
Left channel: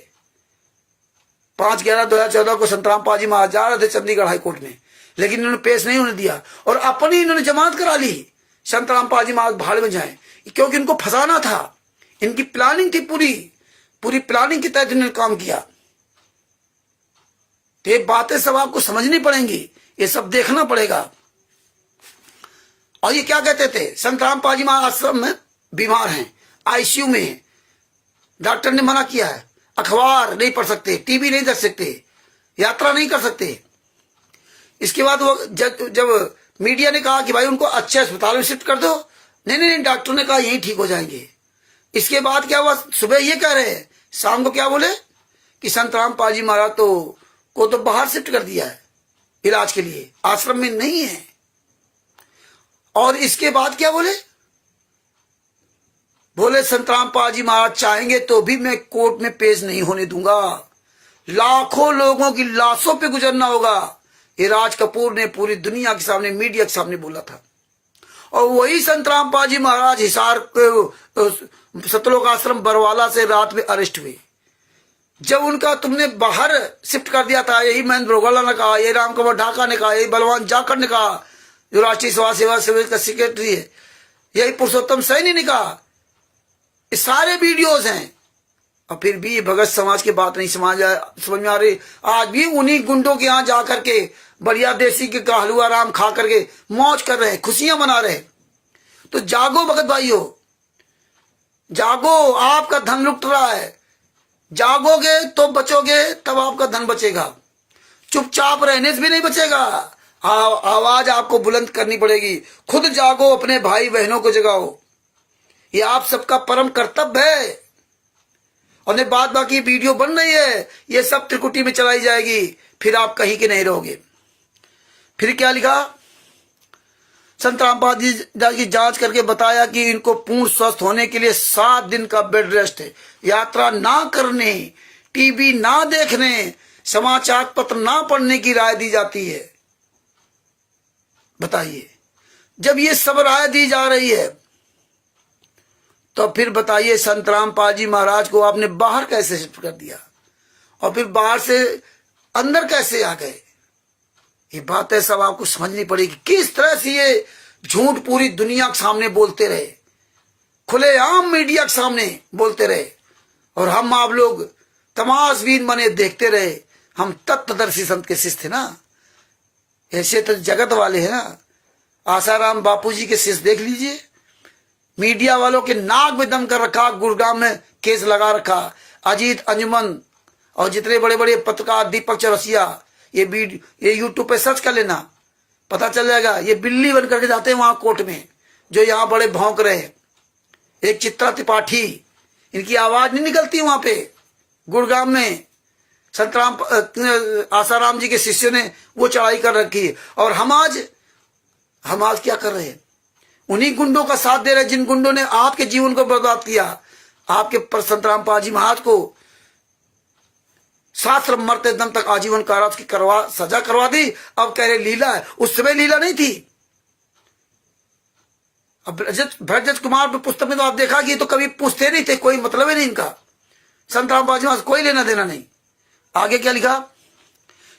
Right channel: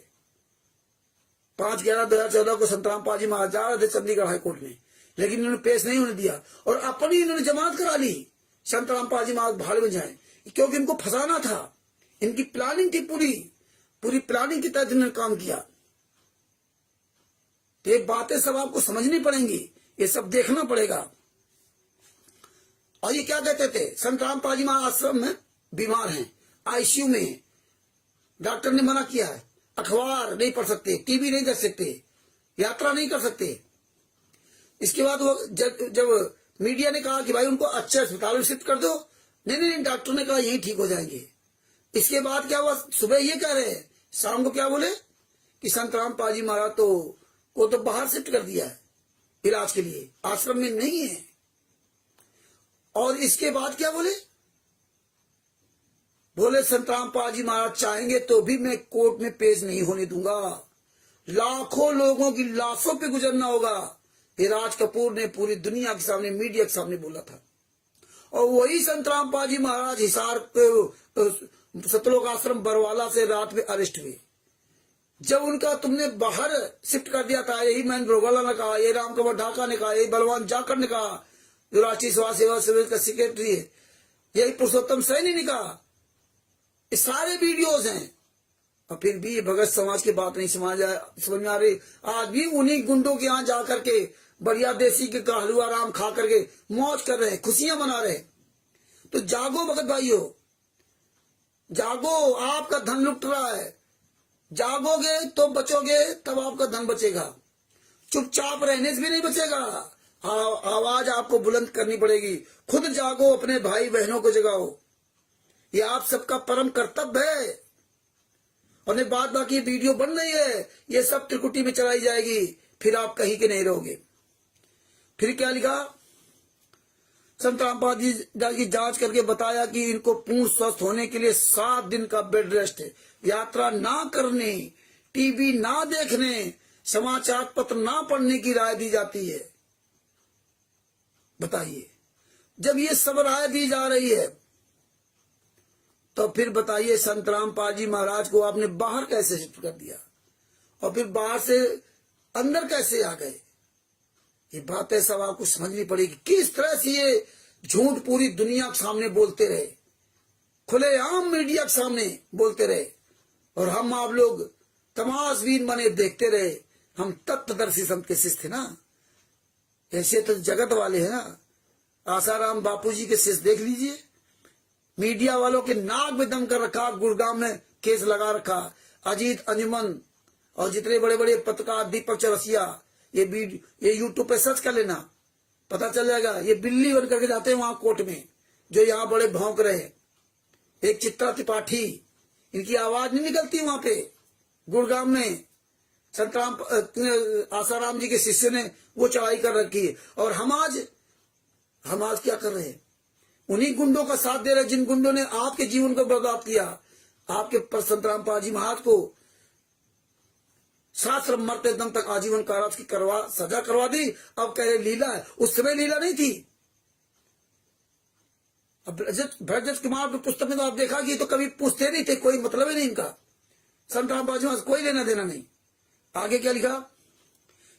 5/11/2014 को संत रामपाल जी महाराज जा रहे थे चंडीगढ़ हाईकोर्ट में, लेकिन इन्होंने पेश नहीं होने दिया और अपनी इन्होंने जमानत करा ली। संत रामपाल जी महाराज भाड़ में जाए, क्योंकि इनको फंसाना था। इनकी प्लानिंग थी, पूरी प्लानिंग के तहत इन्होंने काम किया। तो ये बातें सब आपको समझनी पड़ेंगी, ये सब देखना पड़ेगा। और ये क्या कहते थे, संत रामपाल जी महाराज आश्रम में बीमार हैं, आईसीयू में हैं, डॉक्टर ने मना किया है, अखबार नहीं पढ़ सकते, टीवी नहीं देख सकते, यात्रा नहीं कर सकते। इसके बाद वो जब मीडिया ने कहा कि भाई उनको अच्छे अस्पताल में शिफ्ट कर दो, नहीं, डॉक्टर ने कहा यही ठीक हो जाएंगे। इसके बाद क्या हुआ, सुबह ये कह रहे हैं, शाम को क्या बोले कि संत रामपाल जी महाराज को तो बाहर शिफ्ट कर दिया है इलाज के लिए, आश्रम में नहीं है। और इसके बाद क्या बोले संत रामपाल जी महाराज चाहेंगे तो भी मैं कोर्ट में पेश नहीं होने दूंगा, लाखों लोगों की लाशों पे गुजरना होगा। ये राज कपूर ने पूरी दुनिया के सामने, मीडिया के सामने बोला था। और वही संत रामपाल जी महाराज हिसार सतलोक आश्रम बरवाला से रात में अरेस्ट हुए। जब उनका तुमने बाहर शिफ्ट कर दिया था, यही महेंद्र रोगला ने कहा, यही रामकुमार ढाका ने कहा, यही बलवान जाखड़ ने कहा, जो राष्ट्रीय समाज सेवा समिति का सेक्रेटरी है, यही पुरुषोत्तम सैनी ने कहा। ये सारे वीडियोस हैं। और फिर भी भगत समाज की बात नहीं समझ में आ रही। आज भी उन्हीं गुंडों के यहाँ जाकर के बढ़िया देसी के हलवा राम खा करके मौज कर रहे हैं, खुशियां मना रहे हैं। तो जागो भगत भाइयों, जागो, आपका धन लुट रहा है। जागोगे तो बचोगे, तब आपका धन बचेगा। चुपचाप रहने से भी नहीं बचेगा, आवाज आपको बुलंद करनी पड़ेगी। खुद जागो, अपने भाई बहनों को जगाओ, ये आप सबका परम कर्तव्य है। और बाद बाकी वीडियो बन रही है, ये सब त्रिकुटी में चलाई जाएगी, फिर आप कहीं के नहीं रहोगे। फिर क्या लिखा, संत रामपाल जी की जांच करके बताया कि इनको पूर्ण स्वस्थ होने के लिए 7 दिन का बेड रेस्ट है, यात्रा ना करने, टीवी ना देखने, समाचार पत्र ना पढ़ने की राय दी जाती है। बताइए, जब ये सब राय दी जा रही है, तो फिर बताइए संत रामपाल जी महाराज को आपने बाहर कैसे शिफ्ट कर दिया, और फिर बाहर से अंदर कैसे आ गए? ये बातें सब आपको समझनी पड़ेगी। किस तरह से ये झूठ पूरी दुनिया के सामने बोलते रहे, खुलेआम मीडिया के सामने बोलते रहे और हम आप लोग तमाशबीन बने देखते रहे। हम तत्वदर्शी संत के शिष्य थे ना, ऐसे तो जगत वाले हैं ना। आसाराम बापूजी के शिष्य देख लीजिए, मीडिया वालों के नाक में दम कर रखा, गुड़गांव में केस लगा रखा। अजीत, अंजुमन और जितने बड़े बड़े पत्रकार, दीपक चौरसिया, ये यूट्यूब पे सर्च कर लेना, पता चल जाएगा। ये बिल्ली बन करके जाते हैं वहां कोर्ट में, जो यहाँ बड़े भौंक रहे। एक चित्रा त्रिपाठी, इनकी आवाज नहीं निकलती वहां पे गुड़गांव में। संतराम आसाराम जी के शिष्यों ने वो चढ़ाई कर रखी है। और हम आज क्या कर रहे हैं? उन्हीं गुंडों का साथ दे रहे हैं जिन गुंडों ने आपके जीवन को बर्बाद किया। आपके संतराम पाजी महाराज को शास्त्र मरते दम तक आजीवन कारावास की सजा करवा दी। अब कह रहे लीला है, उस समय लीला नहीं थी। अब भरत कुमार पे पुस्तक में तो आप देखा कि तो कभी पूछते नहीं थे, कोई मतलब ही नहीं इनका। संतराम पाजी महाराज कोई लेना देना नहीं। आगे क्या लिखा?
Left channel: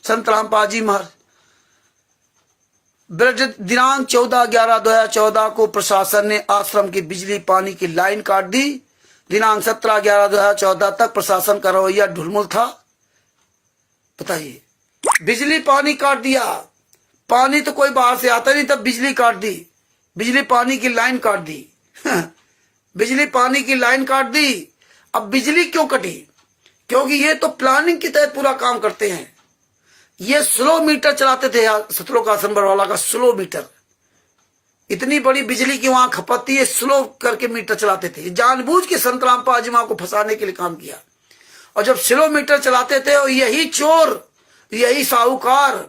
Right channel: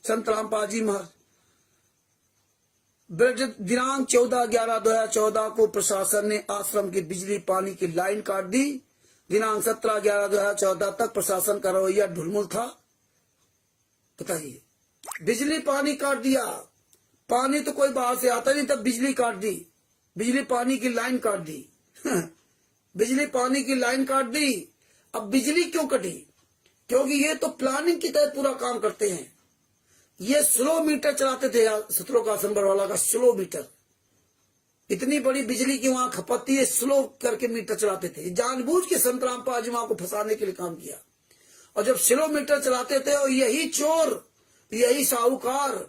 संतराम पाजी महाराज दिनांक 14/11/2014 को प्रशासन ने आश्रम की बिजली पानी की लाइन काट दी। दिनांक 17/11/2014 तक प्रशासन का रवैया ढुलमुल था। बताइए, बिजली पानी काट दिया। पानी तो कोई बाहर से आता नहीं, तब बिजली काट दी, बिजली पानी की लाइन काट दी। बिजली पानी की लाइन काट दी। अब बिजली क्यों कटी? क्योंकि ये तो प्लानिंग के तहत पूरा काम करते हैं। ये स्लो मीटर चलाते थे, सतलोक आश्रम बरवाला का स्लो मीटर। इतनी बड़ी बिजली की वहां खपत थी, स्लो करके मीटर चलाते थे। जानबूझ के संतराम पाजी महाराज को फंसाने के लिए काम किया। और जब स्लो मीटर चलाते थे, और यही चोर, यही साहूकार,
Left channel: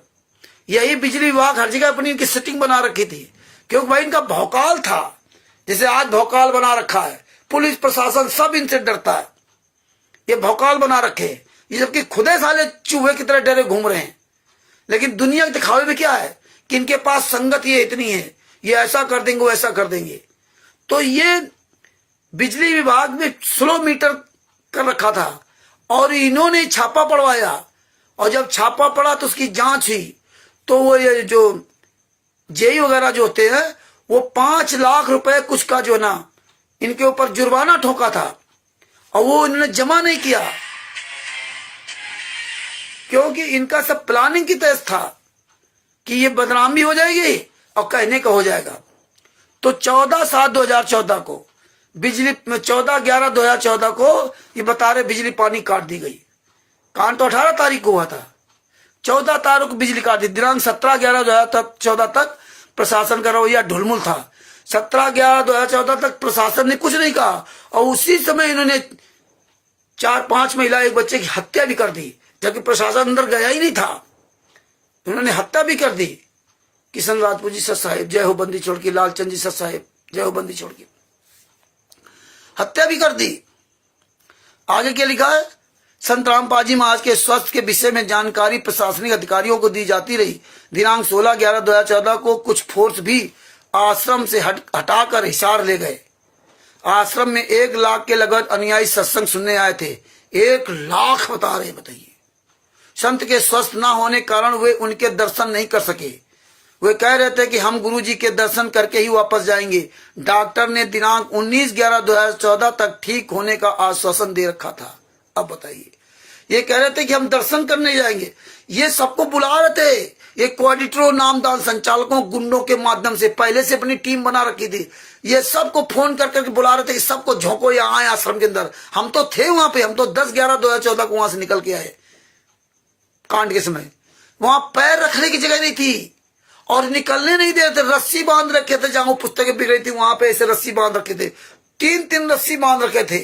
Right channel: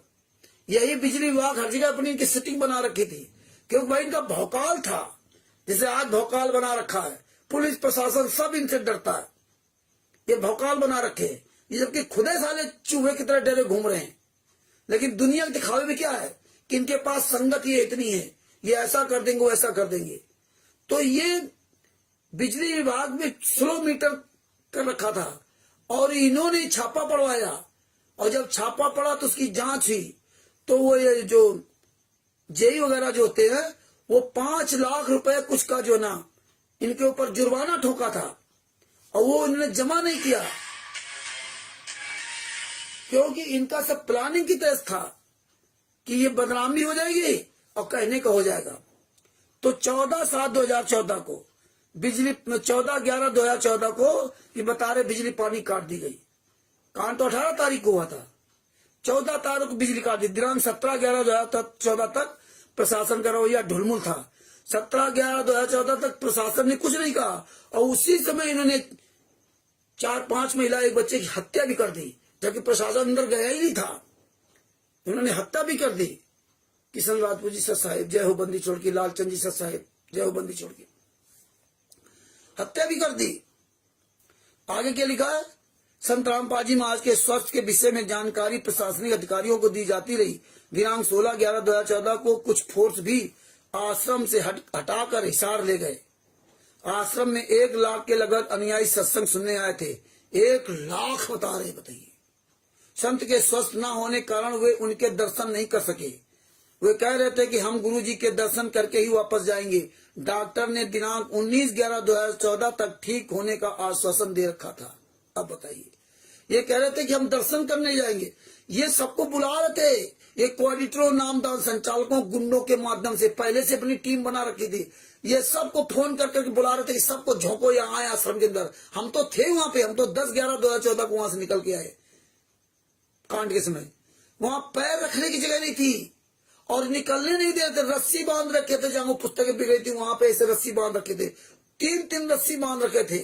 यही बिजली विभाग हर जगह अपनी इनकी सेटिंग बना रखी थी। क्योंकि भाई इनका भौकाल था, जैसे आज भौकाल बना रखा है। पुलिस प्रशासन सब इनसे डरता है, ये भौकाल बना रखे। ये जबकि खुदे साले चूहे की तरह डरे घूम रहे हैं। लेकिन दुनिया के दिखावे में क्या है कि इनके पास संगत ये इतनी है, ये ऐसा कर देंगे, वो ऐसा कर देंगे। तो ये बिजली विभाग में स्लो मीटर कर रखा था और इन्होंने छापा पड़वाया। और जब छापा पड़ा तो उसकी जांच हुई, तो वो ये जो जेई वगैरह जो होते हैं, वो 5 लाख रुपए कुछ का जो ना इनके ऊपर जुर्माना ठोका था। और वो इन्होंने जमा नहीं किया, क्योंकि इनका सब प्लानिंग की तहत था कि ये बदनामी हो जाएगी और कहने का हो जाएगा। तो 14/7/2014 को बिजली 14/11/2014 को ये बता रहे बिजली पानी काट दी गई। कांड तो 18 तारीख को हुआ था, 14 तारीख को बिजली काट दी। दिनांक 17/11/2014 तक प्रशासन का रवैया ढुलमुल था। 17/11/2014 तक प्रशासन ने कुछ नहीं कहा। और उसी समय इन्होंने 4-5 महिला, एक बच्चे की हत्या भी कर दी, जबकि प्रशासन अंदर गया ही नहीं था। उन्होंने हत्या भी कर दी। किशन राजपूत जी सत साहेब जय हो, बंदी छोड़ की, लालचंद जी सत साहेब जय हो, बंदी छोड़ की, हत्या भी कर दी। आगे क्या लिखा है? संतराम पाजी महाराज के स्वास्थ्य के विषय में जानकारी प्रशासनिक अधिकारियों को दी जाती रही। दिनांक 16/11/2014 को कुछ फोर्स भी आश्रम से हटाकर हिसार ले गए। आश्रम में 1 लाख के लगभग अनुयायी सत्संग सुनने आए थे। 1 लाख बता रहे, बताइए। संत के स्वस्थ न होने कारण वे उनके दर्शन नहीं कर सके। वे कह रहे थे कि हम गुरुजी के दर्शन करके ही वापस जाएंगे। डॉक्टर ने दिनांक 19/11/2014 तक ठीक होने का आश्वासन दे रखा था। अब बताइए, ये कह रहे थे कि हम दर्शन करने जाएंगे। ये सबको बुला रहे थे। ये कोऑर्डिनेटरों, नामदान संचालकों, गुंडों के माध्यम से पहले से अपनी टीम बना रखी थी। ये सबको फोन कर करके बुला रहे थे कि सबको झोंको यहाँ आए आश्रम के अंदर। हम तो थे वहां पे, हम तो 10/11/2014 को वहां से निकल के आए। कांड के समय वहां पैर रखने की जगह नहीं थी और निकलने नहीं दे रहे थे। रस्सी बांध रखे थे, जहां पुस्तकें बिक रही थी वहां पे ऐसे रस्सी बांध रखे थे। 3 रस्सी बांध रखे थे,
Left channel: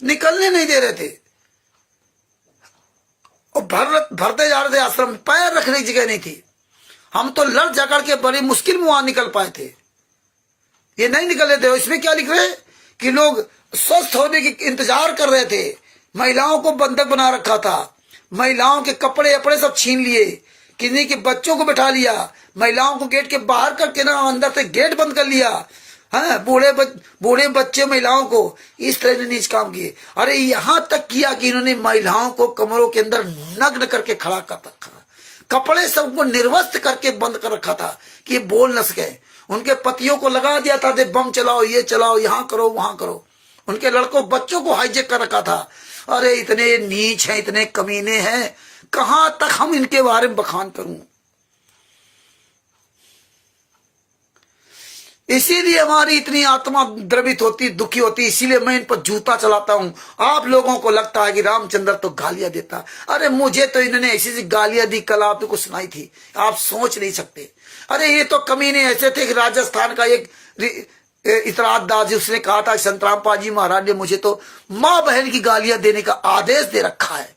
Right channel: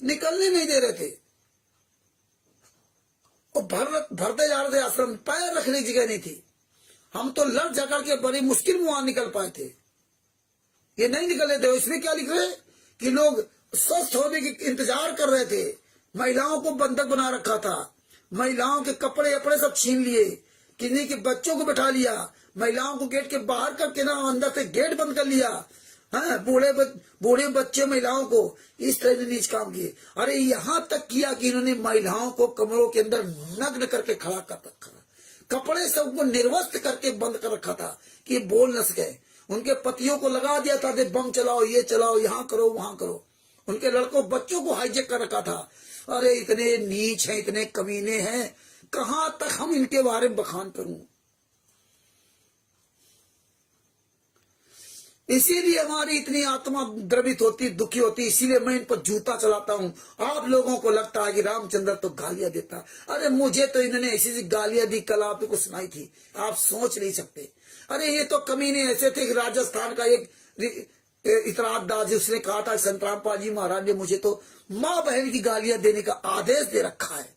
निकलने नहीं दे रहे थे। और भरते जा रहे थे आश्रम, पैर रखने की जगह नहीं थी। हम तो लड़ झगड़ के बड़ी मुश्किल में वहां निकल पाए थे, ये नहीं निकले थे। इसमें क्या लिख रहे कि लोग स्वस्थ होने की इंतजार कर रहे थे। महिलाओं को बंधक बना रखा था, महिलाओं के कपड़े अपड़े सब छीन लिए, किन्हीं के बच्चों को बैठा लिया, महिलाओं को गेट के बाहर करके ना अंदर से गेट बंद कर लिया। हाँ, बूढ़े बच्चे महिलाओं को इस तरह ने नीच काम किए। अरे यहां तक किया कि इन्होंने महिलाओं को कमरों के अंदर नग्न करके खड़ा कर रखा, कपड़े सबको निर्वस्त्र करके बंद कर रखा था कि ये बोल न सके। उनके पतियों को लगा दिया था, दे बम चलाओ, ये चलाओ, यहाँ करो, वहां करो। उनके लड़कों बच्चों को हाईजेक कर रखा था। अरे इतने नीच हैं, इतने कमीने हैं, कहां तक हम इनके बारे में बखान करूं। इसीलिए हमारी इतनी आत्मा द्रवित होती, दुखी होती, इसीलिए मैं इन पर जूता चलाता हूं। आप लोगों को लगता है कि रामचंद्र तो गालियां देता, अरे मुझे तो इन्होंने ऐसी ऐसी गालियां दी, कल आपने को सुनाई थी, आप सोच नहीं सकते। अरे ये तो कमीने ऐसे थे कि राजस्थान का एक इतराज दास, उसने कहा था संतराम पाजी महाराज ने मुझे तो माँ बहन की गालियां देने का आदेश दे रखा है।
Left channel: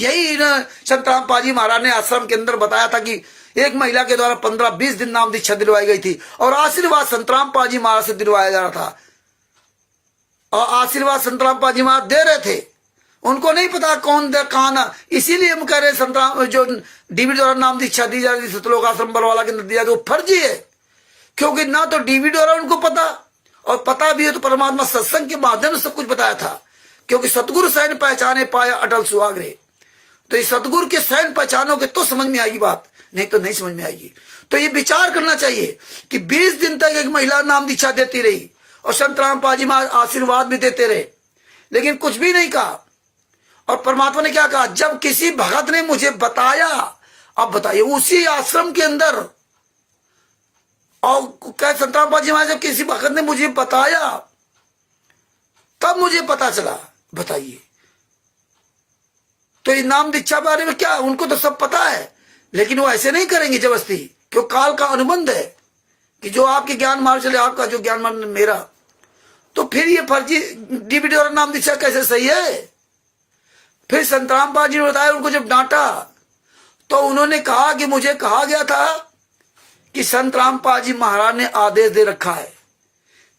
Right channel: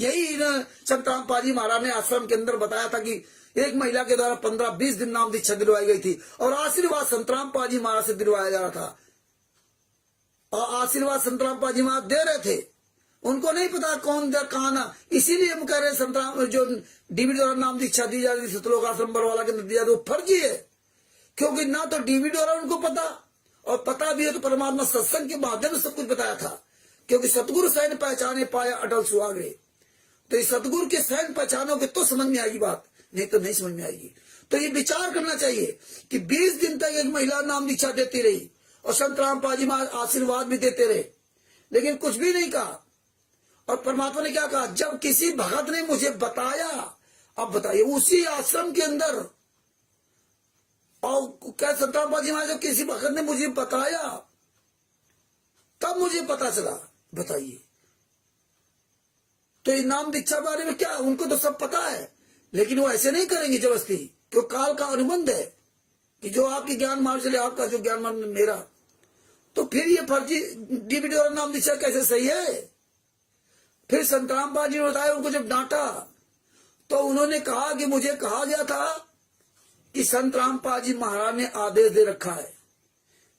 यही संतराम पाजी महाराज ने आश्रम के अंदर बताया था कि एक महिला के द्वारा 15-20 दिन नाम दीक्षा दिलवाई गई थी और आशीर्वाद संतराम पाजी महाराज से दिलवाया जा रहा था, और आशीर्वाद संतराम पाजी महाराज दे रहे थे। उनको नहीं पता कौन दे कहां ना, इसीलिए हम कह रहे संतराम जो डीवी द्वारा नाम दीक्षा दी जा रही थी सतलोक आश्रम बरवाला के अंदर दिया, वो फर्जी है। क्योंकि ना तो डीवी द्वारा उनको पता, और पता भी है तो परमात्मा सत्संग के माध्यम से सब कुछ बताया था। क्योंकि सतगुरु सैन पहचाने पाया अटल सुहागरे, तो इस सतगुरु के सैन पहचानोगे तो समझ में आएगी बात, नहीं तो नहीं समझ में आएगी। तो ये विचार करना चाहिए कि 20 दिन तक एक महिला नाम दीक्षा देती रही और संतराम पाजी महाराज आशीर्वाद भी देते रहे, लेकिन कुछ भी नहीं कहा। और परमात्मा ने क्या कहा, जब किसी भगत ने मुझे बताया, अब बताइए उसी आश्रम के अंदर, और क्या संतराम पाजी महाराज जब किसी भगत ने मुझे बताया तब मुझे पता चला, बताइए। तो इस नाम दीक्षा बारे में क्या, उनको तो सब पता है, लेकिन वो ऐसे नहीं करेंगे जबरदस्ती, क्यों काल का अनुबंध है कि जो आपके ज्ञान मार्ग चले, आपका जो ज्ञान मार्ग मेरा। तो फिर ये फर्जी डीवीडी और नाम दीक्षा कैसे सही है। फिर संतराम पाजी ने बताया, उनको जब डांटा तो उन्होंने कहा कि मुझे कहा गया था कि संतराम पाजी महाराज ने आदेश दे रखा है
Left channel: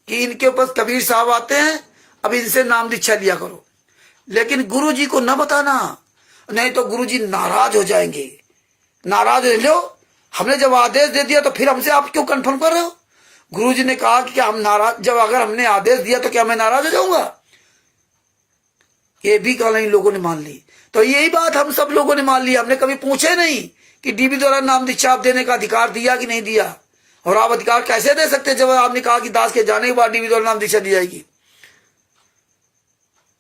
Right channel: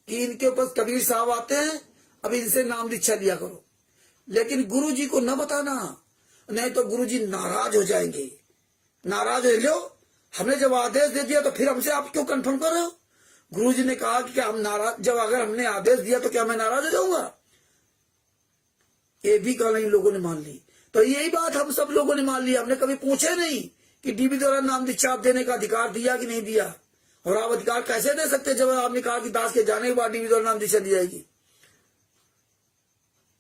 कि इनके ऊपर कबीर साहब आते हैं, अब इनसे नाम दीक्षा लिया करो, लेकिन गुरु जी को न बताना, नहीं तो गुरु जी नाराज हो जाएंगे। नाराज हो लो, हमने जब आदेश दे दिया तो फिर हमसे आप क्यों कंफर्म कर रहे हो। गुरु जी ने कहा कि हम नाराज, जब अगर हमने आदेश दिया तो क्या मैं नाराज हो जाऊंगा। ये भी कल इन लोगों ने मान ली। तो यही बात हम सब लोगों ने मान ली। हमने कभी पूछे नहीं कि डीबी द्वारा नाम दीक्षा आप देने का अधिकार दिया कि नहीं दिया, और आप अधिकार कैसे दे सकते जब आपने कहा कि दास के जाने के बाद डीबी द्वारा नाम दीक्षा दी जाएगी।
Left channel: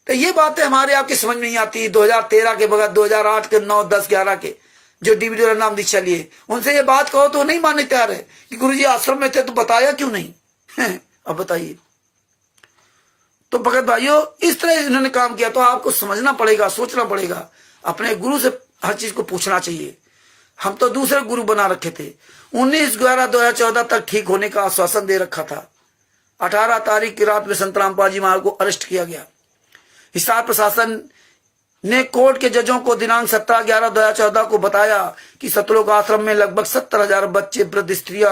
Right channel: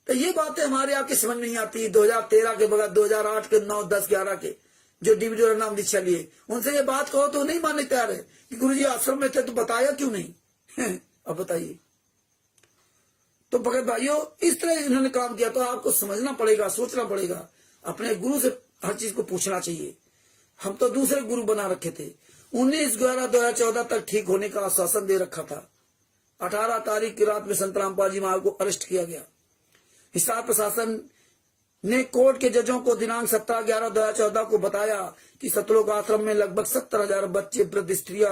तो ये बातें हमारे आपकी समझ नहीं आती। 2013 के बगैर 2008 के 9, 10, 11 के जो डीवी द्वारा नाम दीक्षा लिए, उनसे ये बात कहो तो नहीं मानने तैयार है कि गुरुजी आश्रम में थे तो बताया क्यों नहीं। अब बताइए। तो भगत भाइयों, इस तरह इन्होंने काम किया, तो आपको समझना पड़ेगा, सोचना पड़ेगा, अपने गुरु से हर चीज को पूछना चाहिए। हम तो दूसरे गुरु बना रखे थे। 19/11/2014 तक ठीक होने का आश्वासन दे रखा था। 18 तारीख की रात में संतराम पाजी महाराज को अरेस्ट किया गया। हिसार प्रशासन ने कोर्ट के जजों को दिनांक 17/11/2014 को बताया कि सतलोक आश्रम में लगभग 70,000 बच्चे, वृद्ध, स्त्रियां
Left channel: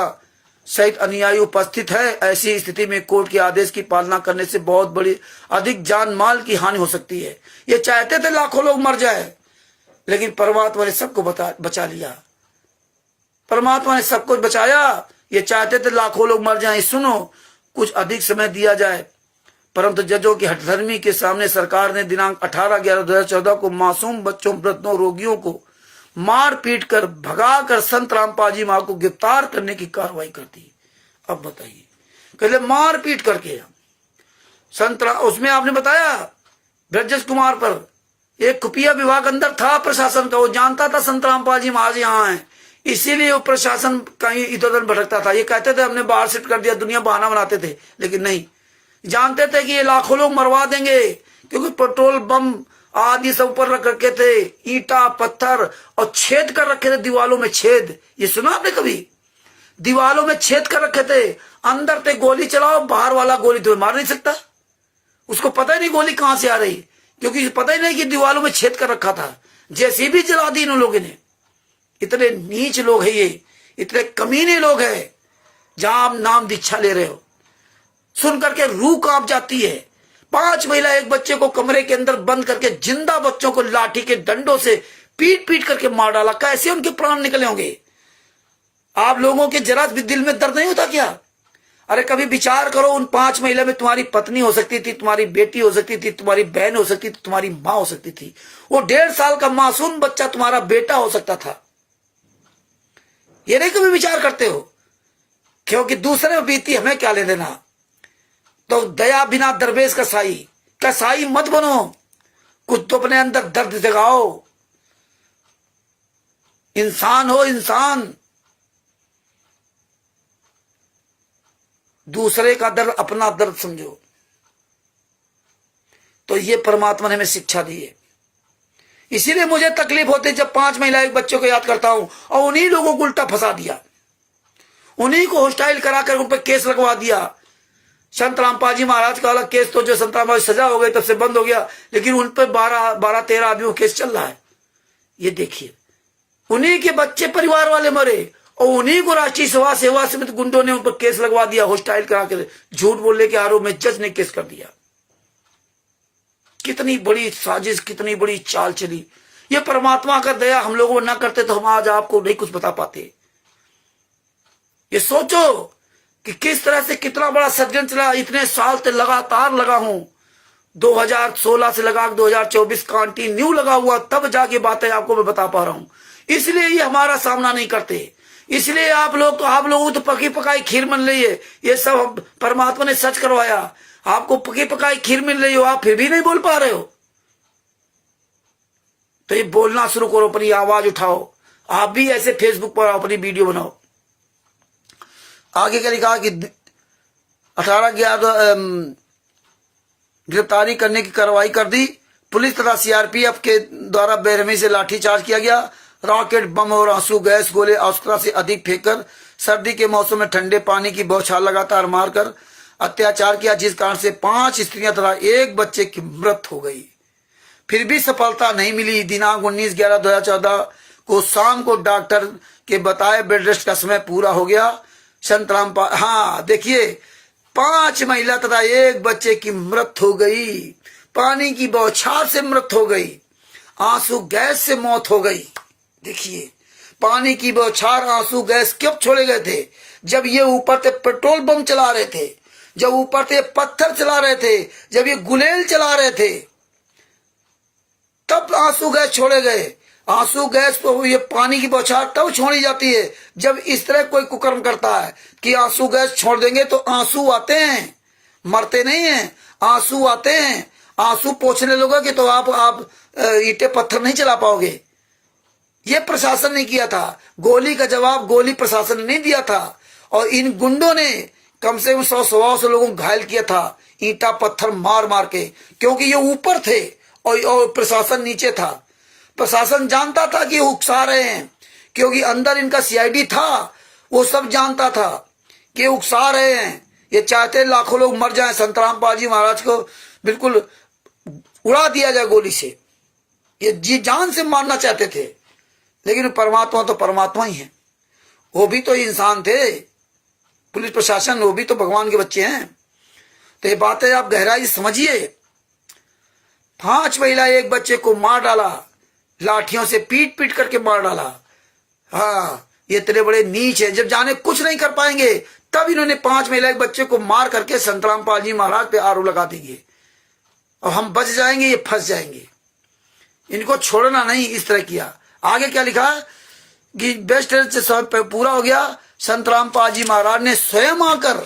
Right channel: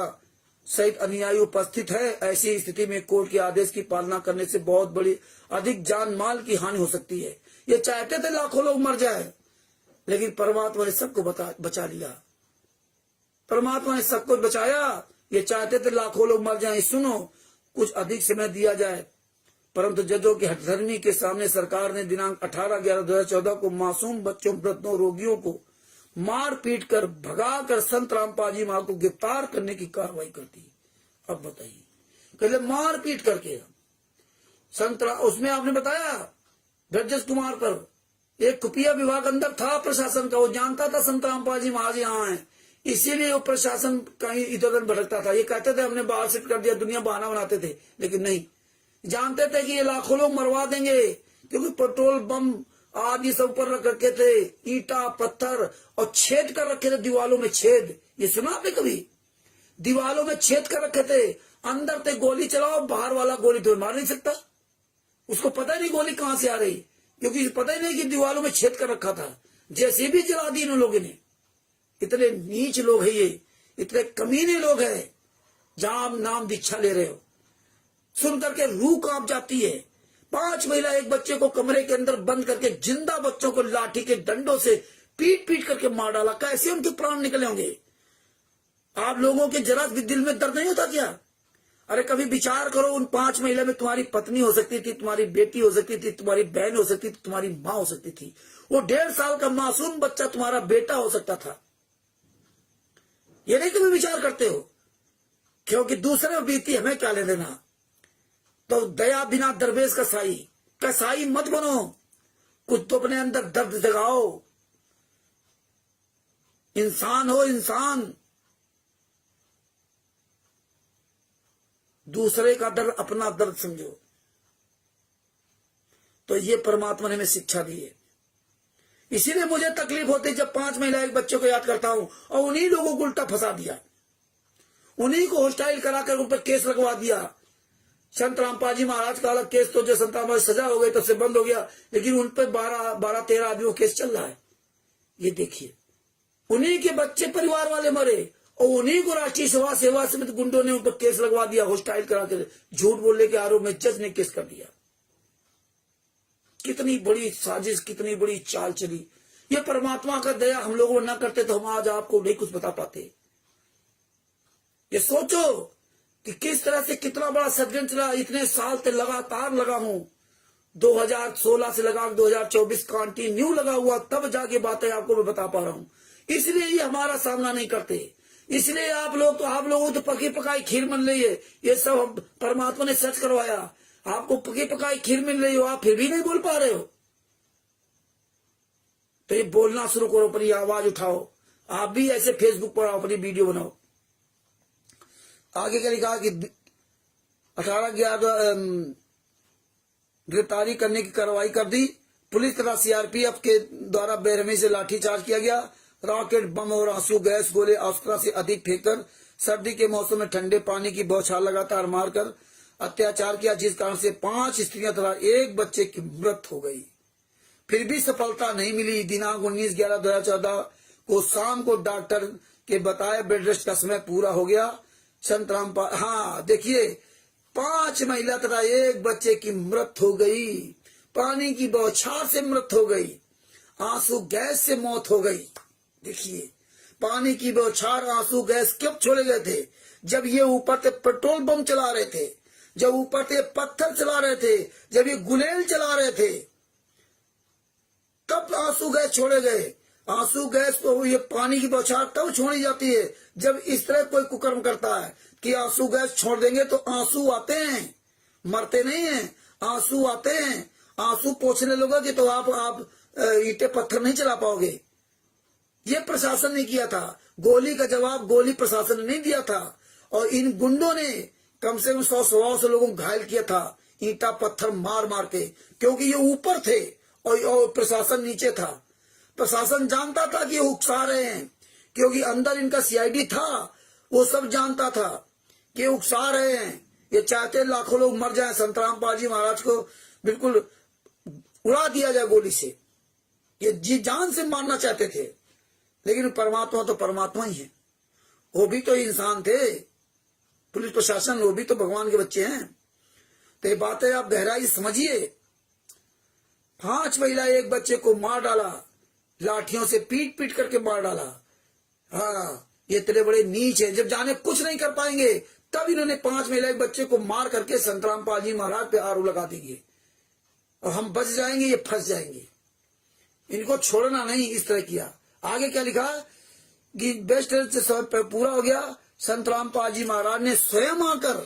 सहित अनुयायी उपस्थित है। ऐसी स्थिति में कोर्ट के आदेश की पालना करने से बहुत बड़ी अधिक जान माल की हानि हो सकती है। ये चाहते थे लाखों लोग मर जाए, लेकिन परमात्मा ने सबको बचा लिया। परमात्मा ने सब कुछ बचाया। ये चाहते थे लाखों लोग मर जाएं। सुनो, कुछ अधिक समय दिया जाए, परंतु जजों की हठधर्मी के सामने सरकार ने दिनांक 18/11/2014 को मासूम बच्चों, वृद्धों, रोगियों को मार पीट कर भगाकर संत रामपाल मां को गिरफ्तार करने की कार्रवाई कर दी। अब बताइए, कहले मार पीट करके संत, उसमें आपने बताया ब्रजेश कुमार पर एक खुफिया विभाग अंदर था प्रशासन का, वो जानता था संत रामपाल जी महाराज यहाँ है, इसीलिए वो प्रशासन कहीं इधर उधर भटकता था। ये कहते थे हमने बाहर शिफ्ट कर दिया, दुनिया बहाना बनाते थे, लेकिन नहीं, जानते थे कि ये लाखों लोग मरवा देंगे, क्योंकि पेट्रोल बम आदि सब ऊपर रख रखे थे, ईंटा पत्थर, और छेद कर रखे थे दीवालों में, छेद। ये सुना आपने कभी? दीवालों में छेद कर रखे थे, अंदर पे गोली चलाओ, बाहर वाला गोली तुम्हें मार नहीं सकता, उसको पता ही नहीं गोली कहां से आ रही, क्योंकि पता ही नहीं कि दीवालों में छेद कर रखा था। जैसे भी जला दी इन लोगों ने। इतने नीच लोग हैं ये, इतने कमीने लोग हैं। जहां आप नाम दीक्षा ले रहे हो, सुन करके रूह कांप जाती है। 5 महिला एक बच्चे को कमरे के अंदर बंद करके जिंदा बच्चों को लाठी के डंडों से पीट पीट करके मार डाला। कैसे उनके प्राण निकले होंगे? आप लोगों के जरा भी दिल में दर्द नहीं होता क्या? अरे कभी विचार करो, उन 5 महिला में तुम्हारी पत्नी हो सकती थी, तुम्हारी बेटी हो सकती थी, तुम्हारी बहन हो सकती थी, तुम्हारी मां हो सकती थी। वो 1.5 साल का मासूम बच्चा तुम्हारा बेटा हो सकता था। ये नहीं कभी विचार करते हो? क्योंकि दूसरे में बीती हमें क्या ले देना। तो दया बिना दरवेश का साई मत बनो, कुछ तो अपने अंदर दर्द जगाओ। इंसान हो इंसान, दूसरे का दर्द अपना दर्द समझो। तो ये परमात्मा ने हमें शिक्षा दी है। इसीलिए मुझे तकलीफ होती है जब 5 महिलाएं बच्चों को याद करता हूं और उन्हीं लोगों को उल्टा फंसा दिया, उन्हीं को हॉस्टाइल कराकर उन पर केस लगवा दिया। संत रामपाल जी महाराज का अलग केस, तो जो संत रामपाल सजा हो गई तब से बंद हो गया, लेकिन उन पर 12-13 आदमियों केस चल रहा है। ये देखिए, उन्हीं के बच्चे परिवार वाले मरे और उन्हीं को राष्ट्रीय सेवा समिति गुंडों ने उन पर केस लगवा दिया, हॉस्टाइल करा कर, झूठ बोलने के आरोप में जज ने केस कर दिया। कितनी बड़ी साजिश, कितनी बड़ी चाल चली। ये परमात्मा का दया हम लोगों को न करते तो हम आज आपको नहीं कुछ बता पाते। ये सोचो कि किस तरह से कितना बड़ा षड्यंत्र चला। इतने साल से लगातार लगा हूं, 2016 से लगा 2024 कंटिन्यू लगा हुआ, तब जाके बातें आपको मैं बता पा रहा हूं। इसलिए ये हमारा सामना नहीं करते, इसलिए आप लोगों तो पकी पकाई खीर मिल रही है। ये सब परमात्मा ने सच करवाया, आपको पकी पकाई खीर मिल रही हो, आप फिर भी नहीं बोल पा रहे हो। तो ये बोलना शुरू करो, अपनी आवाज उठाओ। आप भी ऐसे फेसबुक पर अपनी वीडियो बनाओ। आगे क्या लिखा कि 18/11 गिरफ्तारी करने की कार्रवाई कर दी। पुलिस तथा सीआरपीएफ के द्वारा बेरहमी से लाठीचार्ज किया गया। रॉकेट, बम और आंसू गैस गोले आवश्यकता से अधिक फेंककर सर्दी के मौसम में ठंडे पानी की बौछार लगातार मारकर अत्याचार किया, जिस कारण से 5 स्त्रियां तथा 1 बच्चे की मृत्यु हो गई। फिर भी सफलता नहीं मिली। दिनांक 19/11/2014 को शाम को डॉक्टर के बताए बेड रेस्ट का समय पूरा हो गया। संत रामपाल, हाँ देखिए, 5 महिला तथा 1 बच्चे की मृत्यु हो गई। पानी की बौछार से मृत्यु हो गई, आंसू गैस से मौत हो गई। देखिए, पानी की बौछार, आंसू गैस कब छोड़े गए थे? जब ये ऊपर से पेट्रोल बम चला रहे थे, जब ऊपर से पत्थर चला रहे थे, जब ये गुलेल चला रहे थे, तब आंसू गैस छोड़े गए। आंसू गैस को, ये पानी की बौछार तब छोड़ी जाती है जब इस तरह कोई कुकर्म करता है कि आंसू गैस छोड़ देंगे तो आंसू आते हैं, मरते नहीं हैं, आंसू आते हैं। आंसू पोंछने लगोगे तो आप ईंटे पत्थर नहीं चला पाओगे। ये प्रशासन ने किया था। गोली का जवाब गोली प्रशासन ने नहीं दिया था, और इन गुंडों ने कम से कम 100-125 लोगों को घायल किया था, ईंटा पत्थर मार मार के, क्योंकि ये ऊपर थे और प्रशासन नीचे था। प्रशासन जानता था कि उकसा रहे हैं, क्योंकि अंदर इनका सीआईडी था, वो सब जानता था कि उकसा रहे हैं। ये चाहते लाखों लोग मर जाएं, संत रामपाल जी महाराज को बिल्कुल उड़ा दिया जाए गोली से। ये जी जान से मारना चाहते थे, लेकिन परमात्मा तो परमात्मा ही है, वो भी तो इंसान थे। पुलिस प्रशासन, वो भी तो भगवान के बच्चे हैं। तो ये बातें आप गहराई समझिए। 5 महिला 1 बच्चे को मार डाला, लाठियों से पीट पीट करके मार डाला। हाँ, ये इतने बड़े नीच है, जब जाने कुछ नहीं कर पाएंगे तब इन्होंने 5 महिला 1 बच्चे को मार करके संत रामपाल जी महाराज पे आरोप लगा देंगे और हम बच जाएंगे, ये फंस जाएंगे। इनको छोड़ना नहीं, इस तरह किया। आगे क्या लिखा कि बेस्ट से सब पूरा हो गया। संत रामपाल जी महाराज ने स्वयं आकर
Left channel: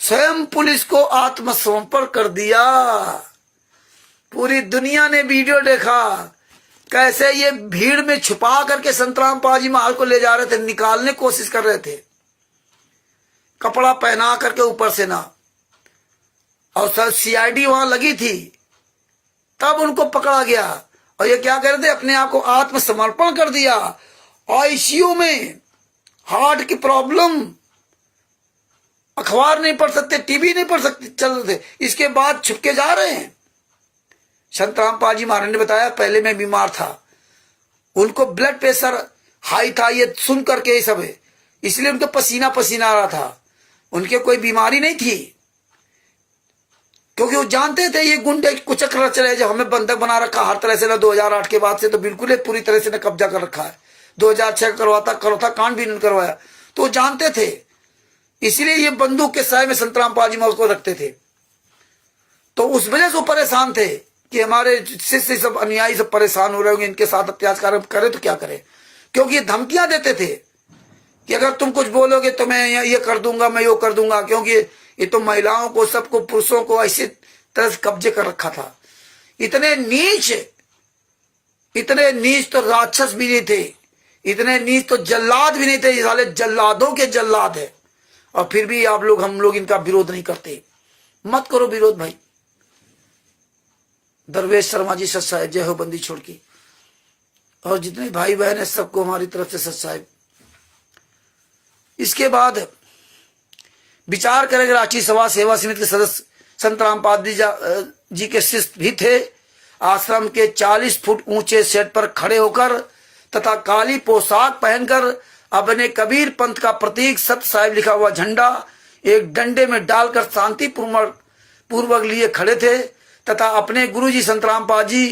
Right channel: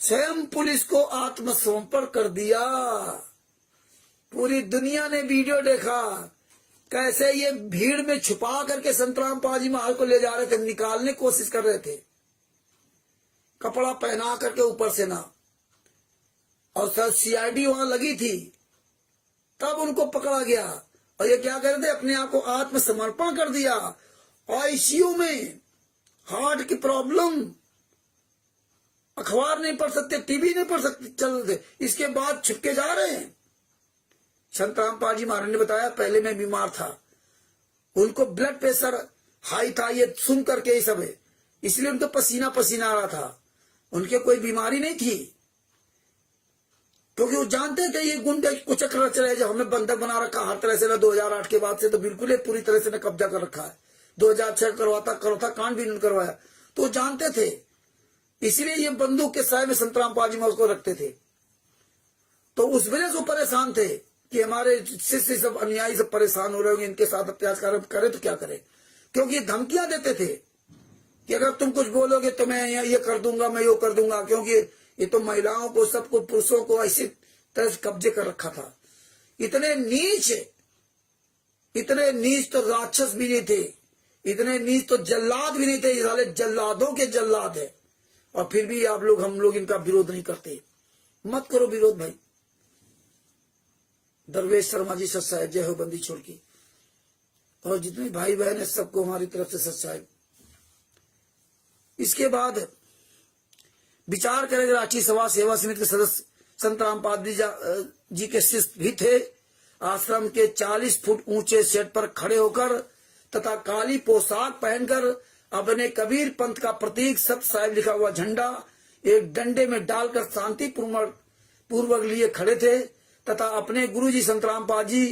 स्वयं पुलिस को आत्मसमर्पण कर दिया। पूरी दुनिया ने वीडियो देखा कैसे ये भीड़ में छुपा करके संत रामपाल जी महाराज को ले जा रहे थे, निकालने की कोशिश कर रहे थे, कपड़ा पहना करके ऊपर से ना, और सर सीआईडी वहां लगी थी, तब उनको पकड़ा गया। और ये क्या कर रहे थे? अपने आप को आत्मसमर्पण कर दिया। आईसीयू में हार्ट की प्रॉब्लम, अखबार नहीं पढ़ सकते, टीवी नहीं पढ़ सकते, चल रहे थे, इसके बाद छुपके जा रहे हैं। संत रामपाल जी महाराज ने बताया, पहले मैं बीमार था, उनको ब्लड प्रेशर हाई था, ये सुन करके ये सब है, इसलिए उनको पसीना पसीना आ रहा था। उनके कोई बीमारी नहीं थी, क्योंकि वो जानते थे ये गुंडे कुछ चले, जब हमें बंधक बना रखा हर तरह से ना, 2008 के बाद से तो बिल्कुल पूरी तरह से कब्जा कर रखा है। 2006 करवाता कांड भी नहीं करवाया, तो जानते थे, इसलिए ये बंदूक के साय में संत रामपाल जी महाराज को रखते थे। तो उस वजह से वो परेशान थे कि हमारे शिष्य सब अनुयायी सब परेशान हो रहे होंगे, इनके साथ अत्याचार करें तो क्या करें, क्योंकि ये धमकियां देते थे कि अगर तुम कुछ बोलोगे तो मैं ये कर दूंगा, मैं यो कर दूंगा, क्योंकि ये तो महिलाओं को, सबको, पुरुषों को ऐसी तरह से कब्जे कर रखा था। इतने नीच तो राक्षस भी नहीं थे, इतने नीच तो जल्लाद भी नहीं थे। ये साले जल्लादों के जल्लाद है, और फिर भी आप लोग, हम लोग इनका विरोध नहीं करते। मत करो विरोध भाई। दरवेश शर्मा जी सत साहेब, जय हो बंदी छोड़ की। और जितने भाई बहन है सबको हमारी तरफ से सत साहेब। इसके बाद विचार करेंगे। रांची सभा सेवा समिति के सदस्य संत रामपाल जी के शिष्य भी थे। आश्रम के 40 फुट ऊंचे सेट पर खड़े होकर तथा काली पोशाक पहनकर अपने कबीर पंथ का प्रतीक सत्य साहिब लिखा हुआ झंडा एक डंडे में डालकर शांति पूर्वक लिए खड़े थे तथा अपने गुरुजी संत रामपाल जी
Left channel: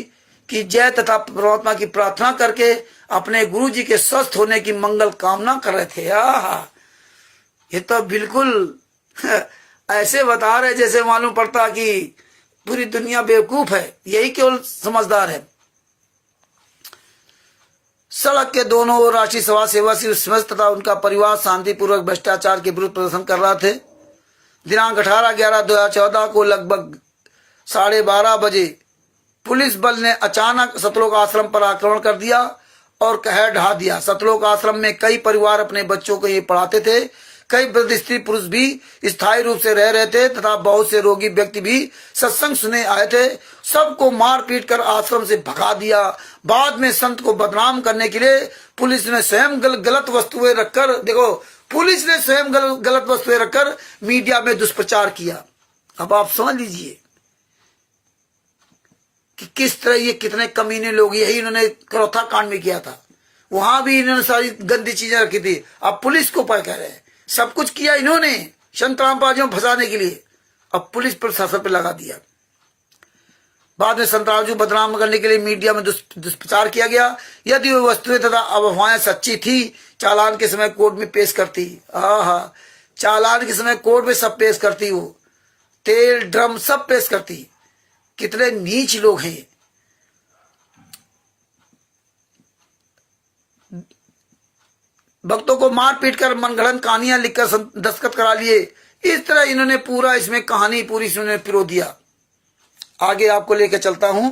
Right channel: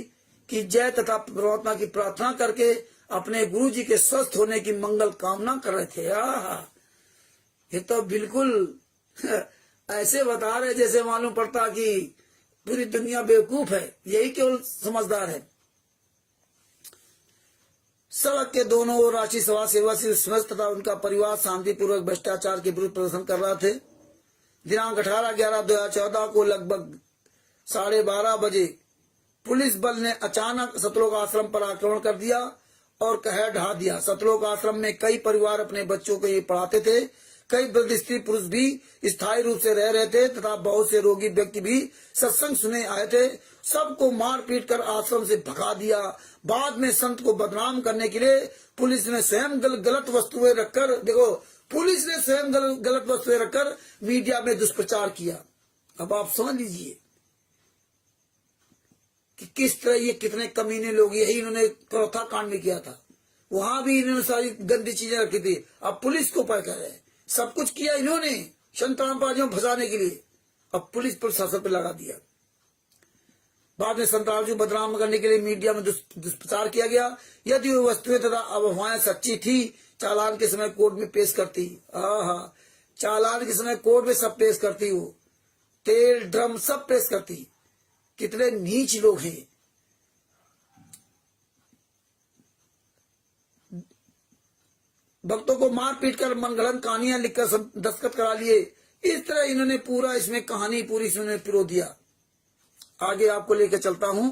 की जय तथा परमात्मा की प्रार्थना करके अपने गुरुजी के स्वस्थ होने की मंगल कामना कर रहे थे। ये तो बिल्कुल ऐसे बता रहे जैसे मालूम पड़ता कि पूरी दुनिया बेवकूफ है, यही केवल समझदार है। सड़क के दोनों ओर रांची सभा सेवा समस्त तथा उनका परिवार शांतिपूर्वक भ्रष्टाचार के विरुद्ध प्रदर्शन कर रहे थे। दिनांक 18/11/2014 को लगभग 12:30 बजे पुलिस बल ने अचानक सतलोक आश्रम पर आक्रमण कर दिया और कहर ढा दिया। सतलोक आश्रम में कई परिवार अपने बच्चों को ये पढ़ाते थे, कई वृद्ध स्त्री पुरुष भी स्थायी रूप से रह रहे थे तथा बहुत से रोगी व्यक्ति भी सत्संग सुने आए थे। सबको मार पीट कर आश्रम से भगा दिया। बाद में संत को बदनाम करने के लिए पुलिस ने स्वयं गलत वस्तुएं रखकर, देखो, पुलिस ने स्वयं गलत वस्तुएं रखकर मीडिया में दुष्प्रचार किया। अब आप समझ लीजिए कि किस तरह ये कितने कमीने लोग, यही इन्होंने करौथा कांड में किया था। वहां भी इन्होंने सारी गंदी चीजें रखी थी। अब पुलिस को पर कह रहे हैं, सब कुछ किया इन्होंने संत रामपाल जी को फंसाने के लिए, अब पुलिस प्रशासन पे लगा दिया। बाद में संत रामपाल जी को बदनाम करने के लिए मीडिया में दुष्प्रचार किया गया। यदि वो वस्तुएं तथा अफवाहें सच्ची थी, चालान के समय कोर्ट में पेश करती। चालान के समय कोर्ट में सब पेश करती, वो तेल ड्रम सब पेश करती। कितने नीच लोग हैं। भक्तों को मार पीट कर मनगढ़ंत कहानियां लिखकर दस्तखत करा लिए। इस तरह इन्होंने पूरा इसमें कहानी पूरी इन्होंने पिरो दिया। आगे आपको लेकर चलता हूं।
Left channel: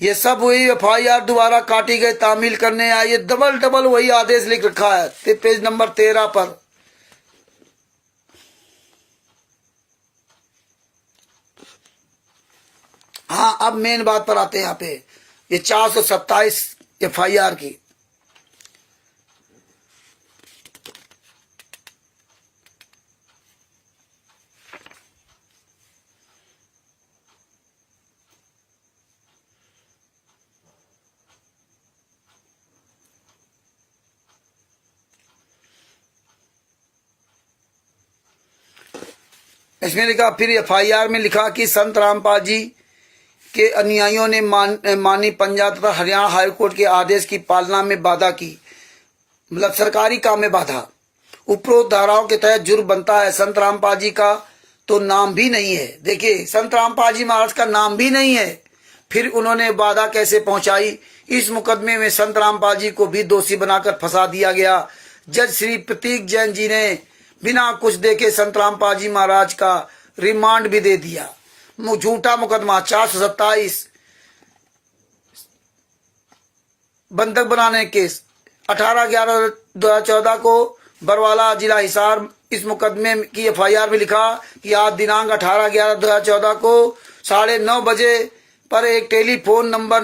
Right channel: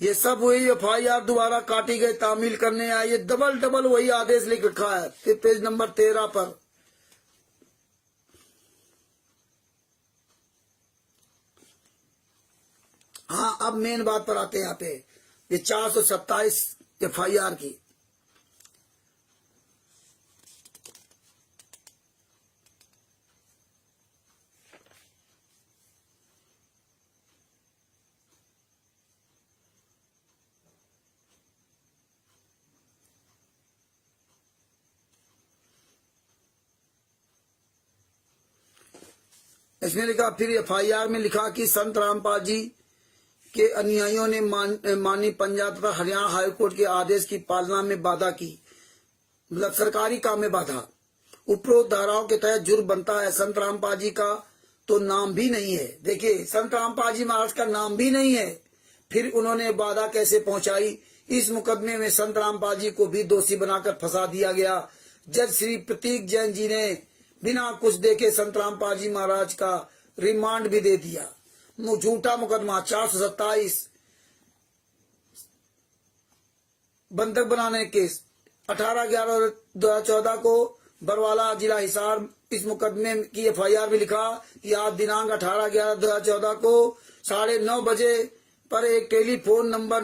ये सब हुई FIR दोबारा काटी गई, तामील करने आए। ये डबल वही आदेश लिख रखा है पेज नंबर 13 पर। हाँ, अब मेन बात पर आते हैं। यहाँ पे ये 427 FIR की। इसमें लिखा, फिर FIR में लिखा कि संत रामपाल जी के अनुयायियों ने मानी पंजाब तथा हरियाणा हाईकोर्ट के आदेश की पालना में बाधा की, मतलब सरकारी काम में बाधा। उपरोक्त धाराओं के तहत जुर्म बनता है। संत रामपाल जी का तो नाम भी नहीं है। देखिए, संत रामपाल जी महाराज का नाम भी नहीं है, फिर उन्होंने बाधा कैसे पहुंचाई। इस मुकदमे में संत रामपाल जी को भी दोषी बनाकर फंसा दिया गया। जज श्री प्रतीक जैन जी ने बिना कुछ देखे संत रामपाल जी महाराज का रिमांड भी दे दिया। झूठा मुकदमा 427 बंधक बनाने केस 18/11/2014 को बरवाला जिला हिसार। इस मुकदमे की FIR में लिखा कि आज दिनांक 18/11/2014 को 9:30 बजे पर एक टेलीफोन नंबर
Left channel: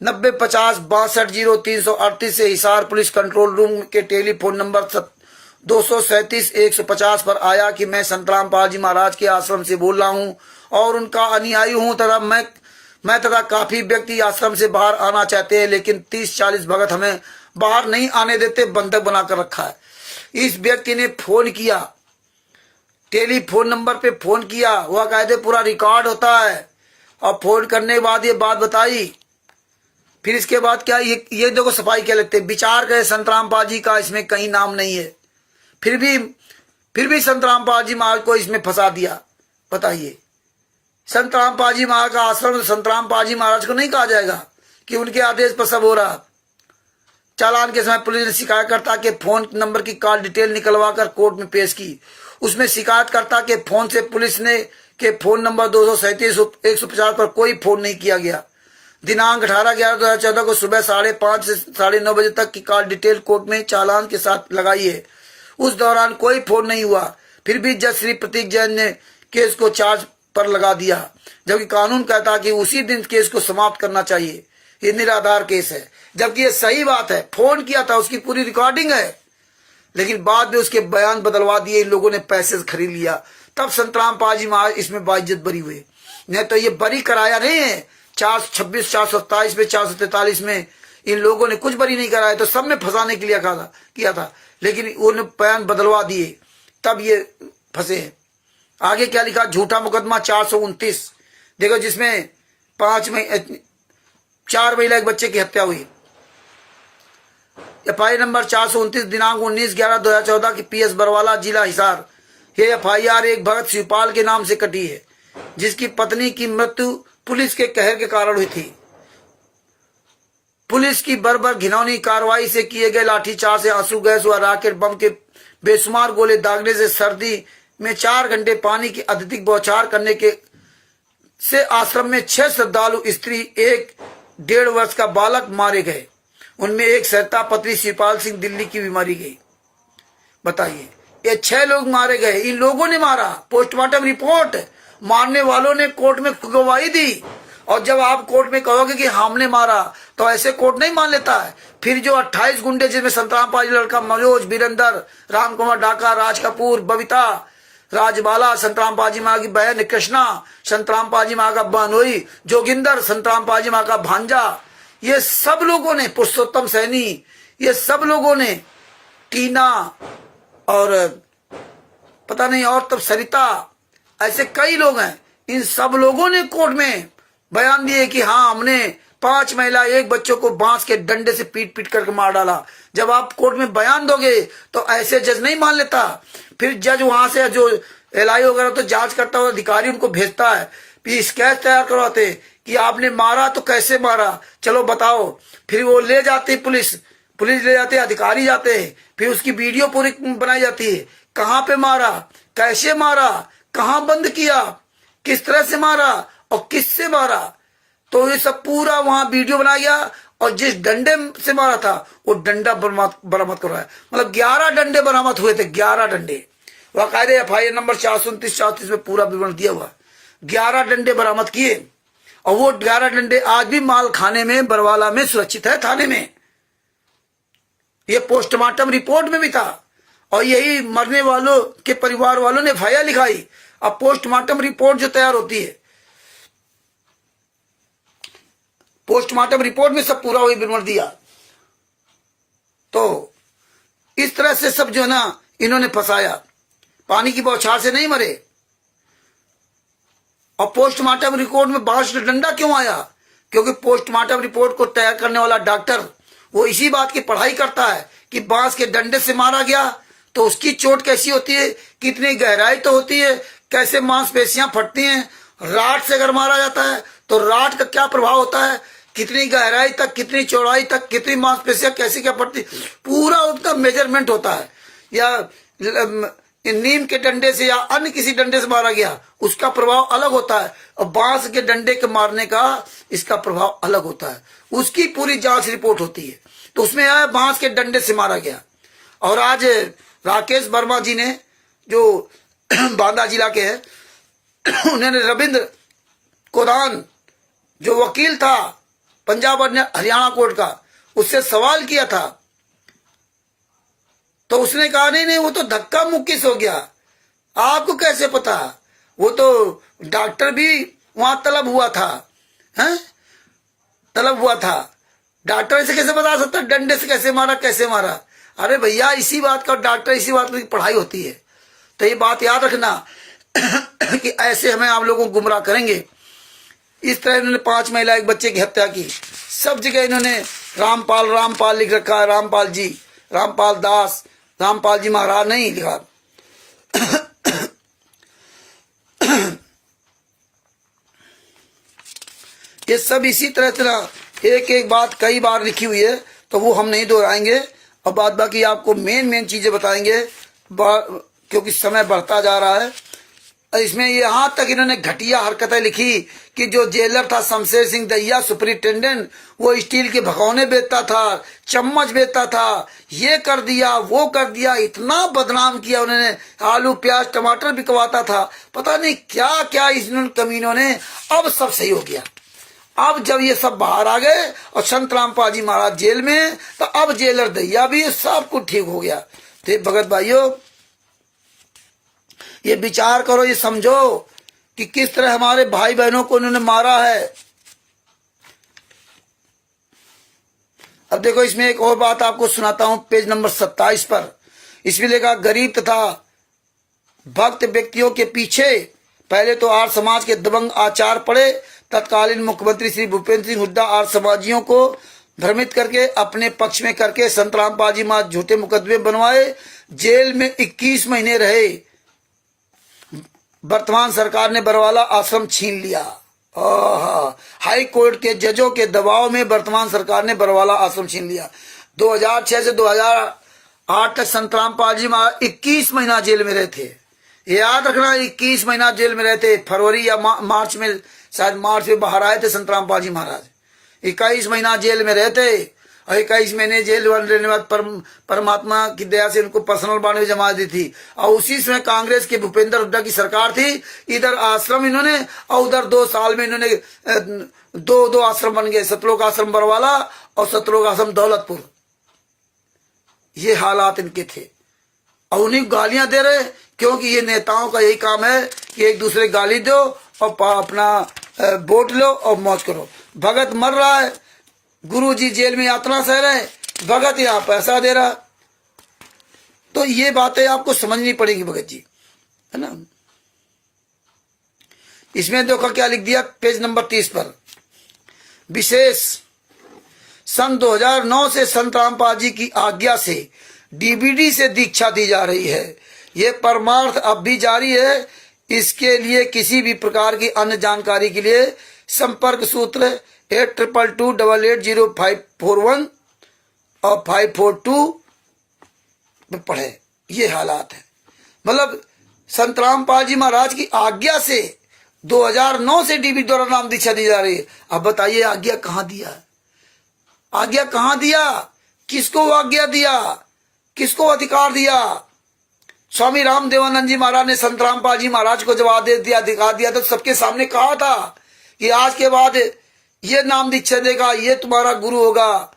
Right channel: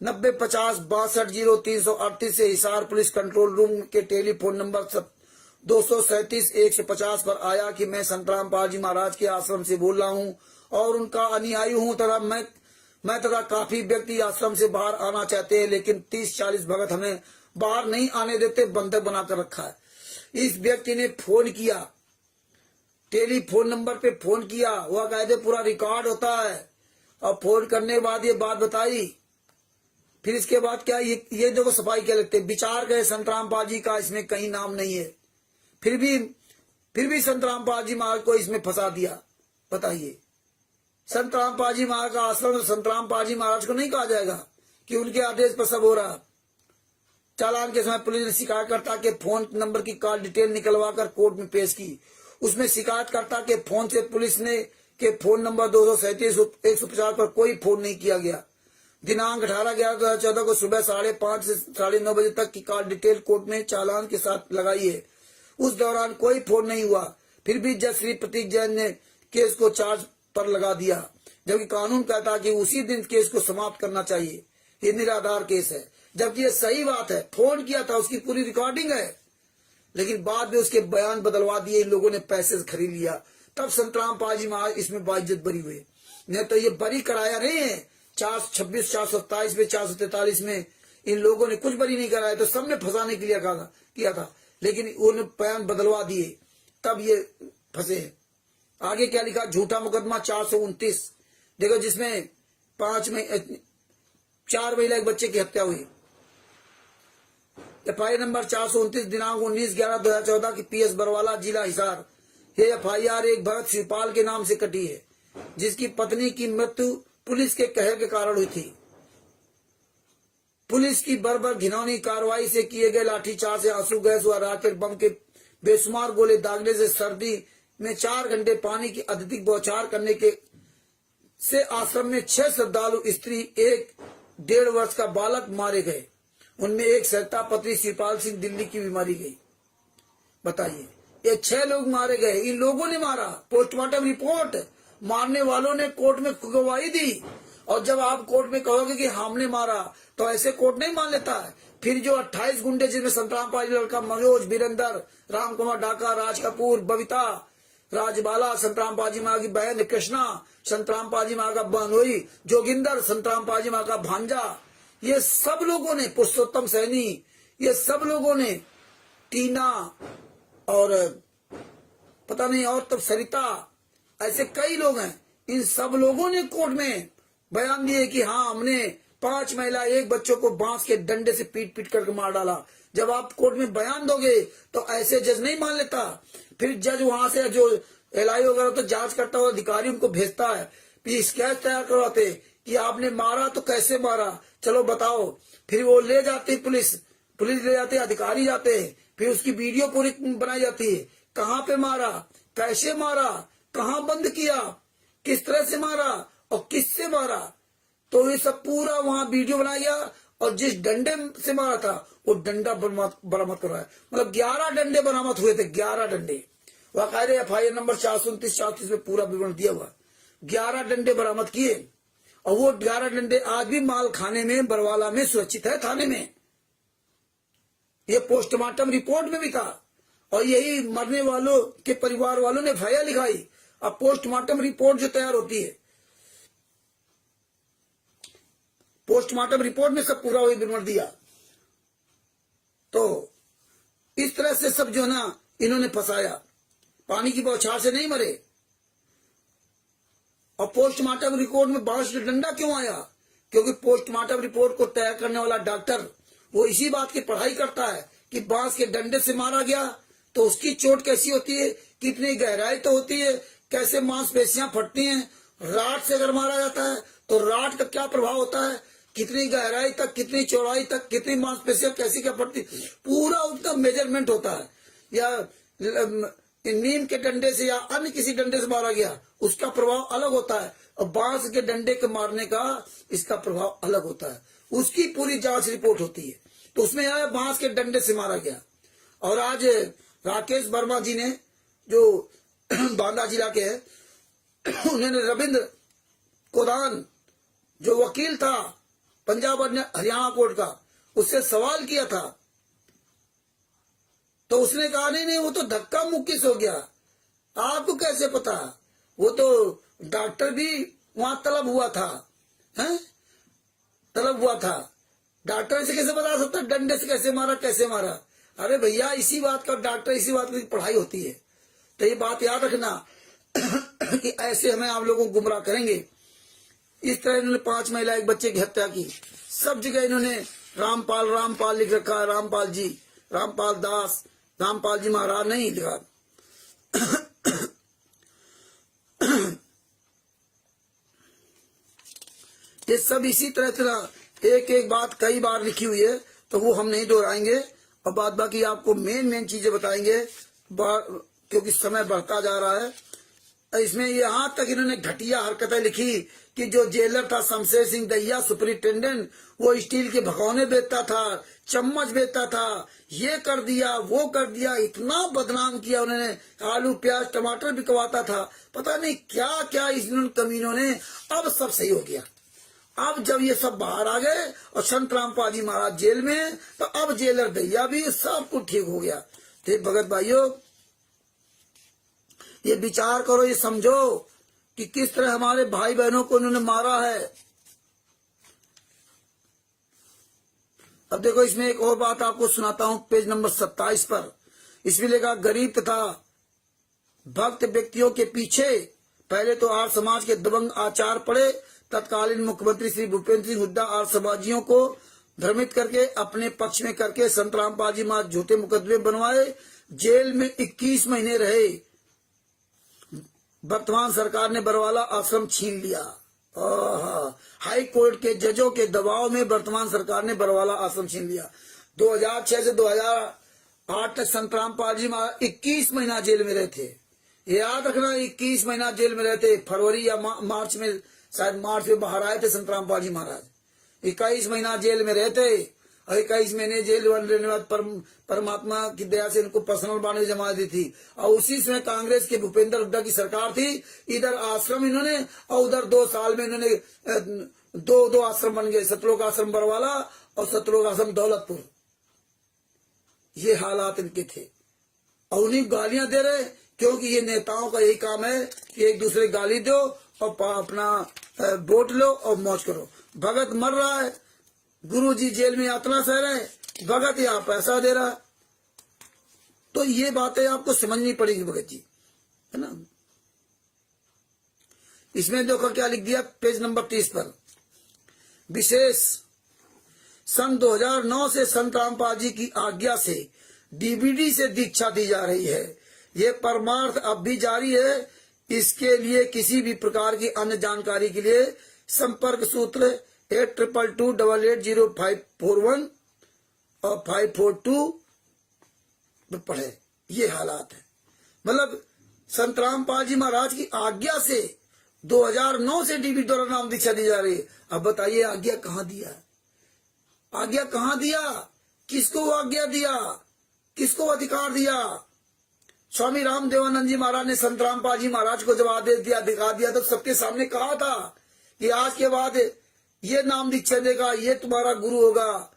9050-620338 से हिसार पुलिस कंट्रोल रूम के टेलीफोन नंबर 237-150 पर आया कि मैं संत रामपाल जी महाराज के आश्रम से बोल रहा हूं और उनका अनुयायी हूं तथा मैं तथा काफी व्यक्ति आश्रम से बाहर आना चाहते हैं, लेकिन 30-40 भगत हमें बाहर नहीं आने देते, बंधक बनाकर रखा है। इस व्यक्ति ने फोन किया, टेलीफोन नंबर पे फोन किया, वह कहते पूरा रिकॉर्ड होता है, और फोन करने के बाद ये बात बताई। फिर इसके बाद क्या, ये देखो सफाई क्या लगते, विचार करे संत रामपाल जी का इसमें कहीं नाम नहीं है, फिर भी संत रामपाल जी महाराज को इसमें फंसा दिया। बताइए, संत रामपाल जी महाराज का आश्रम संत रामपाल जी महाराज को नहीं कहा जाएगा कि उनके आदेश पर सब हो रहा। चालान के समय पुलिस ने शिकायतकर्ता के फोन नंबर की कॉल डिटेल निकलवाकर कोर्ट में पेश की। उसमें शिकायतकर्ता के फोन से पुलिस ने के फोन नंबर 237-150 पर कोई फोन नहीं किया गया। दिनांक 18/11/2014 को सुबह 5:30 से 9:30 बजे तक की कॉल डिटेल कोर्ट में चालान के साथ लगाई है। उस दौरान कोई फोन नहीं हुआ। फिर भी जज श्री प्रतीक जैन ने केस को चार्ज पर लगा दिया, जबकि कानून कहता कि उसी दिन केस को समाप्त करना चाहिए। ये निराधार केस है, जबकि ये सही बात है। फोन किया था, उसकी पूरी रिकॉर्डिंग है, लेकिन बाद में उसके बयान बदलवा दिए। इन लोगों ने पैसे से खरीद लिया। तब संतराम पाजी महाराज इसमें बाइज्जत बरी हुए। नहीं तो ये बरी कराया नहीं है। 426, 427 में, 443 में इन लोगों ने कुछ बरी नहीं कराया, तो सब में फंसाने के लिए किया था, लेकिन उन्होंने बयान बदलवा दिए, तब ये फंसे हैं। आगे क्या लिखा? झूठा मुकदमा 429 देखो, जिसमें 4 महिला एक बच्चे की हत्या हुई। एफआईआर नंबर 429 दिनांक 19/11/2014 की PS बरवाला जिला हिसार। ये एफआईआर एक भगत शिवपाल के नाम से कटी है, जिसकी पत्नी की मृत्यु पुलिस के कहर के कारण हुई थी। पुलिस की बर्बर घिनौनी कार्रवाई से किए गए लाठीचार्ज से, आंसू गैस व रॉकेट बम के बेशुमार गोले दागने से, सर्दी में 4 घंटे पानी की अत्यधिक बौछार करने के से आश्रम में 6 श्रद्धालु स्त्री, 1 वर्ष का बालक मारे गए। उनमें एक सहता पत्री शिवपाल सिंह दिल्ली की बीमारी गई। बताइए, ये 6 लोग मारे गए। इन लोगों ने मारा। पोस्टमार्टम रिपोर्ट, मारने वालों ने कोर्ट में गवाही दी। और जब आप कोर्ट में कहोगे कि हमने मारा, तो ऐसे कोर्ट नहीं मान लेता है। फिर जो 28 गुंडे, जिसमें संतराम पाजी लड़का मनोज, वीरेंद्र, राम कुमार डाका, राज कपूर, बबीता, राजबाला, संतराम पाजी माँ की बहन कृष्णा, संतराम पाजी माँ का बहनोई जोगिंदर, संतराम पाजी माँ का भांजा, ये सब लोगों ने, पुरुषोत्तम सैनी, ये सब लोगों ने, टीना और पता नहीं और तब सरिता, ऐसे कई लोग हैं। इन सब लोगों ने कोर्ट में बयान दिए कि हाँ, हमने 5 महिला 1 बच्चों को बांस के डंडे से पीट पीट करके मार डाला। जब आप कोर्ट में बयान दोगे तो ऐसे जज नहीं मान लेता। फिर जज वहां से जो LI वगैरह तो जांच करता हुआ अधिकारी उनको भेजता है, फिर स्केच तैयार करवाते कि आपने मारा तो कैसे मारा, चलो बताओ। फिर वो ले जाती पुलिस ले जाती है, अधिकारी जाते हैं, फिर उसकी वीडियो पूरी बनाई जाती है। कहाँ पे मारा, कैसे मारा, कहाँ बंद किया, किस तरह से मारा और किससे मारा, तो ये सब पूरा वहां वीडियो बनाया गया। और जिस डंडे से मारा था वो डंडा बरामद करवाया। मतलब 11 डंडे बरामद हुए थे, 11 डंडे। वाकायदे एफआईआर नंबर 429-430 में पूरा विवरण दिया हुआ। 11 डंडे बरामद किए, और वो 11 डंडे आज भी माल खाने में बरवाला में सुरक्षित है, थाने में। ये पोस्टमार्टम रिपोर्ट में भी था, और यही मरने वालों के परिवार वालों ने एफआईआर लिखाई। अब पोस्टमार्टम रिपोर्ट जो तैयार होती है, पोस्टमार्टम रिपोर्ट में सब पूरा वही विवरण दिया। तो इस तरह से सब जो है ना, इन्होंने फंसाया। पानी की बौछार से नहीं मरे। और पोस्टमार्टम रिपोर्ट में बांस का डंडा क्यों आया? क्योंकि पोस्टमार्टम रिपोर्ट को तैयार करने वाला डॉक्टर वो इसी बात की पढ़ाई करता है कि बांस के डंडे से मारा गया तो उसकी चोट कैसी होती है, कितनी गहराई तो होती है, कैसे मांसपेशियां फटती हैं। राड से अगर मारा जाता है तो राड का क्या प्रभाव होता है, कितनी गहराई तक, कितनी चौड़ाई तक, कितनी मांसपेशियां कैसे क्या फटती, पूरा उसका मेजरमेंट होता है। या नीम के डंडे से या अन्य किसी डंडे से मारा गया, उसका प्रभाव अलग होता है। और बांस के डंडे के मारने का इसका प्रभाव अलग होता है। उसकी पूरी जांच रिपोर्ट होती है। तो उसमें आया बांस के डंडे से मारा गया। और आज राकेश वर्मा जी ने, जो बांदा जिला के हैं, उन्होंने रविंद्र कोदान जो वकील था पंजाब और हरियाणा कोर्ट का, उससे सवाल किया था। तो उसने कहा नहीं, वो तो धक्का मुक्की हो गया। आपको कैसे पता? वो तो डॉक्टर भी वहां तलब हुआ था, हैं? तलब हुआ था। डॉक्टर से कैसे बता सकता डंडे से कैसे मारा, कैसे मारा? अरे भैया, इसी बात का डॉक्टर, इसी बात की पढ़ाई होती है। तो ये बात याद रखना कि ऐसे हमें आप लोगों को गुमराह करेंगे। इस तरह इन्होंने 5 महिला 1 बच्चे की हत्या की। सब जगह इन्होंने रामपाल लिख रखा है, रामपाल जी, रामपाल दास, रामपाल जी महाराज नहीं लिखा। ये सब इसी तरह एक एक बात कई बार लिखी हुई है। तो वो हम नहीं दोहराएंगे और बाद बाकी आपको मेन चीजें बताएंगे क्योंकि समय बढ़ता जा रहा है। इसमें यहाँ तक इन्होंने घटिया हरकतें लिखी कि जो जेलर था शमशेर सिंह दहिया सुपरिटेंडेंट, वो स्टील के भगोने बेचता था, चम्मच बेचता था, ये कर दिया वो कर दिया, इतना बदनाम किया उन्होंने। आलू प्याज टमाटर बिकवाता था, पता नहीं क्या क्या इन कमीनों ने। अब सब सही हो गया। अब जब ये सब बाहर आ गए और संतराम पाजी महाराज जेल में, तो अब जेलर दहिया भी सब कुछ ठीक हो गया। तो भगत भाइयों, ये विचार करो, ये समझो कि किस तरह हमारे भाई बहनों को उन्होंने मारा है। अब देखो, इसमें एक और बात आपको सुनाता हूं, पेज नंबर 27 पर। इसमें लिखा, गरीब तथा भक्त व्यक्तियों के पीछे पहले तो आर्य समाज के दबंग आचार पड़े। तत्कालीन मुख्यमंत्री श्री भूपेंद्र सिंह हुड्डा आर्य समाजियों को भ्रमित करके अपने पक्ष में करके संतराम पाजी महाराज झूठे मुकदमे बनवाए, जेल में 21 महीने रहे। वर्तमान सरकार ने बरवाला आश्रम छीन लिया। हाई कोर्ट के जजों के दबाव में वर्तमान सरकार ने बरवाला आश्रम छीन लिया। 2006 से 2008 तक संतराम पाजी महाराज 21 महीना जेल में रहे थे। याद रखना, 21 महीना जेल में रहते। फरवरी या मार्च में, शायद मार्च में बाहर आए थे संतराम पाजी महाराज। 21 महीना जेल में रहते और 21 महीने जेल रहने के बाद परमात्मा की दया से उनको पर्सनल बॉन्ड में जमा दी थी। और उसी समय कांग्रेस के भूपेंद्र हुड्डा की सरकार थी। इधर आश्रम इन्होंने और उधर 2 साल में इन्होंने दो आश्रम बन गए, सतलोक आश्रम बरवाला और सतलोक आश्रम दौलतपुर। ये हालात इनके थे और उन्हीं गालियां दे रहे, क्योंकि ये नेताओं का यही काम है कि एक दूसरे गाली दो और अपना वोट लो और मौज करो। भगत मर रहा है, गुरुजी जेल में यातना सह रहे, भगत यहाँ पैसा दे रहा। तो ये बातें आपको समझनी पड़ेगी भगत जी, है ना। इसमें देखो क्या लिख दिया, पेज नंबर 30 पर। विशेष सन 2009 से संतराम पाजी की आज्ञा से डीबीडी से दीक्षा दी जा रही है। ये परमार्थ अब भी जारी है। इसके लिए किसी भी प्रकार की अन्य जानकारी के लिए संपर्क सूत्र 8222880541 और 542 में पढ़े। ये हालात है। मतलब संतराम पाजी महाराज की आज्ञा से 2009 से डीबी द्वारा नाम दीक्षा दी जा रही है। अब बताइए आज्ञा कहां दिया है? आज्ञा कहां दिया? किसको आज्ञा दिया? किसको अधिकार दिया? स्वामी राम देवानंद जी महाराज ने संतराम पाजी महाराज को जवाब दे दिया, अधिकार दिया। तो सबके सामने कहा था कि आज के बाद ये नाम दीक्षा देगा, ये तुम्हारा गुरु होगा।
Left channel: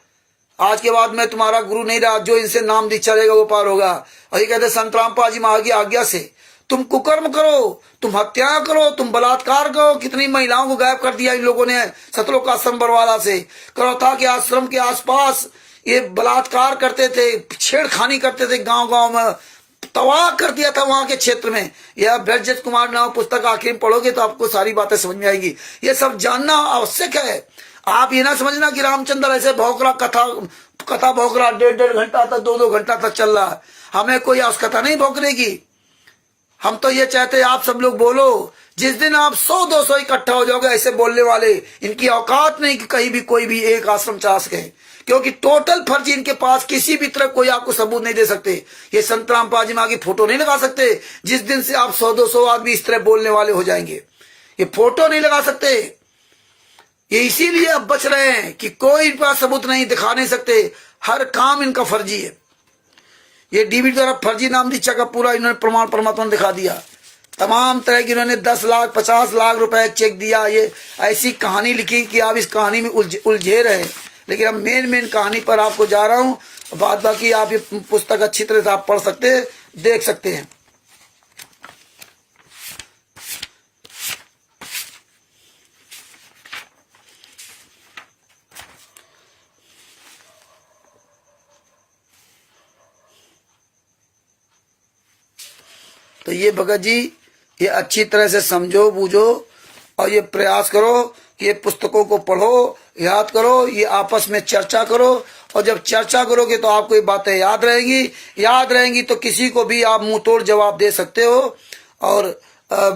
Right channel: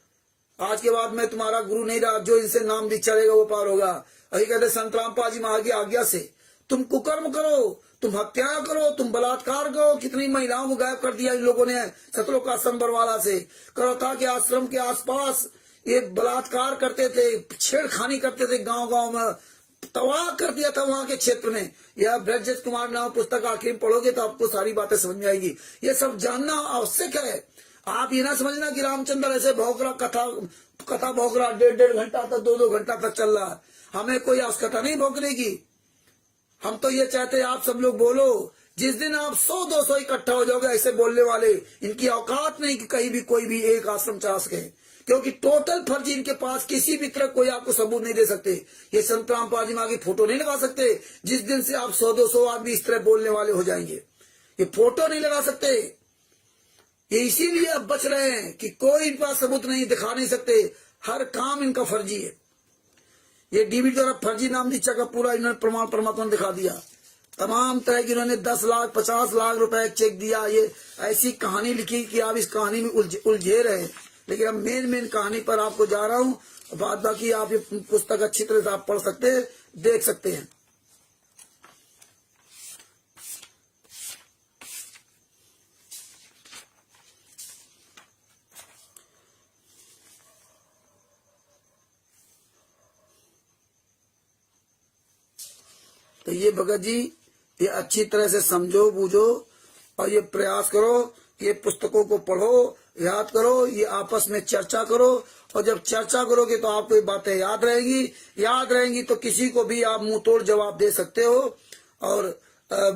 आज के बाद मैं तुम्हारा गुरु नहीं रहा, जो इनसे नाम दीक्षा देगा वो पार होगा। और ये कहते संतराम पाजी महाराज की आज्ञा से तुम कुकर्म करो, तुम हत्या करो, तुम बलात्कार करो। कितनी महिलाओं को गायब कर दिया इन लोगों ने सतलोक आश्रम बरवाला से। करो था कि आश्रम के आसपास ये बलात्कार करते थे, छेड़खानी करते थे, गांव गांव में तबाह कर दिया था वहां के क्षेत्र में। यह ब्रजत कुमार नाम पुस्तक आखिर में पढ़ोगे तो आपको सारी बातें समझ में आएगी। ये सब जानना आवश्यक है। आप ये ना समझना कि रामचंद्र ऐसे भौंकरा कथा भौंकरा 1.5 घंटा तक 2-2 घंटा तक चल रहा है। हमें कोई कथा नहीं भौंकने की। हम तो ये चाहते हैं आप सब लोग बोलो। जिस दिन आप 100-200 इकट्ठा हो जाओगे ऐसे बोलने वाले, इनकी औकात नहीं कि कहीं भी कोई भी एक आश्रम चला सके, क्योंकि टोटल फर्जी इनके पास। किसी भी तरह कोई आपको सबूत नहीं दे सकते। ये संतराम पाजी महाराज की फोटो नहीं लगा सकते। जिस दिन से आप 100-200 आदमी इस तरह बोलने वाले हो जाएंगे, ये फोटो नहीं लगा सकते। ये इसीलिए अब बच रहे हैं कि कोई पास सबूत नहीं, दिखा नहीं सकते। हर काम इनका फर्जी है। ये डीबी द्वारा फर्जी नाम दीक्षा का पूरा इन्होंने प्रमाण परमात्मा ने दिखा दिया। तमाम तरह की इन्होंने 10 लाख 50 लाख रुपए चेक दिया। ये ऐसी कहानी लिखी कि आप इस कहानी में उलझे रहे। लेकिन अब मेन कहानी पर आपको जा रहा हूं। बाद बाकी आप ये पुस्तक अच्छी तरह से आप पढ़ सकते हैं, देख सकते हैं। तो ये भगत जी, ये अच्छी तरह से समझो बूझो और ये प्रयास करो कि ये पुस्तकों को पढ़ो, याद करो, ये आपस में चर्चा करो। और जब चर्चा करोगे तो आपको ये बातें याद रहेंगी तो किसी को भी आप मुंह तोड़ जवाब दे सकते हो और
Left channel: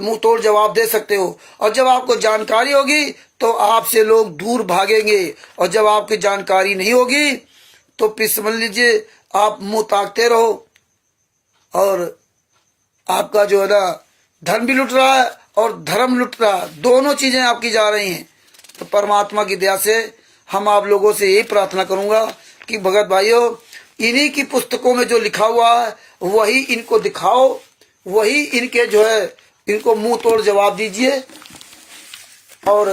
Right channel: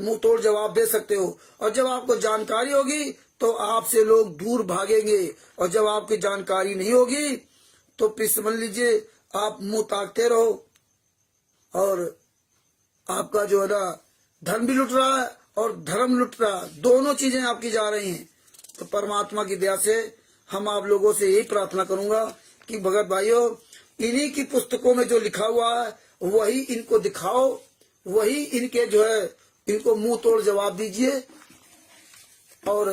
मुंह तोड़ जवाब दे सकते हो। और जब आपको जानकारी होगी तो आपसे लोग दूर भागेंगे, और जब आपकी जानकारी नहीं होगी तो फिर समझ लीजिए आप मुंह ताकते रहो और आपका जो है ना धन भी लुट रहा है और धर्म लुट रहा है, दोनों चीजें आपकी जा रही हैं। तो परमात्मा की दया से हम आप लोगों से यही प्रार्थना करूंगा कि भगत भाइयों, इन्हीं की पुस्तकों में जो लिखा हुआ है वही इनको दिखाओ, वही इनके जो है इनको मुंह तोड़ जवाब दीजिए और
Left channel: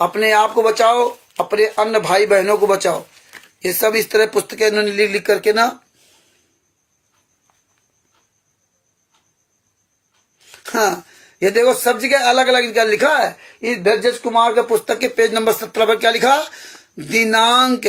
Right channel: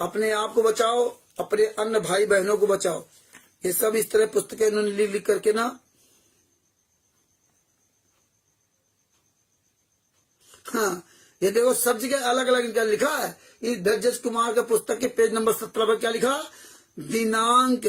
अपने आप को बचाओ, अपने अन्य भाई बहनों को बचाओ। ये सब इस तरह पुस्तकें इन्होंने लिख लिख करके ना, हाँ ये देखो सब जगह अलग अलग इनका लिखा है। इस भेजज कुमार के पुस्तक के पेज नंबर 17 पर क्या लिखा, दिनांक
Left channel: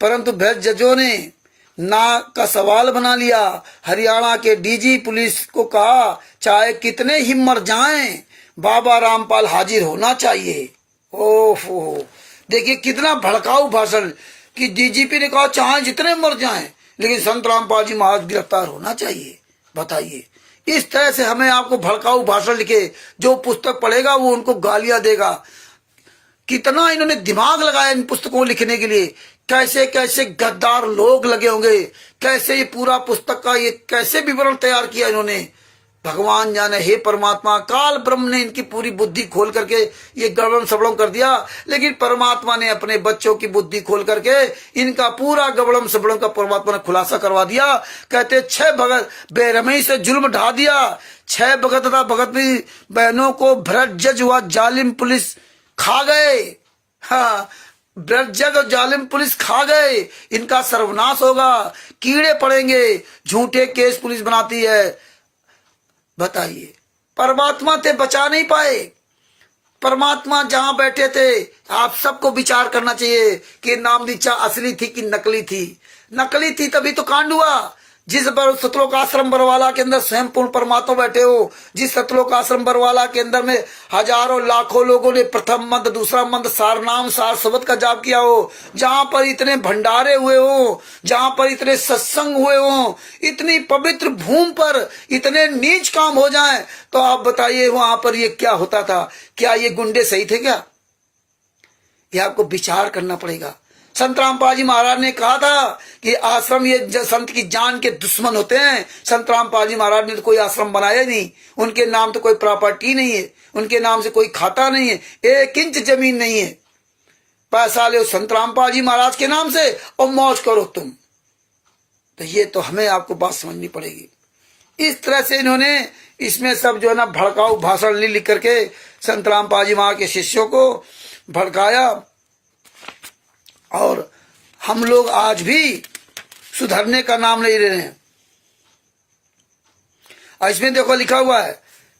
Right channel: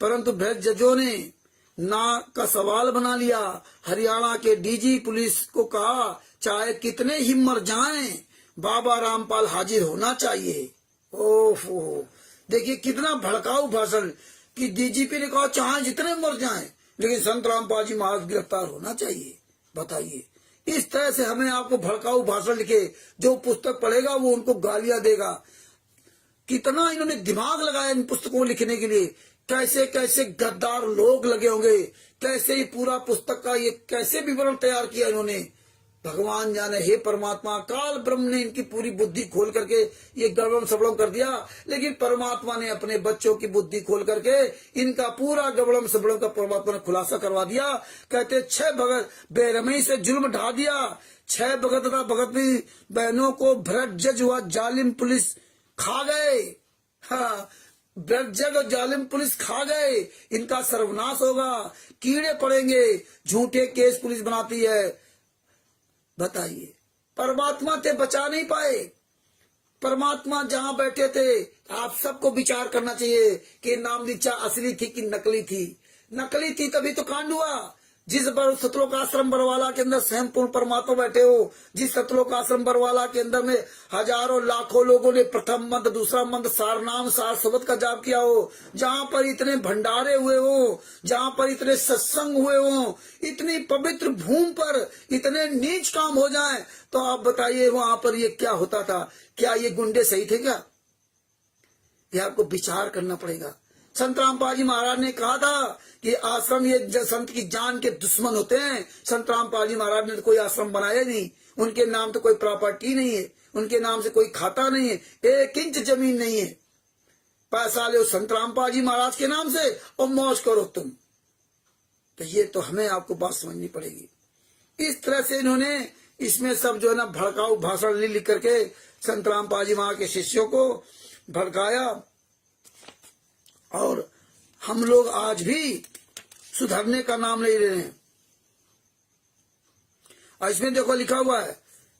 परंतु भेजजों ने ना का सवाल बना लिया। हरियाणा के डीजी पुलिस को कहा चाहे कितने ही मर जाएं बाबा रामपाल हाजिर होना चाहिए। ओहो, देखिए कितना भड़काऊ भाषण कि डीजीपी ने कहा चाहे जितने मर जाएं लेकिन संत रामपाल जी महाराज गिरफ्तार होना चाहिए। बताइए, इस तरह से हमें आपको भड़काऊ भाषण लिखे, जो पुस्तक पढ़ेगा वो उनको गालियां देगा। कितना इन्होंने दिमाग लगाया इन पुस्तकों को लिखने के लिए, कैसे कैसे गद्दार लोग लगे होंगे, कैसे ये पूरा पुस्तक का ये कैसे विवरण तैयार किया इन्होंने, भगवान जाने। हे परमात्मा, काल ब्रह्म ने इनकी पूरी बुद्धि खोल करके ये गड़बड़ सबड़म कर दिया, लेकिन परमात्मा ने अपने बच्चों की बुद्धि खोल करके इनका पूरा गड़बड़म सबड़म का परमात्मा ने खुलासा करवा दिया। कहते 6 भगत बेरहमी से जुल्म ढा दिया, 6 भगत तथा भगत भी बहनों को भ्रष्ट जज व जालिम पुलिस खा गए। हाँ, भ्रष्ट जज और जालिम पुलिस खा गए, इनका सर्वनाश होगा, कीड़े पड़ेंगे, झूठे केस पुलिस बनाती है। बताइए, परमात्मा ते बचा नहीं पाए। परमात्मा जहां बैठे थे, आप सबको विचार करना चाहिए कि नाम दीक्षा असली थी कि नकली थी। नकली थी तभी तो कांड हुआ। जिस सतलोक आश्रम बरवाला के अंदर स्वयं पूर्ण परमात्मा बैठे हो, जिस सतलोक आश्रम बरवाला के अंदर में हजारों लाखों लोगों ने प्रथम मंत्र दूसरा मंत्र सार नाम सार शब्द का जाप किया हो, जहां पर इतने भंडारे हुए हो, जहां पर इतने सत्संग हुए हो, इतनी पवित्र भूमि पर इतने नीच काम हो जाएं, तो आप बताइए वहां पर ये क्या होता था? क्या ये गुंडे सही थे क्या? ये आपको विचार करना पड़ेगा। संत रामपाल जी महाराज ने कहा था कि आश्रम ये संत की जान के दुश्मन होते हैं। संत रामपाल जी महाराज ने तो कोई आश्रम बनाया नहीं, उनके नाम तो कोई प्रॉपर्टी नहीं है, उनके नाम से कोई खाता नहीं है, 1 इंच जमीन नहीं है। पैसा ले संत रामपाल जी महाराज के नाम से और मौज करो तुम। तो ये तो हमें आपको बात समझनी पड़ेगी। इस तरह से इन्होंने इसमें सब जो है ना भड़काऊ भाषण लिख करके संत रामपाल जी महाराज के शिष्यों को भड़काया। और हम लोग आज भी सुधरने का नाम नहीं ले रहे हैं। इसमें देखो लिखा हुआ है,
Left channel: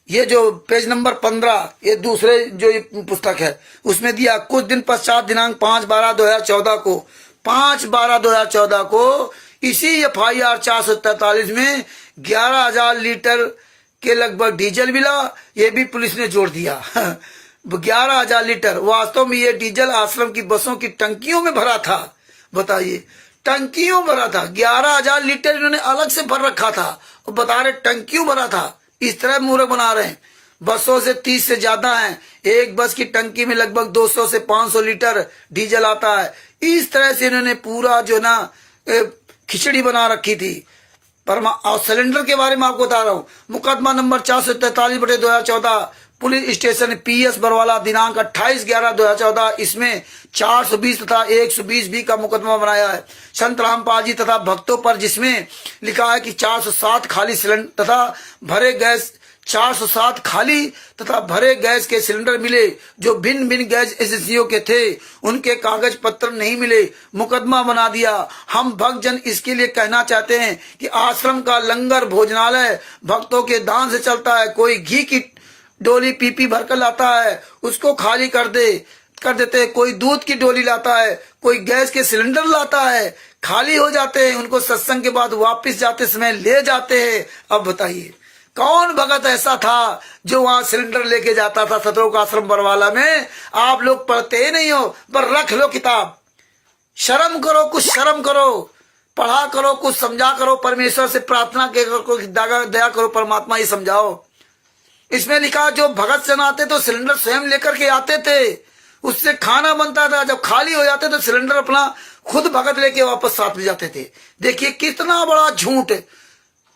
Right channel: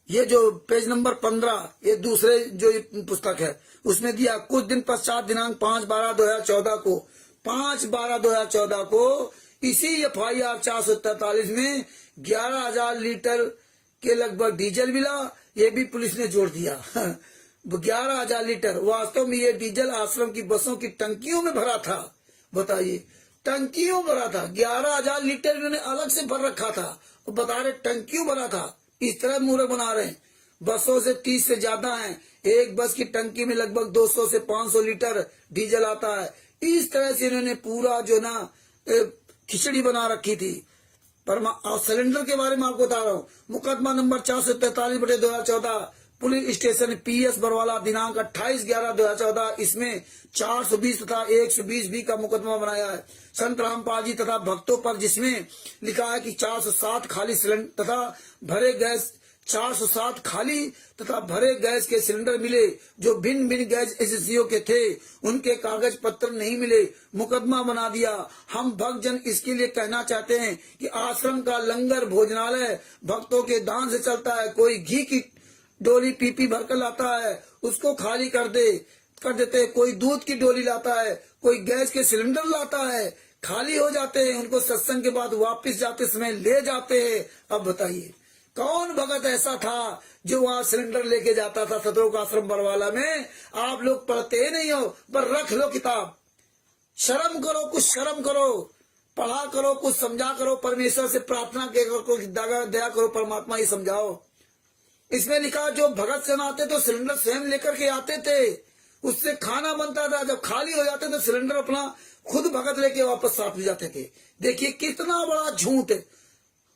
ये जो पेज नंबर 15, ये दूसरे जो ये पुस्तक है उसमें दिया, कुछ दिन पश्चात दिनांक 5/12/2014 को 5/12/2014 को इसी FIR 443 में 11,000 लीटर के लगभग डीजल मिला। ये भी पुलिस ने जोड़ दिया। 11,000 लीटर। वास्तव में ये डीजल आश्रम की बसों की टंकियों में भरा था। बताइए, टंकियों भरा था। 11,000 लीटर इन्होंने अलग से भर रखा था और बता रहे टंकियों भरा था। इस तरह मूर्ख बना रहे हैं। बसों से 30 से ज्यादा हैं। एक बस की टंकी में लगभग 200 से 500 लीटर डीजल आता है। इस तरह से इन्होंने पूरा जो ना खिचड़ी बना रखी थी। और सिलेंडर के बारे में आपको बता रहा हूँ, मुकदमा number 443/2014 police station PS Barwala दिनांक 28/11/2014, इसमें 420 तथा 120B का मुकदमा बनाया है संत रामपाल जी तथा भक्तों पर, जिसमें लिखा है कि 407 खाली सिलेंडर तथा भरे गैस 407 खाली तथा भरे गैस के सिलेंडर मिले जो भिन्न भिन्न गैस एजेंसियों के थे। उनके कागज पत्र नहीं मिले, मुकदमा बना दिया। हम भक्तजन इसके लिए कहना चाहते हैं कि आश्रम का लंगर भोजनालय भक्तों के दान से चलता है। कोई घी की डोली पीपी भरकर लाता है, उसको खाली कर देते। कोई दूध की डोली लाता है, कोई गैस के सिलेंडर लाता है, खाली हो जाते हैं। उनको सत्संग के बाद वापस जाते समय ले जाते हैं। अब बताइए, कौन भगत ऐसा था जो वहां सिलेंडर लेके जाता था सतलोक आश्रम बरवाला में? आप लोग पढ़ते ही नहीं हो, पर रख लो किताब। शर्म करो, कुछ शर्म करो, पढ़ा करो, कुछ समझा करो, परमेश्वर से प्रार्थना करो, दया करो, परमात्मा ही समझाओ। इसमें लिखा जो भगत जन आते तो सिलेंडर स्वयं लेकर के आते थे, उससे खाना बनता था। जब खाली हो जाते तो सिलेंडर अपना खुद भगत लेके वापस साथ ले जाते थे। देखिए कितना बड़ा झूठ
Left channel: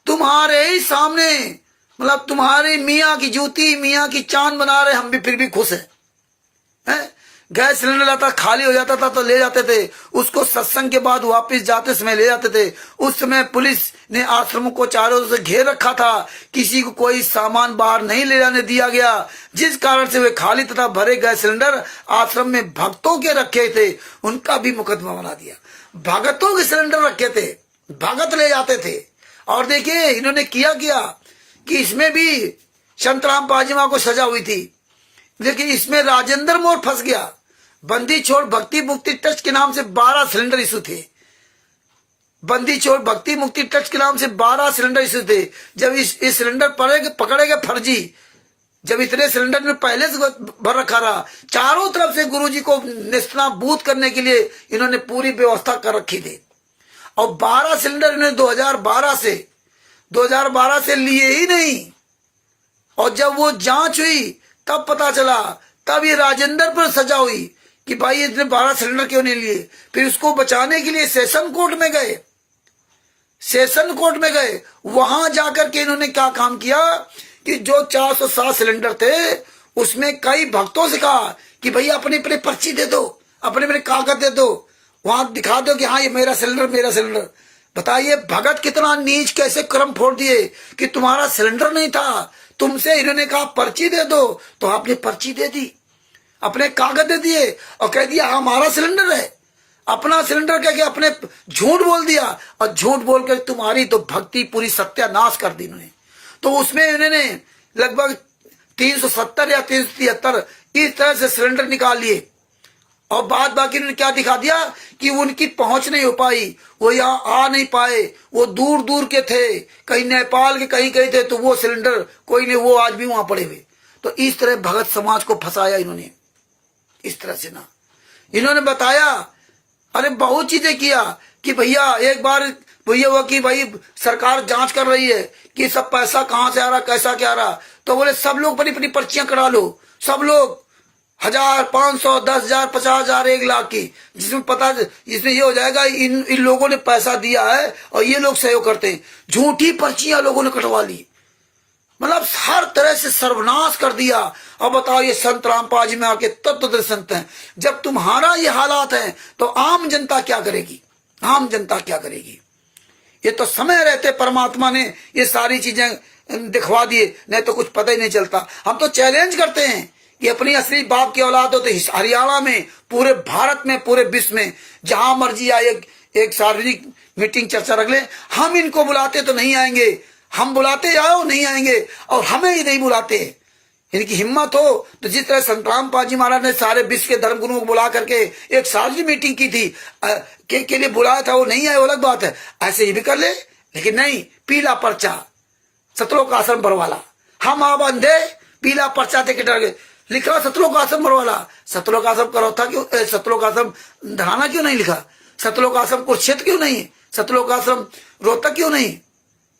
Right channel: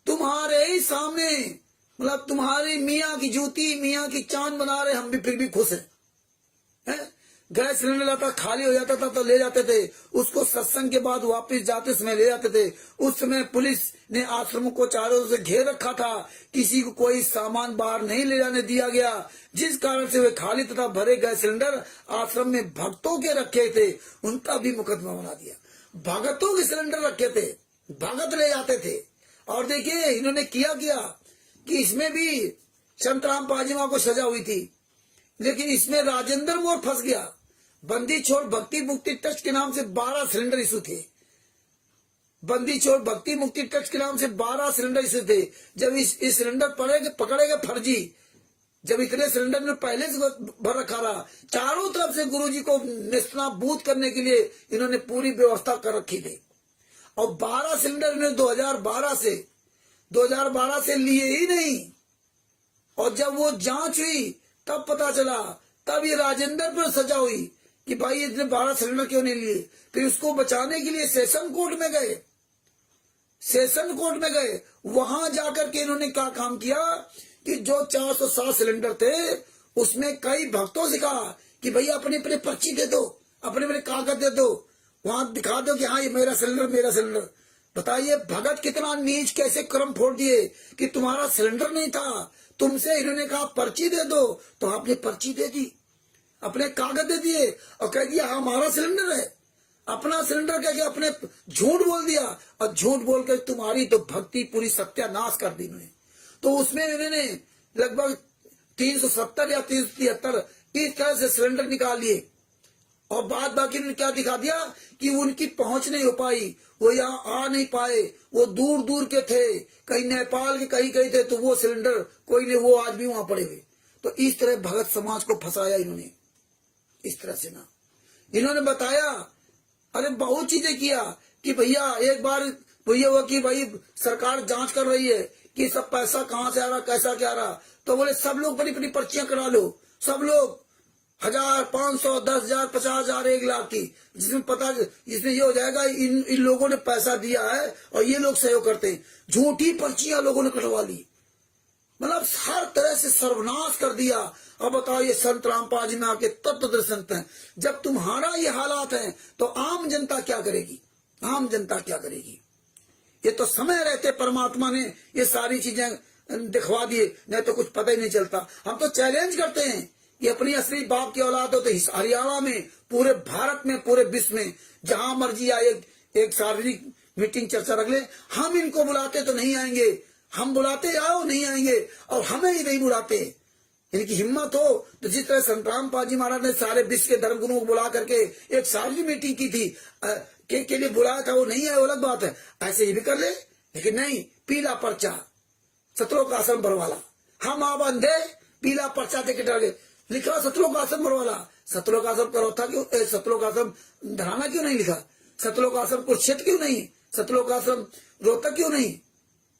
तुम्हारे ही सामने, मतलब तुम्हारे मियाँ की जूती मियाँ की चांद बना रहे, हम भी फिर भी खुश हैं। गैस सिलेंडर लाता खाली हो जाता था तो ले जाते थे उसको, सत्संग के बाद वापस जाते समय ले जाते थे। उस समय पुलिस ने आश्रमों को चारों ओर से घेर रखा था, किसी को कोई सामान बाहर नहीं ले जाने दिया गया, जिस कारण से वे खाली तथा भरे गैस सिलेंडर आश्रम में भक्तों के रखे थे, उनका भी मुकदमा बना दिया। भगतों के सिलेंडर रखे थे, भगत ले जाते थे। और देखिए इन्होंने किया कि इसमें भी संतराम पाजीमा को सजा हुई थी, लेकिन इसमें राजेंद्र मोर फंस गया। बंदी छोड़ भक्ति मुक्ति ट्रस्ट के नाम से 12 सिलेंडर इशू थे। बंदी छोड़ भक्ति मुक्ति ट्रस्ट के नाम से 12 सिलेंडर इशू थे। जब इस सिलेंडर पकड़े गए फर्जी, जब इतने सिलेंडर में पहले से भर रखा रहा, चारों तरफ से गुरुजी को नेस्तनाबूद करने के लिए इन्होंने पूरी व्यवस्था कर रखी थी। और 12 सिलेंडर इन्होंने 2012 से लिए ही नहीं। और जब वो जांच हुई तब पता चला, तब ये राजेंद्र पर सजा हुई कि भाई इतने 12 सिलेंडर क्यों नहीं लिए। फिर उसको बचाने के लिए सेशन कोर्ट में गए। वहां जाकर के इन्होंने क्या काम किया कि जो 407 सिलेंडर थे उसमें कई भक्तों से कहा कि भैया अपनी अपनी पर्ची दे दो, अपने कागज दे दो, वहां दिखा दो कि हाँ ये मेरा सिलेंडर। बताइए भगत कितना नीच, कैसे कर्म फोड़ दिए कि तुम्हारा सिलेंडर नहीं था, तुमसे इन्होंने कहा पर्ची दे दो तो आपने पर्ची दे दी, अपने कागज दे दिए और कह दिया हमारा सिलेंडर है। अपना सिलेंडर कह के अपने झूठ बोल दिया, और झूठ बोलकर तुम्हारी तो भक्ति पूरी सत्यानाश कर दी इन्होंने। तो उसमें इन्होंने लगभग 370 या 373 इस तरह से सिलेंडर निकाल लिए। और बाद बाकी उन्होंने क्या दिखा दिया कि उनकी पहुंच नहीं हो पाई, वो यहाँ आ नहीं पाए, वो दूर दूर के थे, कहीं नेपाल के कहीं थे, तो वो सिलेंडर कोई नहीं, वो आज भी वहां पड़े हुए। तो इस तरह भगत समाज को फंसाया इन्होंने, इस तरह से ना। इन्होंने बताया, अरे बहुत चीजें किया कि भैया एक बार भैया हुआ कि भाई सरकार जांच कर रही है कि सब पैसा कहां से आ रहा, कैसा क्या आ रहा। तो बोले सब लोग अपनी अपनी पर्चियां करा लो, सब लोग 1000, 500, 10,000, 50,000, 1 लाख की, जिसमें ये हो जाएगा इन लोगों ने पैसा दिया है और ये लोग सहयोग करते हैं। झूठी पर्चियां लोगों ने कटवा ली, मतलब हर तरह से सर्वनाश कर दिया। अब बताओ ये संत रामपाल जी में आके तत्व संत हैं। जब तुम्हारा ये हालात है तो आम जनता क्या करेगी, आम जनता क्या करेगी। ये तो समय रहते परमात्मा ने ये सारी चीजें दिखवा दिए, नहीं तो कुछ पता ही नहीं चलता। हम तो चैलेंज करते हैं कि अपनी असली बाप की औलाद हो तो हरियाणा में, पूरे भारत में, पूरे विश्व में जहां मर्जी आए एक सार्वजनिक मीटिंग चर्चा रख ले। हम इनको बुलाते तो नहीं आएंगे, हम बुलाते आओ नहीं आएंगे, और हमें ही नहीं बुलाते। इनकी हिम्मत हो तो जिस तरह संत रामपाल जी महाराज ने सारे विश्व के धर्म गुरुओं को बुला करके एक सार्वजनिक मीटिंग की थी, के लिए बुलाया था, वो नहीं आए, वो अलग बात है, ऐसे ही भी कर ले। लेकिन नहीं, पीला पर्चा, सतलोक आश्रम बरवाला, हम आप अंधे, पीला पर्चा दे के डर गए। लिख रहा सतलोक आश्रम बरवाला, सतलोक आश्रम करौथा क्यों, सतलोक आश्रम धराना क्यों नहीं लिखा, सतलोक आश्रम कुरुक्षेत्र क्यों नहीं, सतलोक आश्रम रोहतक क्यों नहीं,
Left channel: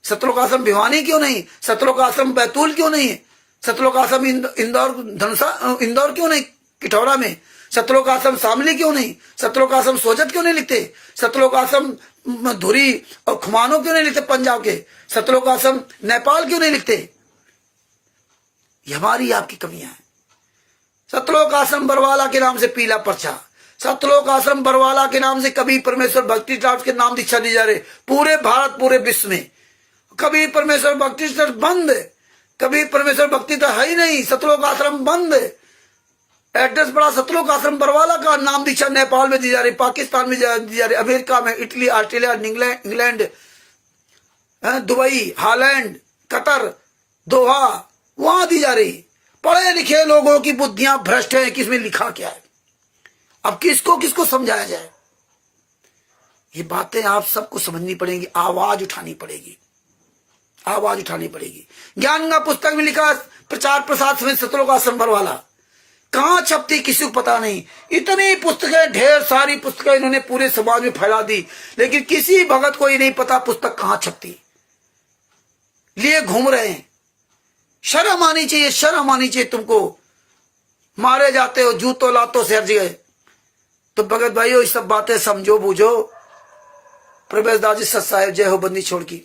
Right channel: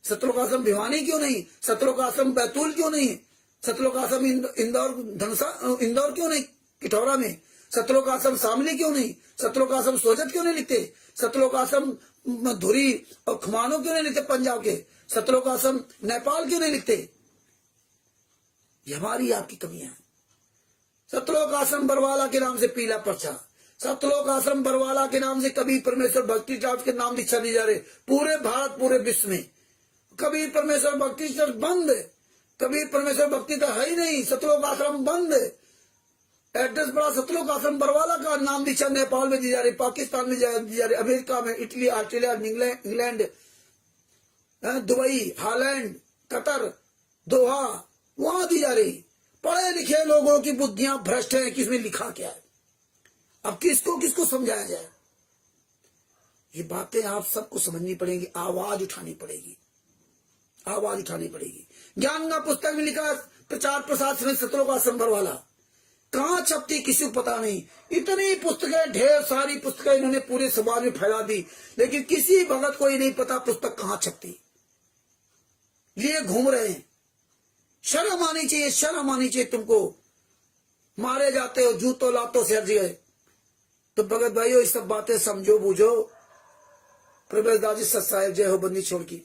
सतलोक आश्रम भिवानी क्यों नहीं, सतलोक आश्रम बैतूल क्यों नहीं, सतलोक आश्रम इंदौर क्यों नहीं, किठौरा में, सतलोक आश्रम शामली क्यों नहीं, सतलोक आश्रम सोजत क्यों नहीं लिखते, सतलोक आश्रम धुरी और खुमानो क्यों नहीं लिखते पंजाब के, सतलोक आश्रम नेपाल क्यों नहीं लिखते। ये हमारी आपकी कमियां हैं। सतलोक आश्रम बरवाला के नाम से पीला पर्चा, सतलोक आश्रम बरवाला के नाम से कभी परमेश्वर भक्ति ट्रस्ट के नाम दीक्षा दी जा रही पूरे भारत, पूरे विश्व में। कभी परमेश्वर भक्ति ट्रस्ट बंद, कभी परमेश्वर भक्ति तो है ही नहीं, सतलोक आश्रम बंद। एड्रेस बड़ा सतलोक आश्रम बरवाला का, नाम दीक्षा नेपाल में दी जा रही, पाकिस्तान में दी जा रही, अमेरिका में, Italy, Australia, England, Dubai, Holland, Qatar, Doha, वहां दी जा रही। पढ़े लिखे लोगों की बुद्धियां भ्रष्ट हैं कि इसमें लिखा क्या है। अब किसको किसको समझाया जाए। ये बातें आप सबको समझनी पड़ेंगी, आवाज उठानी पड़ेगी, आवाज उठानी पड़ेगी। ज्ञान का पुस्तक में लिखा प्रचार प्रसार समिति सतलोक आश्रम बरवाला, कहां छपती किसी को पता नहीं। इतनी पुस्तकें, ढेर सारी पुस्तकें इन्होंने पूरे समाज में फैला दी, लेकिन किसी भगत को ही नहीं पता पुस्तक कहां छपती। लिए घूम रहे हैं। शर्म आनी चाहिए, शर्म आनी चाहिए तुमको। मारे जाते हो जूतों लातों से हर जगह। तो भगत भाइयों ये सब बातें समझो बूझो। प्रवेश दास जी सत साहेब जय हो बंदी छोड़ की,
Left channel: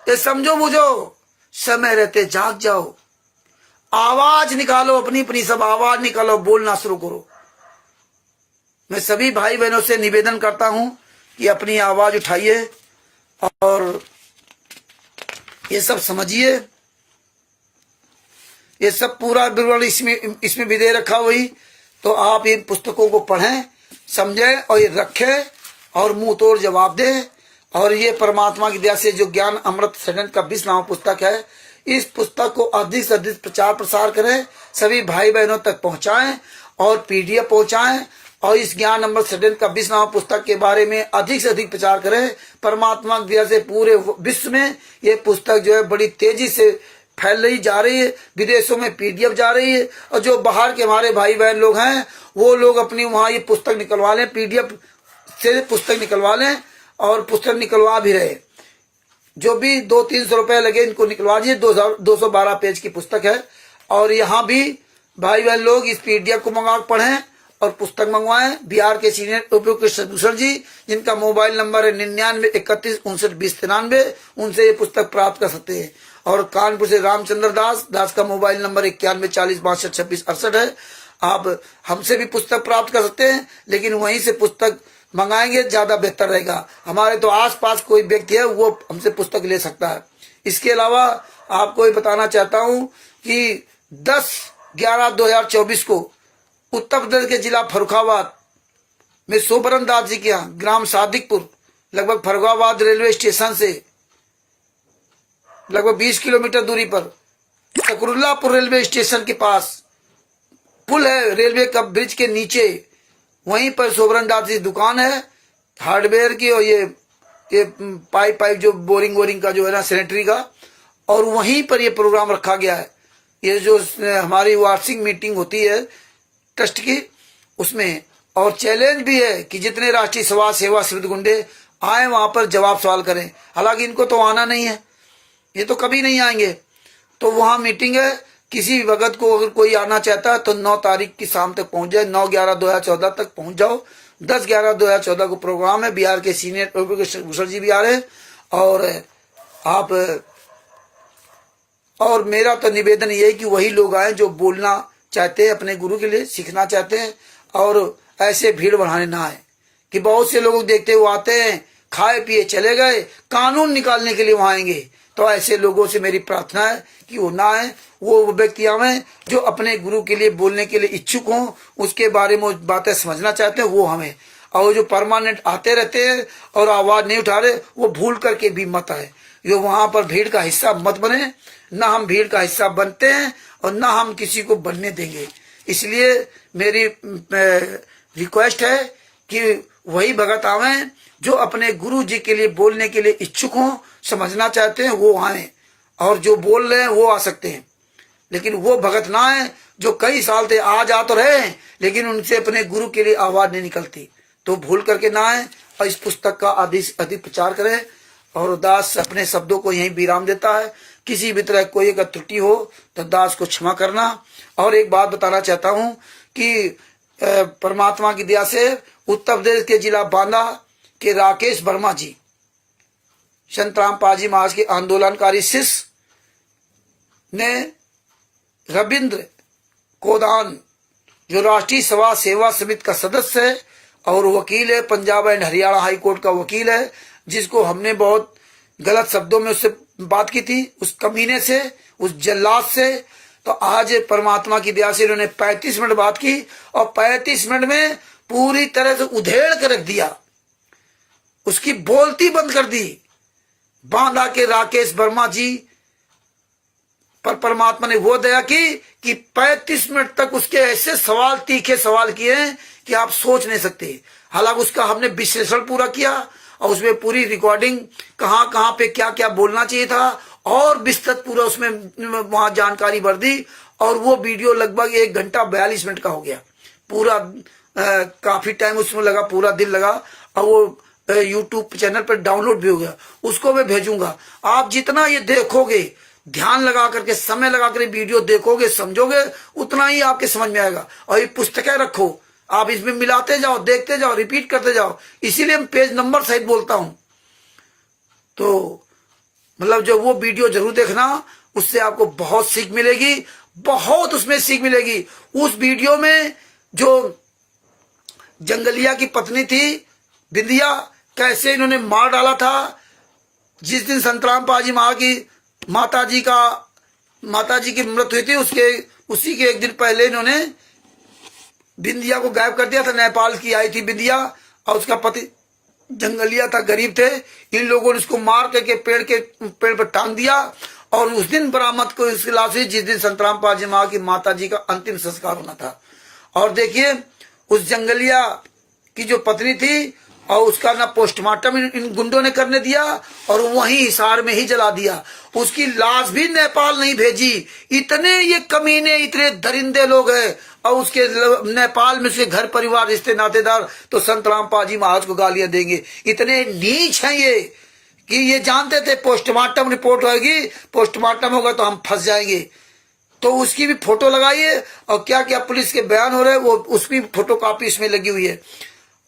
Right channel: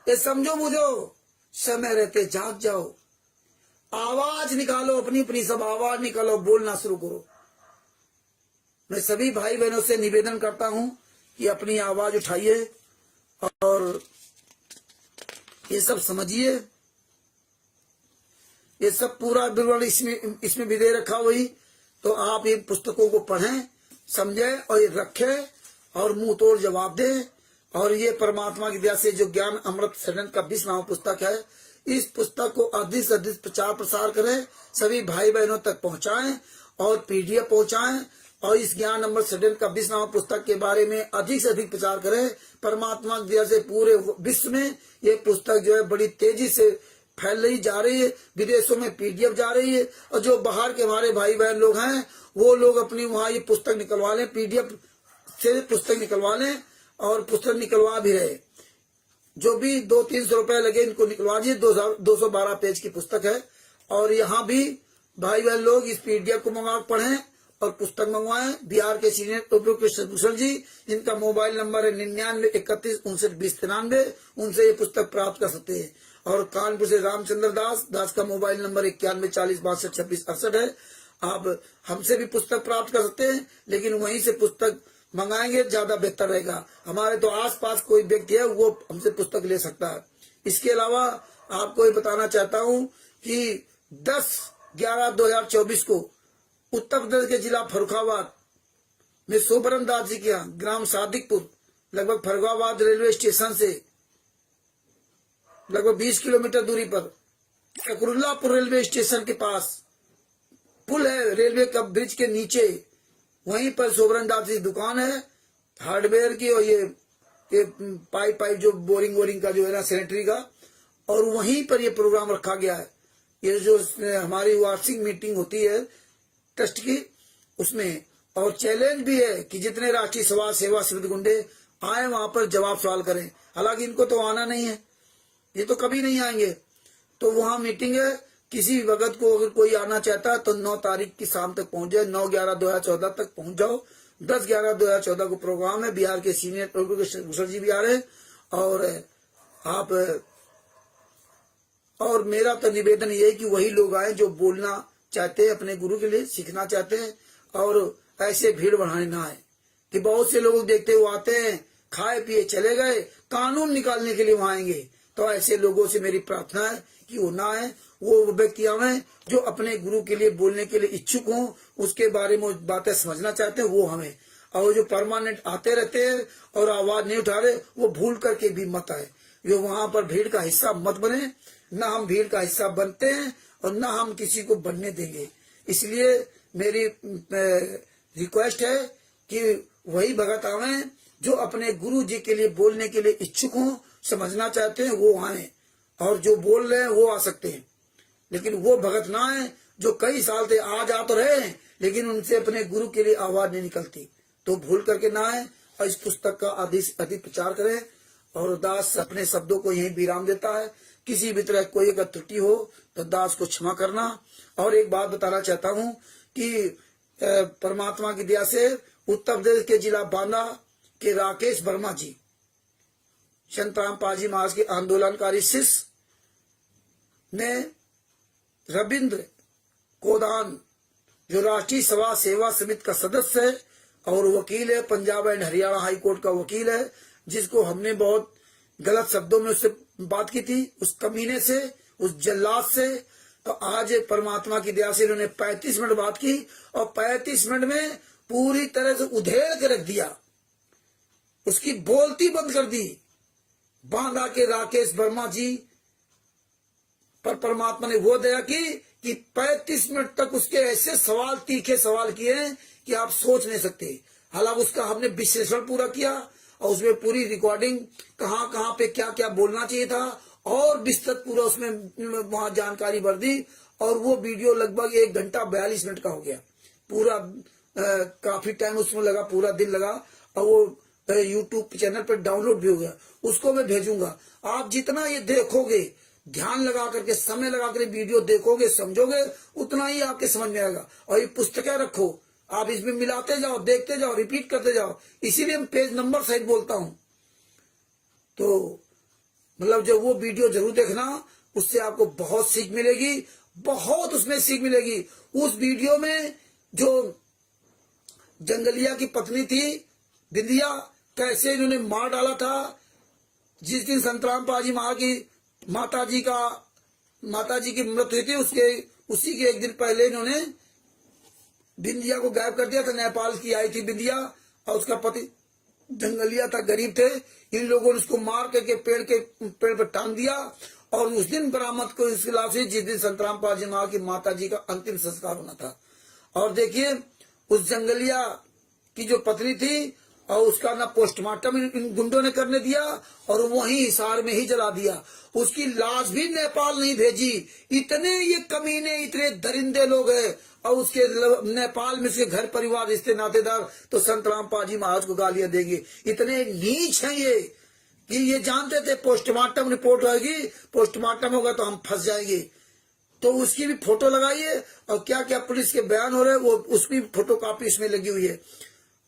ये समझो बूझो, समय रहते जाग जाओ, आवाज निकालो, अपनी अपनी सब आवाज निकालो, बोलना शुरू करो। मैं सभी भाई बहनों से निवेदन करता हूं कि अपनी आवाज उठाइए और ये सब समझिए। ये सब पूरा विवरण इसमें भी दे रखा हुई, तो आप इन पुस्तकों को पढ़ें, समझें और ये रखें और मुंह तोड़ जवाब दें। और ये परमात्मा की दया से जो ज्ञान अमृत सदन का 20 नाम पुस्तक है, इस पुस्तक को अधिक से अधिक प्रचार प्रसार करें, सभी भाई बहनों तक पहुंचाएं और पीडीएफ पहुंचाएं। और इस ज्ञान अमृत सदन का 20 नाम पुस्तक के बारे में अधिक से अधिक प्रचार करें। परमात्मा की दया से पूरे विश्व में ये पुस्तक जो है बड़ी तेजी से फैल रही जा रही है, विदेशों में पीडीएफ जा रही है। और जो बाहर के हमारे भाई बहन लोग हैं वो लोग अपनी वहां ये पुस्तक निकलवा लें, पीडीएफ से पुस्तक निकलवा लें और पुस्तक निकलवा भी रहे। जो भी 200-300 रुपए लगे इनको निकलवा दीजिए। 212 पेज की पुस्तक है। और यहाँ भी भाई बहन लोग इस पीडीएफ को मंगा पढ़ें और पुस्तक मंगवाएं। बिहार के सीनियर उपयुक्त कृष्णभूषण जी, जिनका मोबाइल नंबर है 99 31 59 20 93, उनसे ये पुस्तक प्राप्त कर सकते हैं। और कानपुर से रामचंद्र दास का मोबाइल नंबर 91 40 62 26 68 है। आप हमसे भी पुस्तक प्राप्त कर सकते हैं, लेकिन वहीं से पुस्तक मंगाएंगे ज्यादा बेहतर रहेगा। हमारे तो आसपास कोई व्यक्ति है वो हमसे पुस्तक ले सकता है। इसके अलावा आपको ये बताना चाहता हूं कि 10/11/2024 को उत्तर प्रदेश के जिला फर्रुखाबाद में सोबरन दास जी के यहाँ ग्राम सादिकपुर, लगभग फर्रुखाबाद रेलवे स्टेशन से लगभग 20 किलोमीटर दूरी पर सकरुल्लापुर रेलवे स्टेशन के पास पुल है, रेलवे का ब्रिज के नीचे, वहीं पर सोबरन दास जी दुकान है हार्डवेयर की। और ये पाइप जो बोरिंग का जो है ना सैनिटरी का, और वहीं पर ये प्रोग्राम रखा गया है। ये जो हमारी वार्षिक मीटिंग होती है ट्रस्ट की, उसमें और चैलेंज भी है कि जितने राष्ट्रीय समाज सेवा सिविल गुंडे आए वहां पर जवाब सवाल करें। हालांकि इनको तो आना नहीं है, ये तो कभी नहीं आएंगे। तो वहां मीटिंग है, किसी भी वक्त को अगर कोई आना चाहता है तो 9 तारीख की शाम तक पहुंच जाए, 9/11/2014 तक पहुंच जाओ। 10/11/2014 को प्रोग्राम है। बिहार के सीनियर भूषण जी भी आ रहे हैं। और मेरा तो निवेदन ये है कि वही लोग आए जो बोलना चाहते हैं, अपने गुरु के लिए सीखना चाहते हैं, और ऐसे भीड़ बढ़ाने ना आए। कि बहुत से लोग देखते हुए आते हैं, खाए पिए चले गए, कानून निकालने के लिए वहां आएंगे। तो ऐसे लोगों से मेरी प्रार्थना है कि वो ना आए, वो व्यक्ति आवे जो अपने गुरु के लिए बोलने के लिए इच्छुक हों, उसके बारे में बातें समझना चाहते हैं, वो हमें। और जो परमानेंट आते रहते हैं और आवाज नहीं उठा रहे, वो भूल करके भी मत आए। जो वहां पर भीड़ का हिस्सा मत बने, ना हम भीड़ का हिस्सा बनते हैं और ना हम किसी को बनने देंगे। इसलिए मेरी रिक्वेस्ट है कि वही भगत आवे जो अपने गुरु जी के लिए बोलने के लिए इच्छुक हों, समझना चाहते हैं, वो आए। और जो बोल रहे हैं वो आ सकते हैं, लेकिन वो भगत ना है जो कई साल से आ जा तो रहे हैं, लेकिन उनसे अपने गुरु के लिए आवाज नहीं निकलती। तो भूल करके ना आए और इस पुस्तक का अधिक प्रचार करें। और दास अपने शब्दों को यहीं विराम देता है। किसी भी तरह कोई अगर त्रुटि हो तो दास को क्षमा करना। और एक बात बताना चाहता हूं कि परमात्मा की दया से उत्तर प्रदेश के जिला बांदा के राकेश वर्मा जी, संत रामपाल जी महाराज के आंदोलनकारी शिष्य ने रविंद्र कोदान, जो राष्ट्रीय सभा सेवा समिति का सदस्य है और वकील है, Punjab and Haryana high court का वकील है, जिसको हमने बहुत गलत शब्दों में उससे बात की थी, उस कमीने से, उस जल्लाद से। तो आज परमात्मा की दया से इन्होंने 35 मिनट बात की और 35 मिनट में पूरी तरह से उधेड़ कर रख दिया, उसकी बोलती बंद कर दी। बांदा के राकेश वर्मा जी पर परमात्मा ने वो दया की कि 35 मिनट तक उसके ऐसे सवाल, तीखे सवाल किए कि आप सोच नहीं सकते। हालांकि उसका हमने विश्लेषण पूरा किया और उसमें पूरी रिकॉर्डिंग कहां कहां पे क्या क्या बोलना चाहिए था और विस्तृत पूरा उसमें वहां जानकारी भर दी। और वो वीडियो लगभग 1 घंटा 42 मिनट का हो गया पूरा। काफी टाइम उसमें लगा, पूरा दिन लगा। और वो यूट्यूब चैनल पर डाउनलोड भी हो गया, उसको मैं भेजूंगा। आप जितना ये देखोगे, ध्यान लगा करके, समय लगा कर वीडियो देखोगे, समझोगे, उतना ही आपके समझ में आएगा। और ये पुस्तकें रखो, आप इसमें मिलाते जाओ, देखते जाओ, रिपीट करते जाओ, इसीलिए मैं पेज नंबर सहित बोलता हूं। तो मतलब जो वो वीडियो जरूर देखना, उससे आपको बहुत सीख मिलेगी, बहुत उसमें सीख मिलेगी। उस वीडियो में जो जंगलिया की पत्नी थी बिंदिया, कैसे इन्होंने मार डाला था। जिस दिन संतराम पाजी माता जी की मृत्यु हुई थी, उसी के एक दिन पहले इन्होंने बिंदिया को गायब कर दिया था। नेपाल की आई थी बिंदिया और उसका पति जंगलिया था, गरीब थे। इन लोगों ने उसको मार करके पेड़ पर टांग दिया और उस दिन बरामद को इसकी लाश हुई, जिस दिन संतराम पाजी की माता जी का अंतिम संस्कार होना था। और देखिए उस जंगलिया की जो पत्नी थी और उसका ना पोस्टमार्टम इन गुंडों ने करने दिया और वहीं हिसार में ही जला दिया। उसकी लाश भी नेपाल नहीं भेजी। इतने ये कमीने, इतने दरिंदे लोग हैं। और उसके नेपाल में उसके घर परिवार, रिश्ते नातेदार तो संतराम पाजी महाराज को गालियां देंगे। इतने नीच हैं ये कि ये जानते थे पोस्टमार्टम रिपोर्ट होगी, पोस्टमार्टम होगा तो हम फंस जाएंगे। तो उसकी भी फोटो लगाइए और क्या क्या पुलिस के बयान हो रहे हैं वो उसकी फोटो कॉपी इसमें लगी हुई है।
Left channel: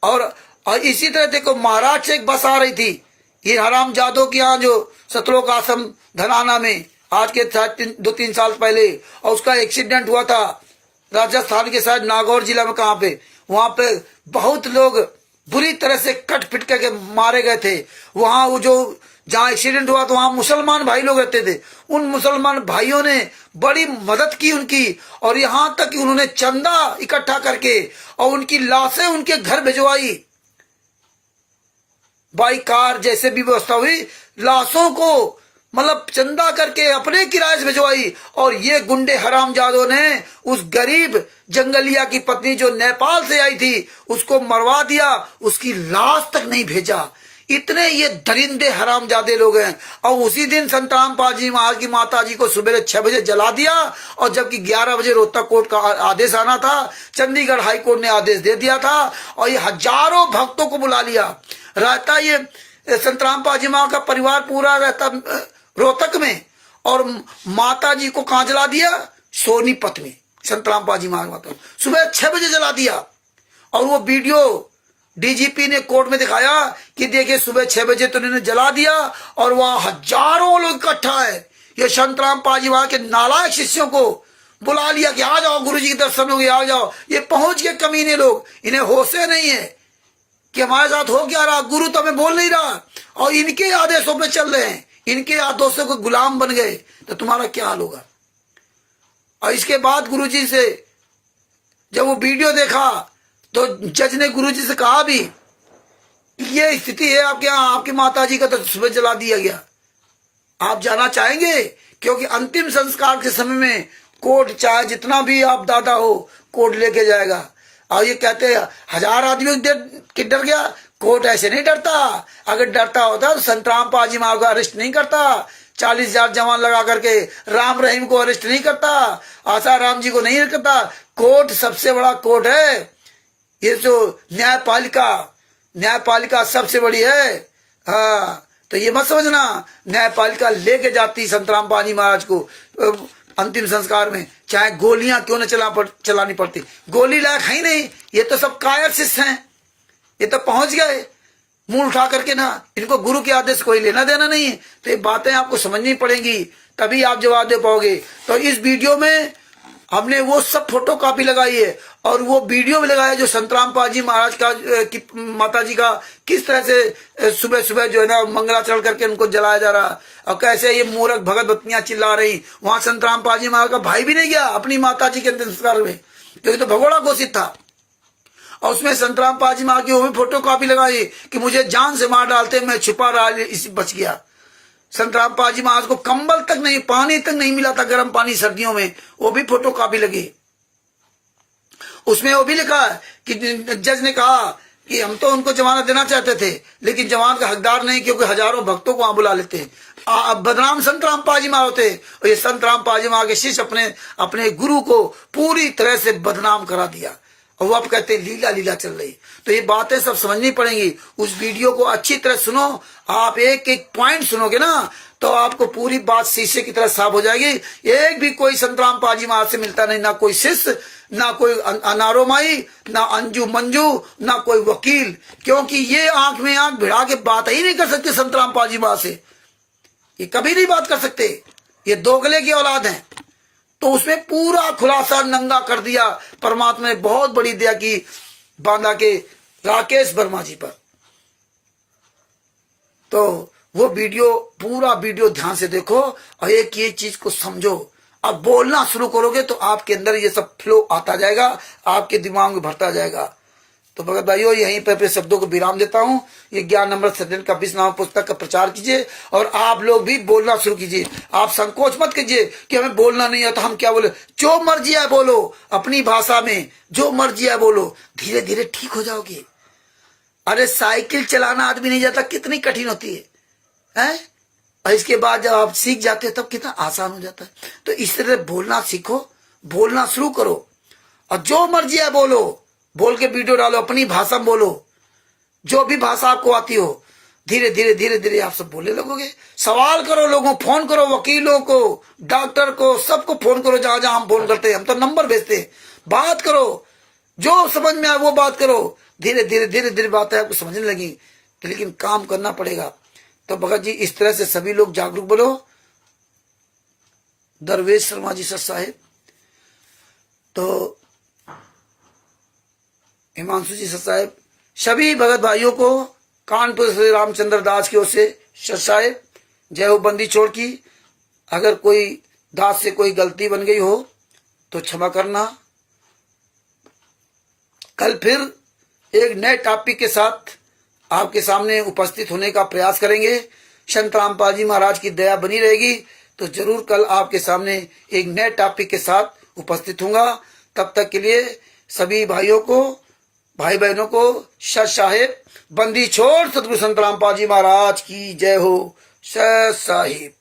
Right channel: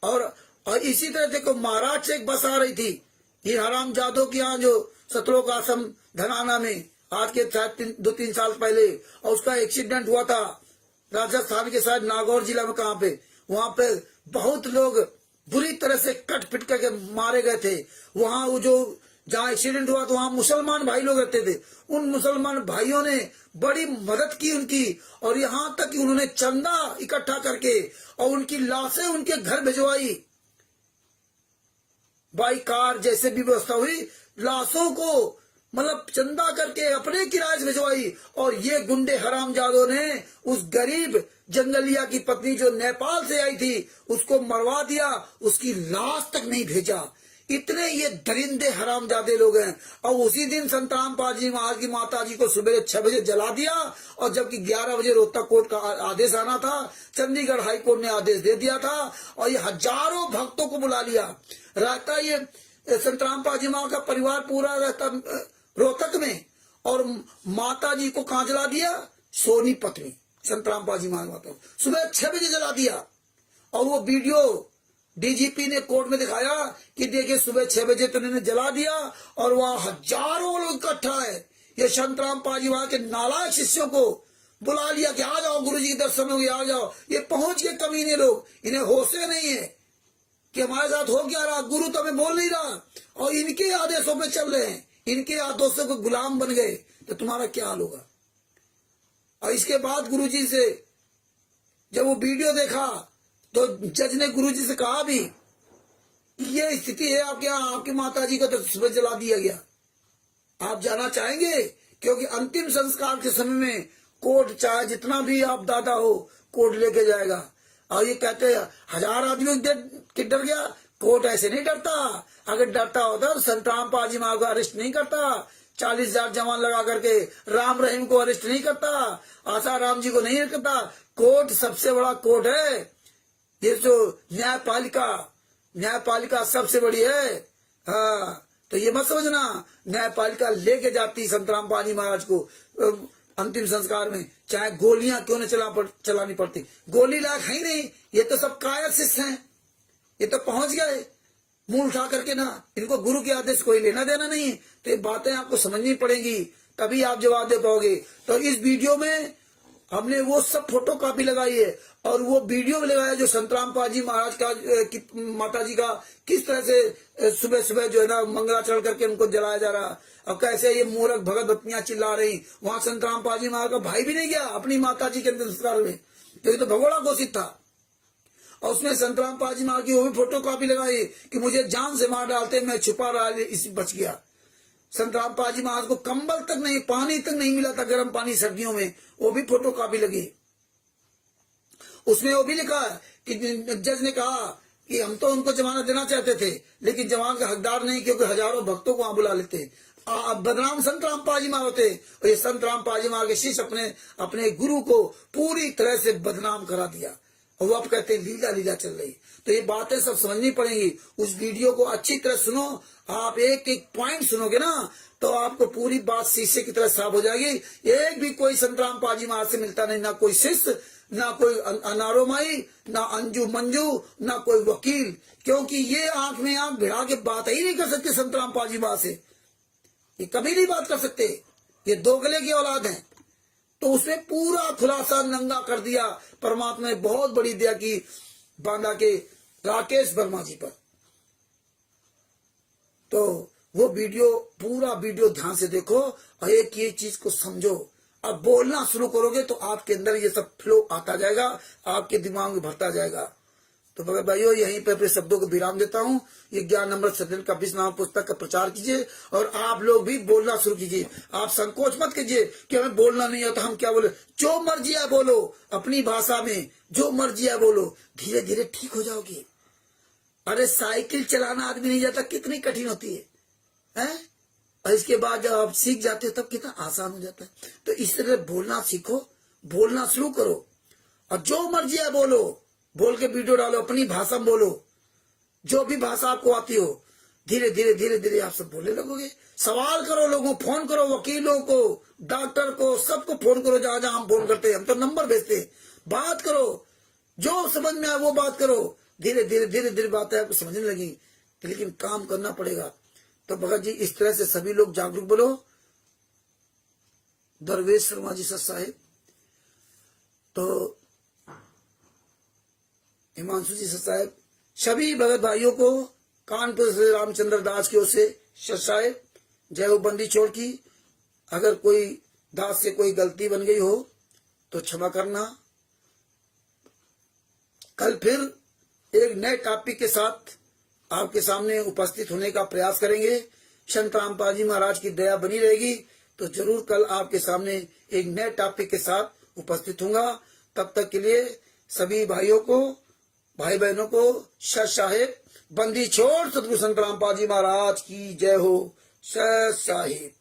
और इसी तरह देखो महाराज से एक बस आ रही थी, ये हराम जादव की यहाँ जो सतलोक आश्रम धनाना में आज के 2-3 साल पहले, और उसका एक्सीडेंट हुआ था राजस्थान के साथ नागौर जिला में। कहाँ पे? वहां पे बहुत लोग बुरी तरह से कट पिट करके मारे गए थे। वहां वो जो जहाँ एक्सीडेंट हुआ तो वहां मुसलमान भाई लोग रहते थे। उन मुसलमान भाइयों ने बड़ी मदद की उनकी, और यहां तक कि उन्होंने चंदा इकट्ठा करके और उनकी लाशें उनके घर भिजवाई। बाई कार जैसे भी व्यवस्था हुई, लाशों को मतलब चंदा करके अपने किराए से भिजवाई। और ये गुंडे हरामजादों ने उस गरीब जंगलिया की पत्नी जो नेपाल से आई थी उसको मरवा दिया, उसकी लाश तक नहीं भेजा। इतने ये दरिंदे हरामजादे लोग हैं। और उसी दिन संतराम पाजी महाराज की माता जी को सुबह 6 बजे जला दिया, और जबकि 11 बजे रोहतक कोर्ट का आदेश आना था, चंडीगढ़ हाई कोर्ट ने आदेश दे दिया था। और ये हजारों भक्तों को बुला लिया रहता। ये संतराम पाजी महाराज का परिवार पूरा रहता रोहतक में, और माता जी को कहां जला दिया? सोनीपत में संतराम पाजी महाराज सुबह 6 बजे जला दिया। और वो वीडियो डीजीपी ने कोर्ट में दिखाया कि देखिए सुबह 6 बजे तो इन्होंने जला दिया, और वहां हजारों लोग इकट्ठा है। ये संतराम पाजी वहां के नालायक शिष्यों को बुला लिया कि आ जाओ गुरुजी के दर्शन हो गए, आ जाओ। ये पहुंच के कमीने लोग, इन्हें होशे नहीं है कि हमारे साथ हो क्या रहा, गुरु तो हमें बोल नहीं रहा, और इनके आदेशों पे चल रहे हैं, इनके आदेशों के गुलाम बन गए, तो तुम्हारा क्या हाल होगा। और इसके बाद गुरुजी से जब वो वीडियो देखा तो जज ने गुरुजी से कहा भी ये स्थिति है आपके यहाँ, आपकी माता जी का तो सुबह जला दिया गया, आप जाना चाहेंगे? क्योंकि अंतिम संस्कार के समय में कोर्ट चाहे जितना भी आप दादा हो, कोर्ट लेके जाएगा। और ये कहते हैं 1000 आदमी डर गया, कोर्ट ऐसे नहीं डरता। अगर डरता होता तो संतराम पाजी महाराज को अरेस्ट नहीं करता, 40,000 जवान लगा करके राम रहीम को अरेस्ट नहीं करता, आशा राम जी को नहीं करता। कोर्ट सबसे बड़ा कोर्ट है, ये जो न्यायपालिका सबसे बड़ी है। हाँ, तो ये मत समझना न्यायपालिका लेके जाती संतराम पाजी महाराज को अंतिम संस्कार में, चाहे गोलियां क्यों न चलानी पड़ती। गोली लायक है ही नहीं, ये तो सब कायर शिष्य हैं। ये तो पहुंच गए मुंह उठा करके ना, इनको गुरु के आदेश कोई लेना देना नहीं है। तो ये बातें आपको समझनी पड़ेंगी, तभी आप जवाब दे पाओगे। तो इस वीडियो में हमने वो सब फोटो कॉपी लगाई है और वो वीडियो भी लगाया जो संतराम पाजी महाराज का की माता जी का किस तरह से सुबह सुबह जो है ना मंगलाचरण करके उनको जलाया जा रहा, और कैसे ये मूर्ख भगत बत्तियां चिल्ला रही। वहां संतराम पाजी महाराज का भाई भी नहीं गया अपनी माता जी के अंतिम संस्कार में, क्योंकि तो भगोड़ा घोषित था। और उसमें संतराम पाजी महाराज की वो भी फोटो कॉपी लगाई कि मुझे जान से मार डालते, मैं छुपा रहा, इसी बच गया। संतराम पाजी महाराज को कंबल तक नहीं, पानी तक नहीं मिला था, गर्म पानी सर्दियों में, वो भी फोटो कॉपी लगी। उसमें वो भी लिखा है कि जज ने कहा कि हम तो उनको जमानत देना चाहते थे, लेकिन जमानत का हकदार नहीं, क्योंकि हजारों भक्तों को वहां बुला लेते हैं। बदनाम संतराम पाजी महाराज होते, और ये संतराम पाजी महाराज के शिष्य अपने गुरु को पूरी तरह से बदनाम करा दिया। और वो आप कहते हैं लीला लीला चल रही। तो ये बातें सब समझनी पड़ेंगी। उस वीडियो को अच्छी तरह सुनो। आप एक एक पॉइंट सुनोगे ना तो आपको पूरी बात शीशे की तरह साफ हो जाएगी। एक भी कोई संतराम पाजी महाराज से मिलता नहीं, ना कोई शिष्य, ना कोई अनारो माई, ना अंजू मंजू, ना कोई वकील, क्योंकि ये आंख में आंख भिड़ा के बात ही नहीं कर सकते संतराम पाजी महाराज से। ये कभी नहीं बात कर सकते, ये दोगले की औलाद है। तो उसमें पूरा खुलासा नंगा कर दिया। परमात्मा ने बहुत बड़ी दया की बांधा के राकेश वर्मा जी पर। तो वो वीडियो, पूरा वीडियो ध्यान से देखो और एक ये चीज को समझो। अब बोलना शुरू करोगे तो आपके अंदर ये सब फ्लो आता जाएगा, आपके दिमाग में भरता जाएगा। तो भगत भाइयों, यहीं पर अपने शब्दों को विराम देता हूं। ये ज्ञान अमृत सज्जन का 20 पुस्तक का प्रचार कीजिए और आप लोग भी बोलना शुरू कीजिए। आप संकोच मत कीजिए कि हमें बोलना नहीं है तो हम क्या बोले। जो मर्जी है बोलो, अपनी भाषा में जो मर्जी है बोलो, धीरे धीरे ठीक हो जाओगे। अरे साइकिल चलाना आदमी नहीं जाता, कितनी कठिन होती है? और इसके बाद जब आप सीख जाते हो तब कितना आसान हो जाता है। तो इस तरह बोलना सीखो, बोलना शुरू करो और जो मर्जी है बोलो, बोल के वीडियो डालो, अपनी भाषा में बोलो, जो भी भाषा आपको आती हो। धीरे धीरे धीरे धीरे आप सब बोलने लगोगे। सवाल करो, लोगों फोन करो, वकीलों को, डॉक्टर को, सबको फोन करो। जहां जहां हम फोन करते हैं, हम तो नंबर भेजते हैं। बात करो, जो समझ में आए वो बात करो। धीरे धीरे धीरे धीरे बातें आपको समझने लगी, लेकिन काम करना पड़ेगा। तो भगत जी इस तरह से सभी लोग जागरूक बनो। दरवेश शर्मा जी सर साहेब, तो हिमांशु जी सर साहेब, सभी भगत भाइयों को कानपुर श्री रामचंद्र दास की ओर से सर साहेब जय हो। बंदी छोड़ की अगर कोई दास से कोई गलती बन गई हो तो क्षमा करना। कल फिर एक नए टॉपिक के साथ आपके सामने उपस्थित होने का प्रयास करेंगे। संत रामपाल जी महाराज की दया बनी रहेगी तो जरूर कल आपके सामने एक नए टॉपिक के साथ उपस्थित होऊंगा। तब तक के लिए सभी भाइयों को, भाई बहनों को सत साहिब। बंदी छोड़ सतगुरु संत रामपाल जी महाराज की जय हो। सत साहिब।